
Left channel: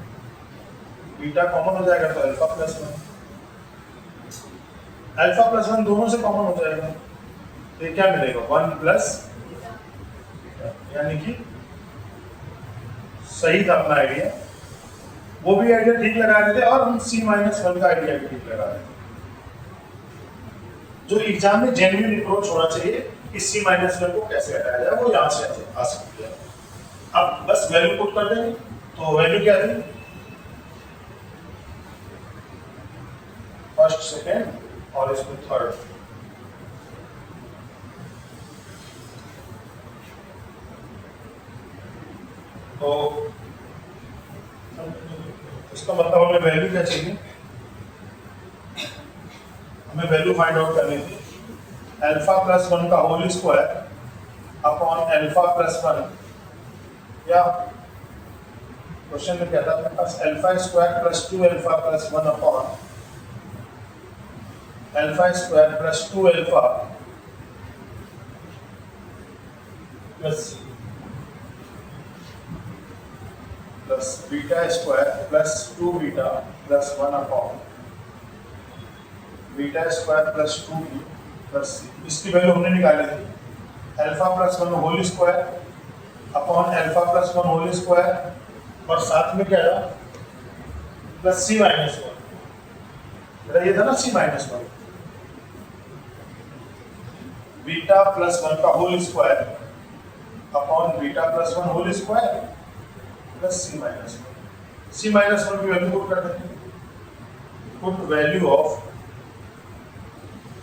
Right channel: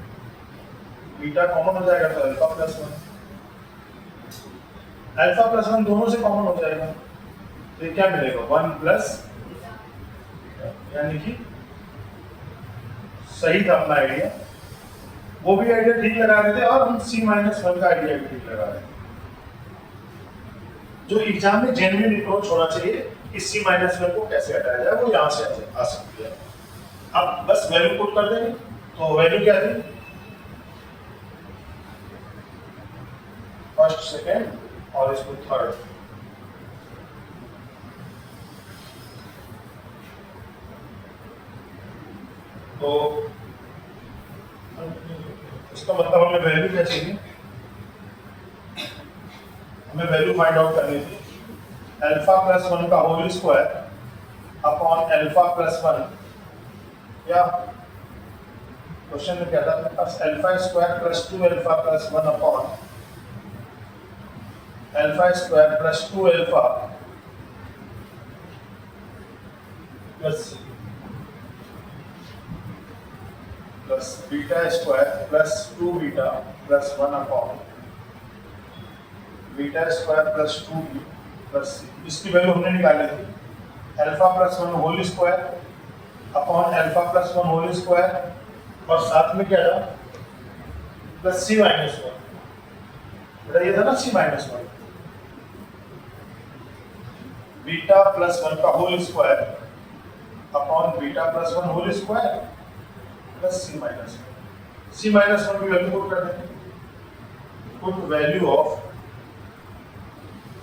बीटा कॉमन हो जाएगा तो alpha plus one, alpha plus one दोनों से कॉमन हो जाएगा, तो ये क्या मिलेगा, वन प्लस, यानी कि सही था अपना आइडिया, वो भी आइडिया ठीक लगा रहे थे और हम सी माइनस वन का आइडिया भी ठीक लगा रहे थे। जो एग्जाम में जेन्युइन अप्रोच होना चाहिए, इस सी माइनस वन को कैसे हटाया जाए, वो यहां से आ सकती है। अब बस वैल्यू पुट कर देंगे, तो वैल्यू क्या थी, फर्स्ट सेकेंड और इसको थर्ड। तो इसका मतलब हमें वैल्यू क्या चाहिए, हमें वैल्यू फाइंड आउट करनी थी अल्फा प्लस वन का whole square upon alpha plus one, या क्वेश्चन में क्या था अपने पास, alpha square plus two alpha plus one upon alpha square plus two alpha plus beta square plus two beta plus one upon beta square plus two B plus, इसकी value हमने निकाली थी alpha plus one whole square upon alpha plus one whole square, और साथ में क्या था, plus C minus one, बेटा ये था ना C minus one, beta plus one का whole square upon beta plus one whole square plus C minus one. C minus one की वैल्यू पुट कर देंगे, put value of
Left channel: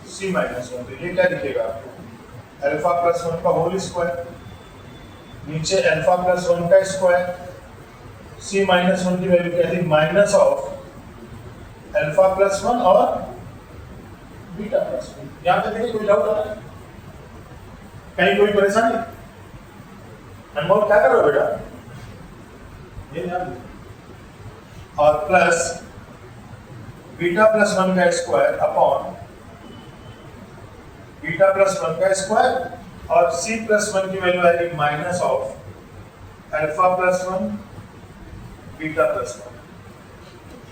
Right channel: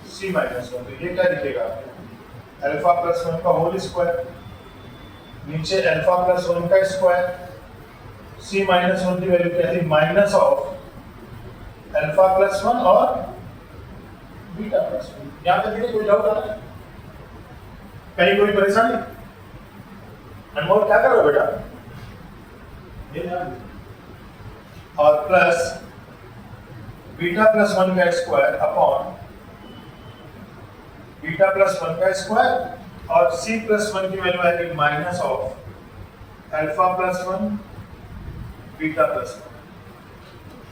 C minus one, तो ये क्या दिखेगा आपको, अल्फा प्लस वन का होल स्क्वायर, नीचे अल्फा प्लस वन का स्क्वायर, सी माइनस वन की वैल्यू क्या थी, minus of alpha plus one और बीटा प्लस वन। यहां तक देखिए कोई डाउट आ रहा है, कहीं कोई परेशानी, अनमोल क्या कर रहे हो बेटा, ये ध्यान, और प्लस बीटा प्लस वन का square upon beta plus one का स्क्वायर, और सी प्लस वन की वैल्यू आएगी minus of alpha plus one beta plus one.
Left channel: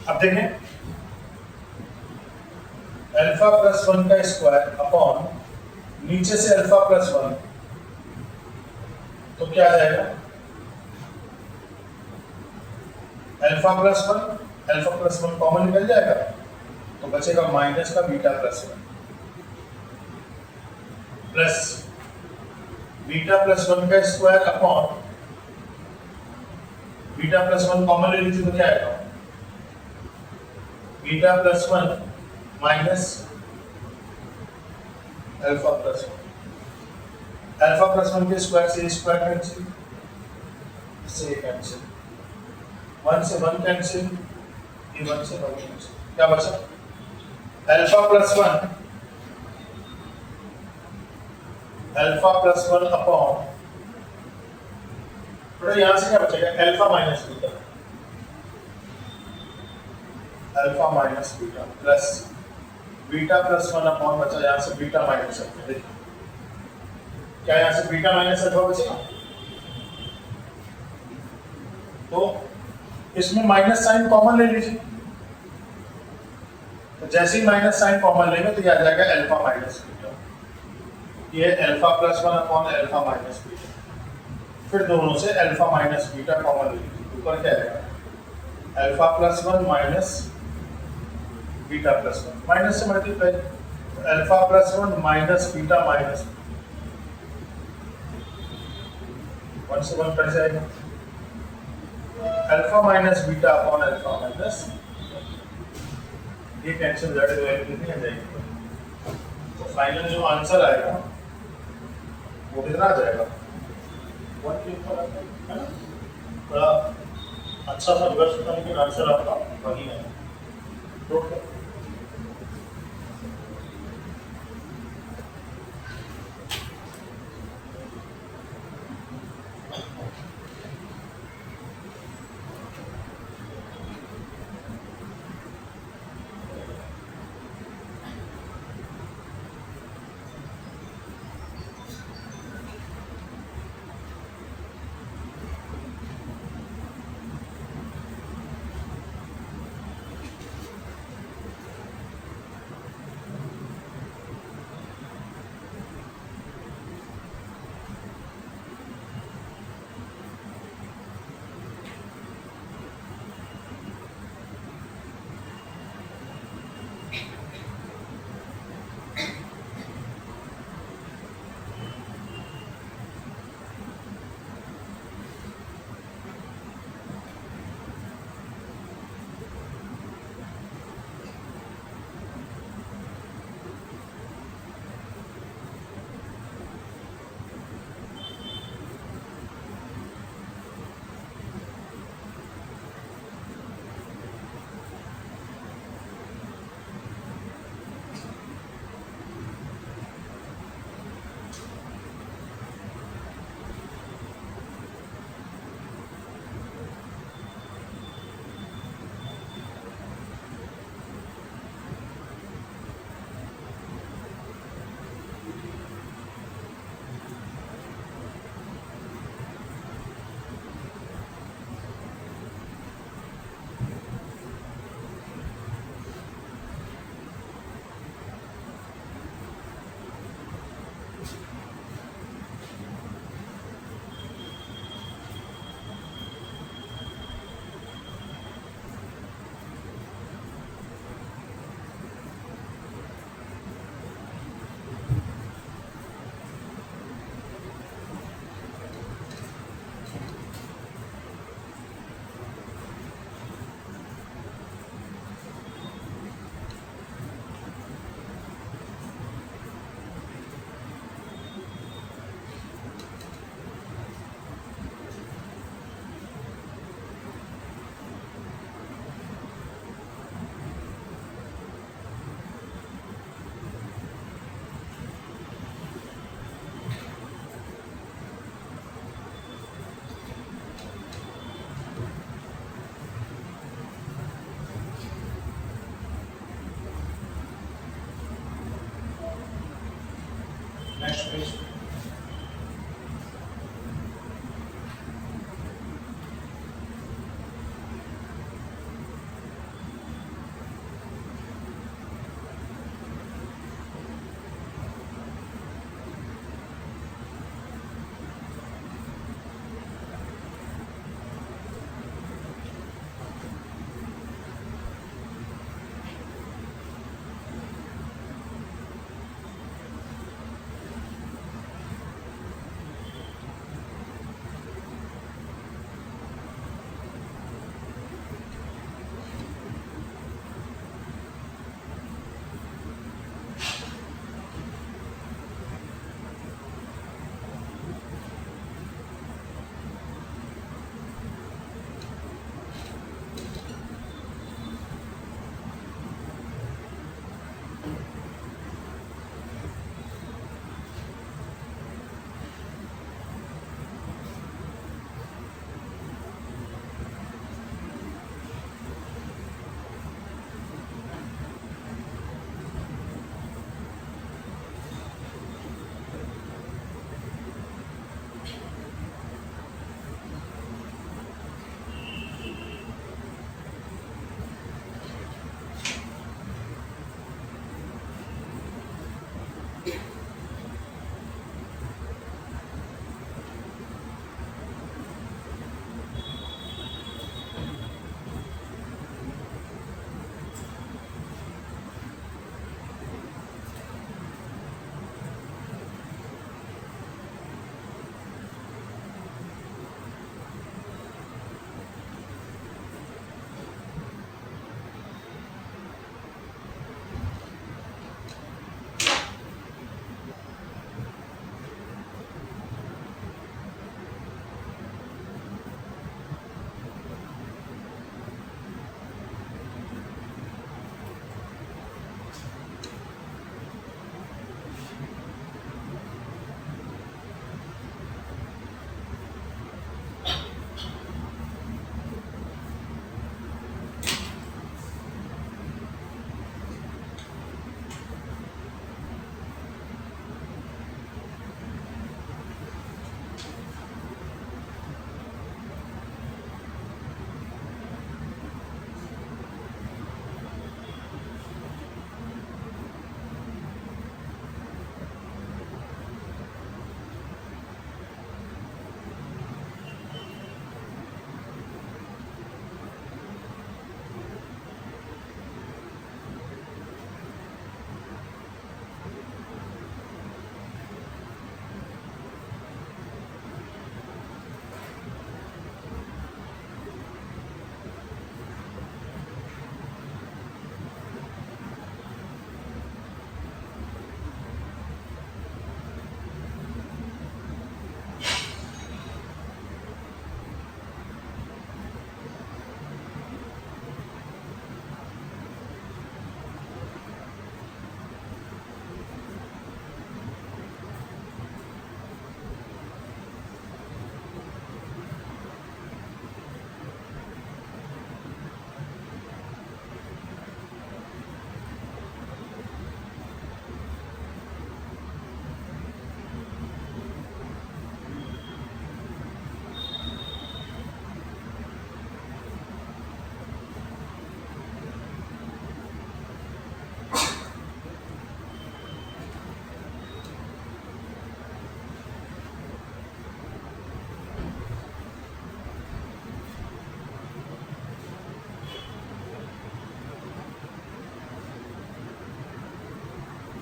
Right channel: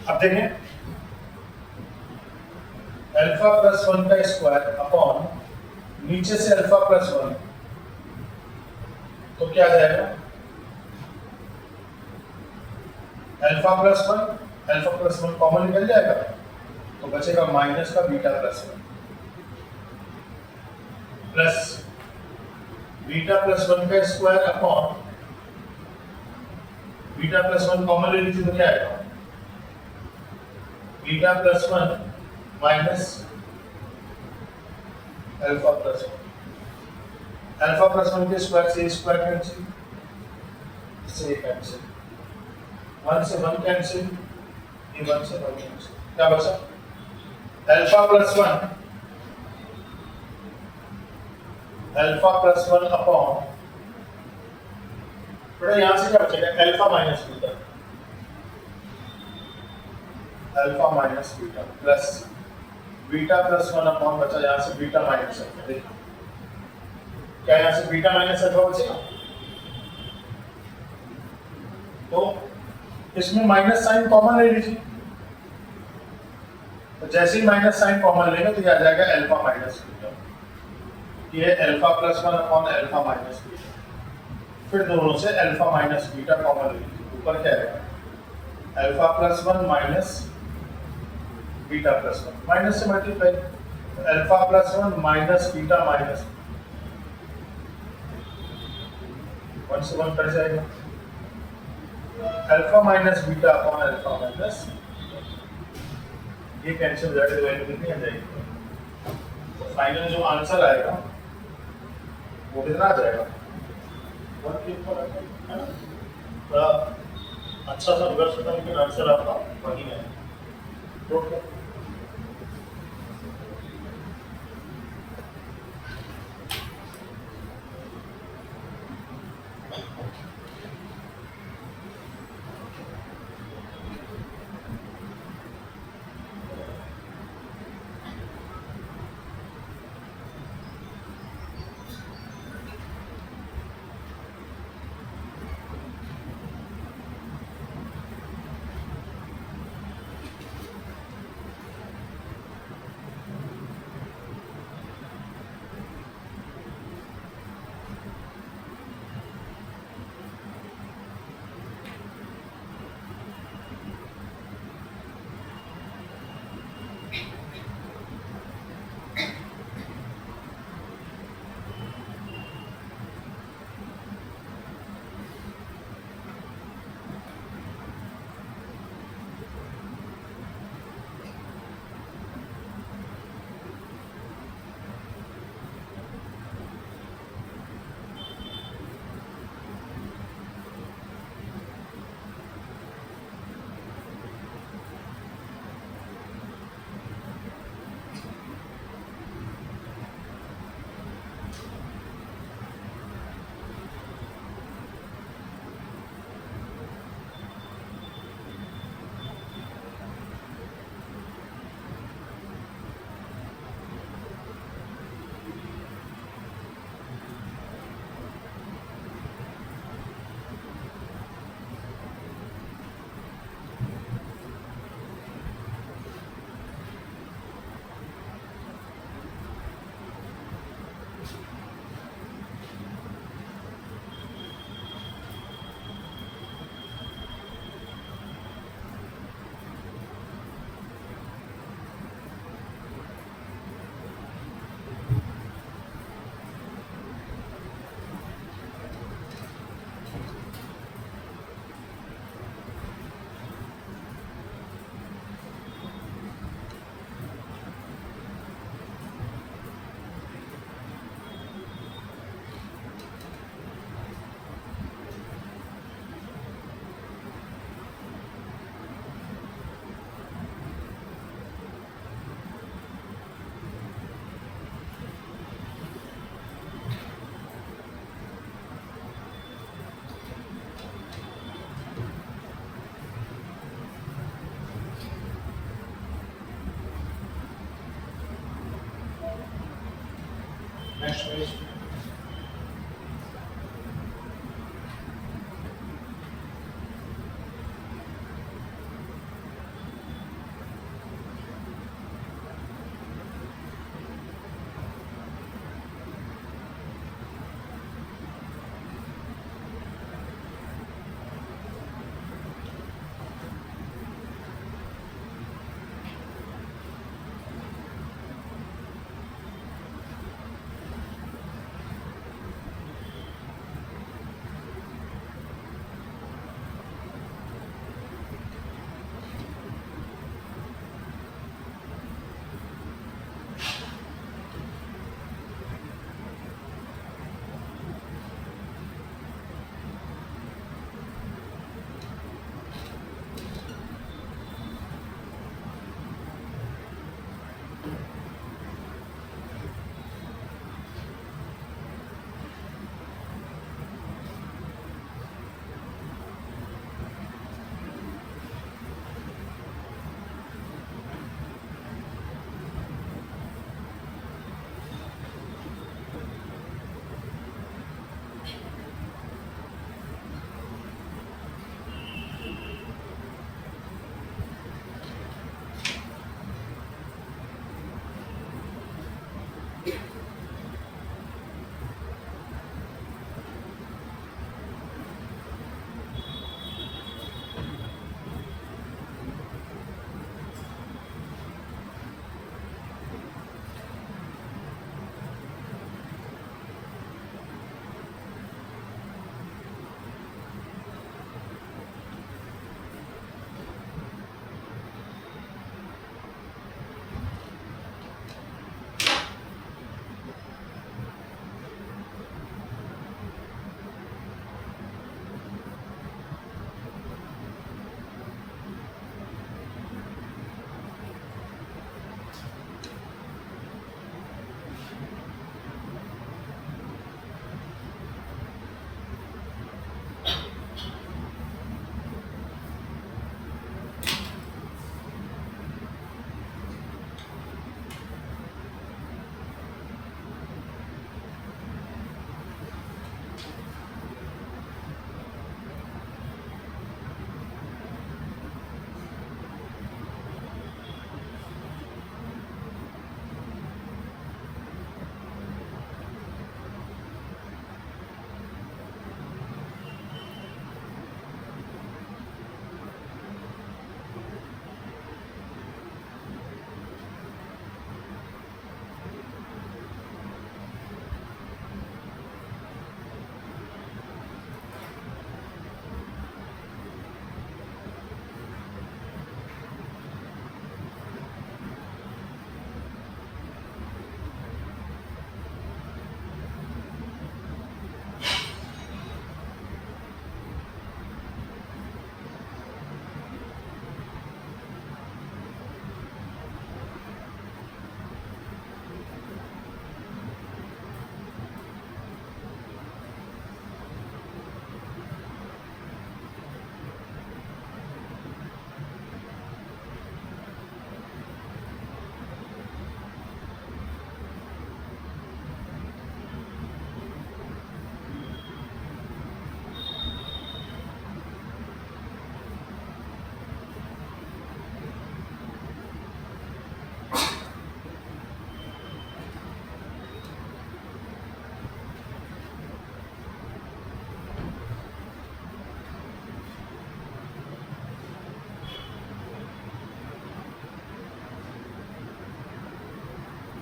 अब देखें, अल्फा प्लस वन का स्क्वायर अपॉन नीचे से अल्फा प्लस वन, तो क्या आ जाएगा, अल्फा प्लस वन कॉमन निकल जाएगा, तो बचेगा माइनस का beta plus one plus beta plus one का square upon beta plus one common ले लीजिए, तो क्या आएगा, beta plus one minus alpha plus one, alpha plus one के स्क्वायर से स्क्वायर कैंसिल, इससे कैंसिल, वन से वन कैंसिल, ये वन से वन कैंसिल, क्या बचा, अल्फा प्लस वन अपॉन, बेटा यहां से क्या बचेगा, alpha minus beta plus beta plus one upon बचा यहां से बीटा माइनस अल्फा, देखिए क्या यहां से बीटा माइनस अल्फा बचेगा, तो इसमें माइनस साइन कॉमन ले लीजिए, तो जैसे ही माइनस साइन कॉमन लेंगे तो ये आ जाएगा अल्फा माइनस बीटा, ये alpha plus one upon alpha minus beta, फिर दोनों से अल्फा माइनस बीटा कॉमन ले लीजिए, ऊपर क्या आएगा alpha plus one minus beta plus one, minus से multiply, alpha plus one minus beta minus one से वन कट जाएगा, alpha minus beta upon alpha minus, ये कैंसिल हो जाएगा, वैल्यू कितनी आ जाएगी, तो फाइनल जो आंसर आएगा वो कितना आ जाएगा, वन के ऊपर आ जाएगा, है ना? थोड़ा अच्छा सा रिवर्स होता है, लेकिन आंसर आपका वही है। ओके,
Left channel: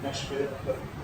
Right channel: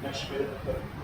नेक्स्ट पे